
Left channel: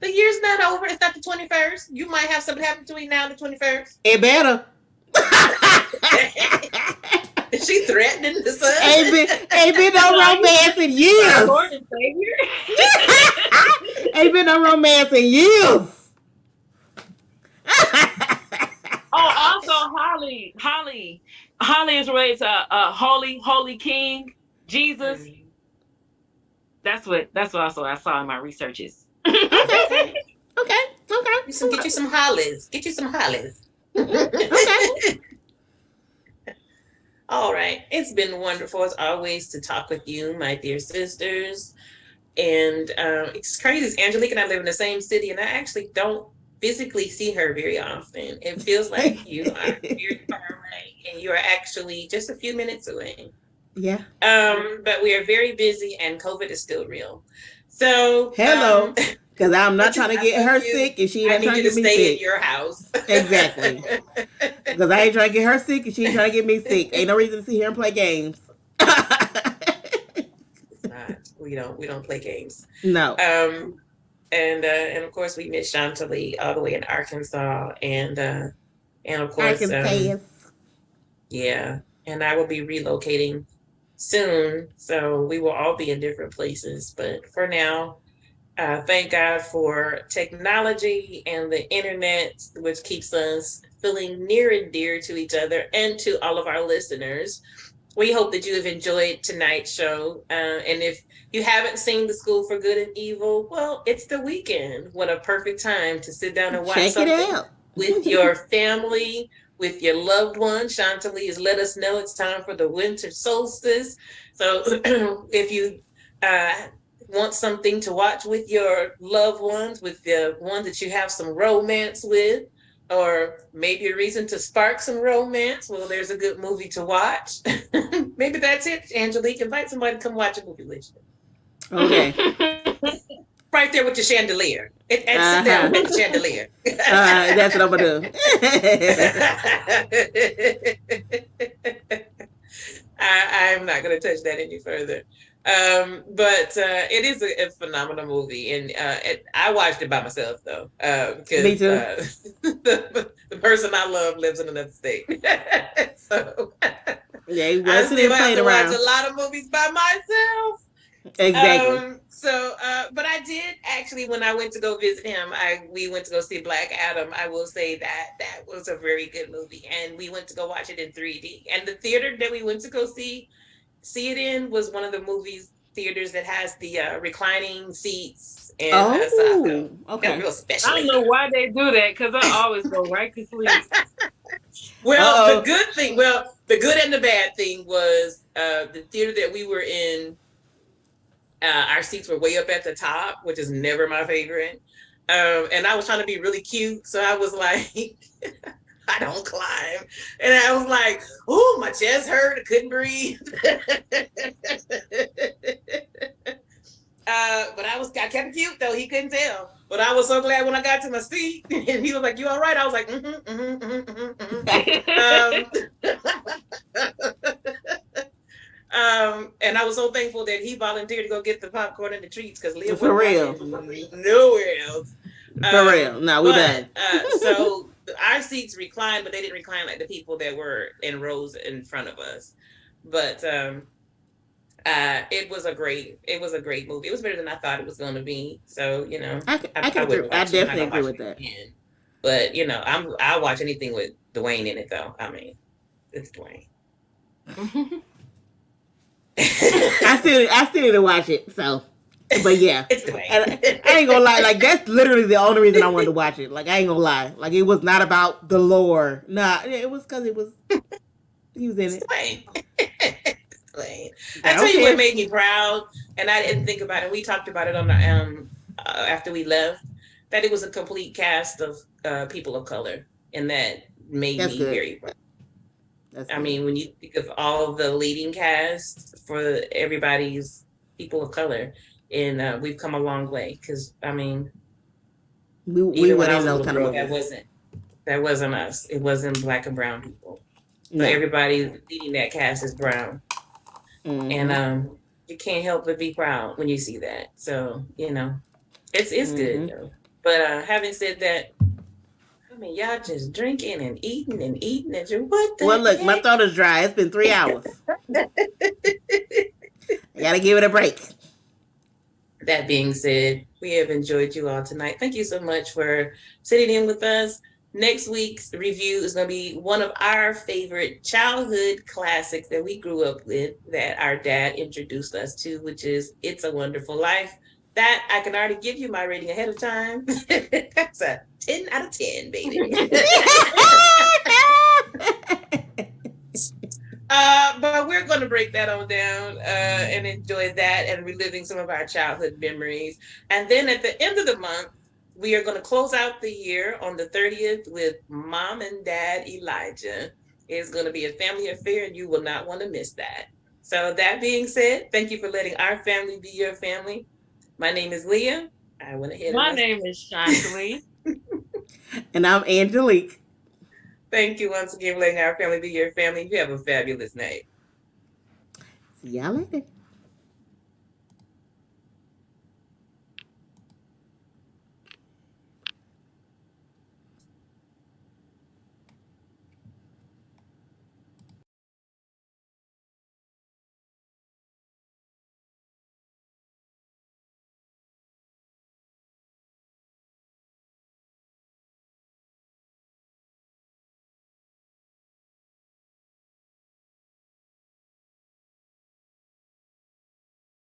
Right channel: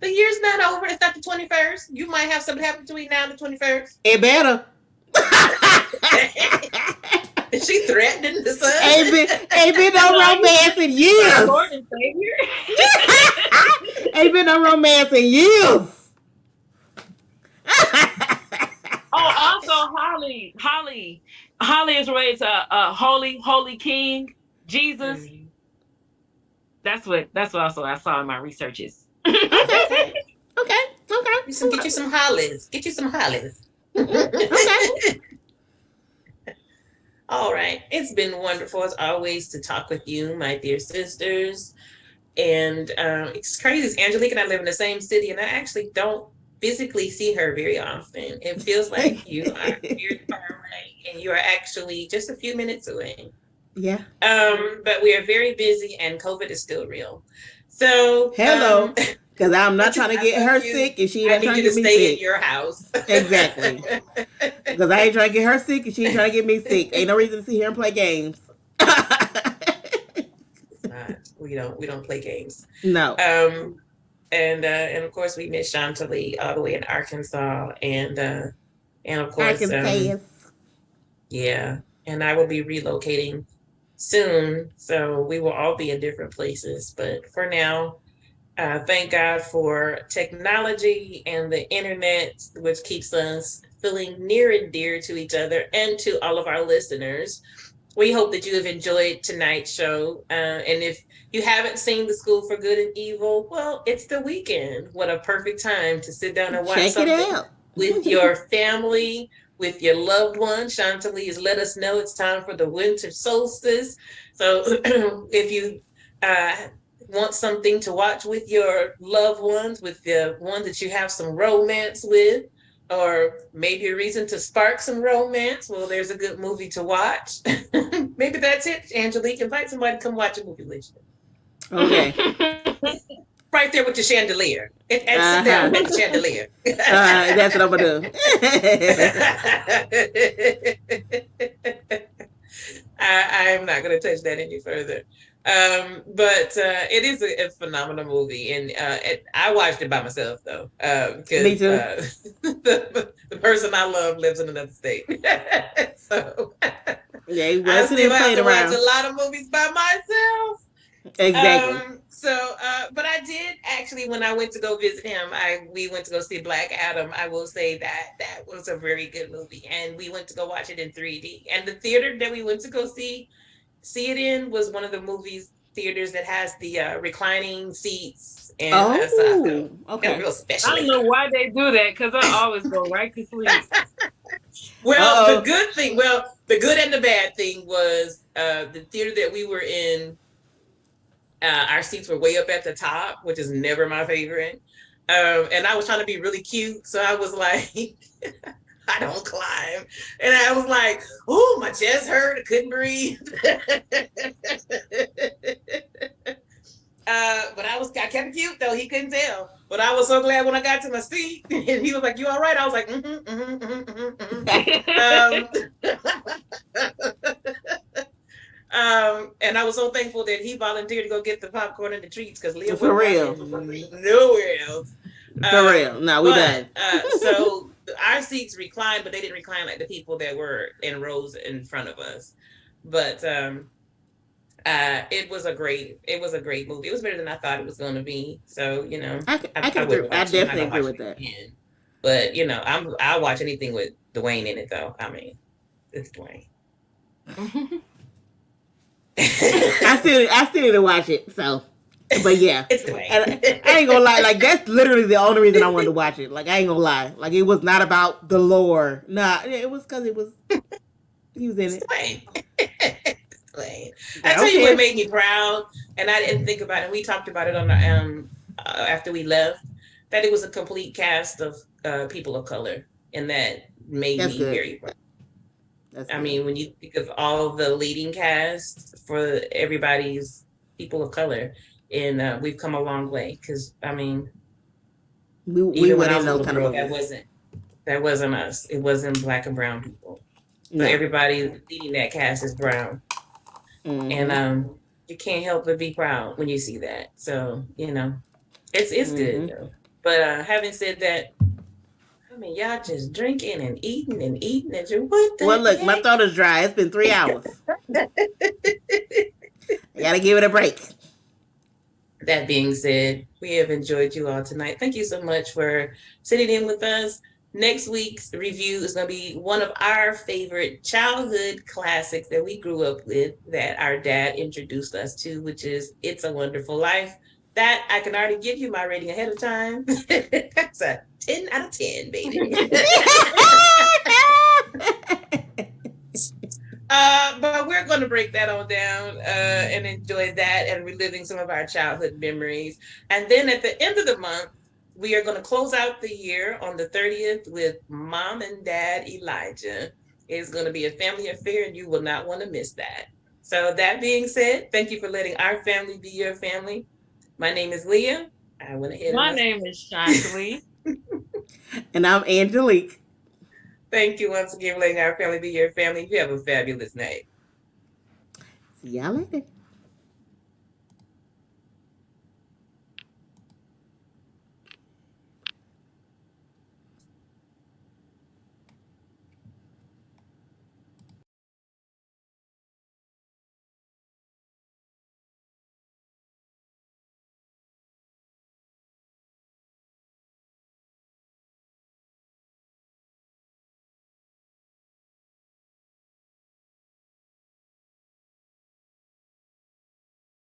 The year's not over. It's not the 21st. You might have something happen between now and the 21st. It better. Is she threatening the sun? Ain't been no romance in years. Lord and Savior. Ain't been no romance in years. Oh, also Holly is related to holy King Jesus. That's what also I saw in my researches. Okay. Okay. Get you some hollies. Get you some hollies. Okay. All right. It's been wonderful as always to talk with you, my dear sisters. And it's crazy. Angelique and I live in the same city, and I actually don't physically see her very often. It feels like you are very far away, and you are actually just a few minutes away. Yeah. But we are very busy, and COVID is still real. So Hello. Because I'm not trying to get her sick, and she ain't trying to get me stay sick. at your house. Exactly. Because I ain't trying to get her sick, and she ain't trying to get me sick. Ain't no reason to sit here and play games. We don't play games. No. Um, and of course we miss Chantilly all the way in Arkansas, and of I course, can say it. yeah, and I will be relocating soon, so we will all be in different places. But for now, thank God for technology and the internet, which keeps us feeling near and dear to each other and to all of our listeners. We hope that you have enjoyed tonight's show. And if you haven't seen The School for Good and Evil, well, it's the weekend. What a perfect time to sit down and watch Check it something out. with your family, with your loved ones. Chantilly has let us know it's time for the winter solstice. So if you uh, want something to watch with your loved ones, with the one that you have some romance with, or maybe a reason to spark some romance, well, there's a good movie to watch. Maybe that's it, Angelique. Invite somebody to come watch a movie with you. Okay. Right there with your chandelier. And sit down Uh-huh. with the chandelier. That's what I'm gonna do. I'm not going to touch that any further. But it is a phenomenal movie, and I watched it by myself though, because Me too. the person I love lives in another state, so Yeah, he I wasn't still even have playing to watch around. a lot of movies by myself. Exactly. But I did actually, when I went to go visit him, we went to go see Black Adam. I will say that was a very good movie, and we went to go watch it in 3D. And the theater that we went to go see it in was one of the movies theaters that has the reclining seats, and so I felt Okay. real special. I don't know why they do that because I always go right to sleep. Well, the good and the bad thing was the theater that we were in. Our seats were way up at the top, which is never my favorite. And I was trying to be really cute, so I was like, I don't climb. And I was like, oh, my chest hurt. I couldn't breathe. But I kept it cute, though. He couldn't tell. But I was so glad when I got to my seat. And he was like, you all right? I was like, and I was so thankful that he volunteered to go get the popcorn and the treats because Leah For real. nowhere else. For real. No, we done. So our seats reclined, but they didn't recline like the people that were in rows in front of us. But it was a great movie. It was better than I thought it was going to be. So I agree. I definitely agree with that. Again. But I'll watch anything with Dwayne in it, though. I mean, it's Dwayne. I still need to watch it. So, but yeah, it's Dwayne. And I ain't gonna lie. Like that's literally the only reason I wanted to watch it. Like I ain't gonna lie. Like it was not about the lore. Nah, it was because he was in it. Dwayne. I tell you what made me proud, and I didn't think about it. We talked about it on the after we left. That it was a complete cast of people of color, and that made me very proud. I mean, when you think of all the leading cast for everybody's people of color, and we've come a long way. Because I mean, we went in those kind of movies. That wasn't us. It wasn't Black and brown people. So everybody leading that cast is brown, and you can't help but be proud when you see that. So it's good. Though. But having said that. I mean, y'all just drinking and eating and what the Well, look, heck? my throat is dry. It's been 3 hours. I gotta give it a break. That being said, we have enjoyed you all tonight. Thank you so much for sitting in with us. Next week's review is going to be one of our favorite childhood classics that we grew up with that our dad introduced us to, which is It's a Wonderful Life. That I can already give you my rating ahead of time. That's a 10 out of 10, baby. But we're going to break that on down and enjoy that and reliving some of our childhood memories. And then at the end of the month, we are going to close out the year on the 30th with Mom and Dad Elijah. It's going to be a family affair, and you will not want to miss that. So that being said, thank you for letting our family be your family. My name is Leah. I went ahead. My name is Chantilly. And I'm Angelique. Thank you once again for letting our family be your family. You have a fabulous night. See y'all later.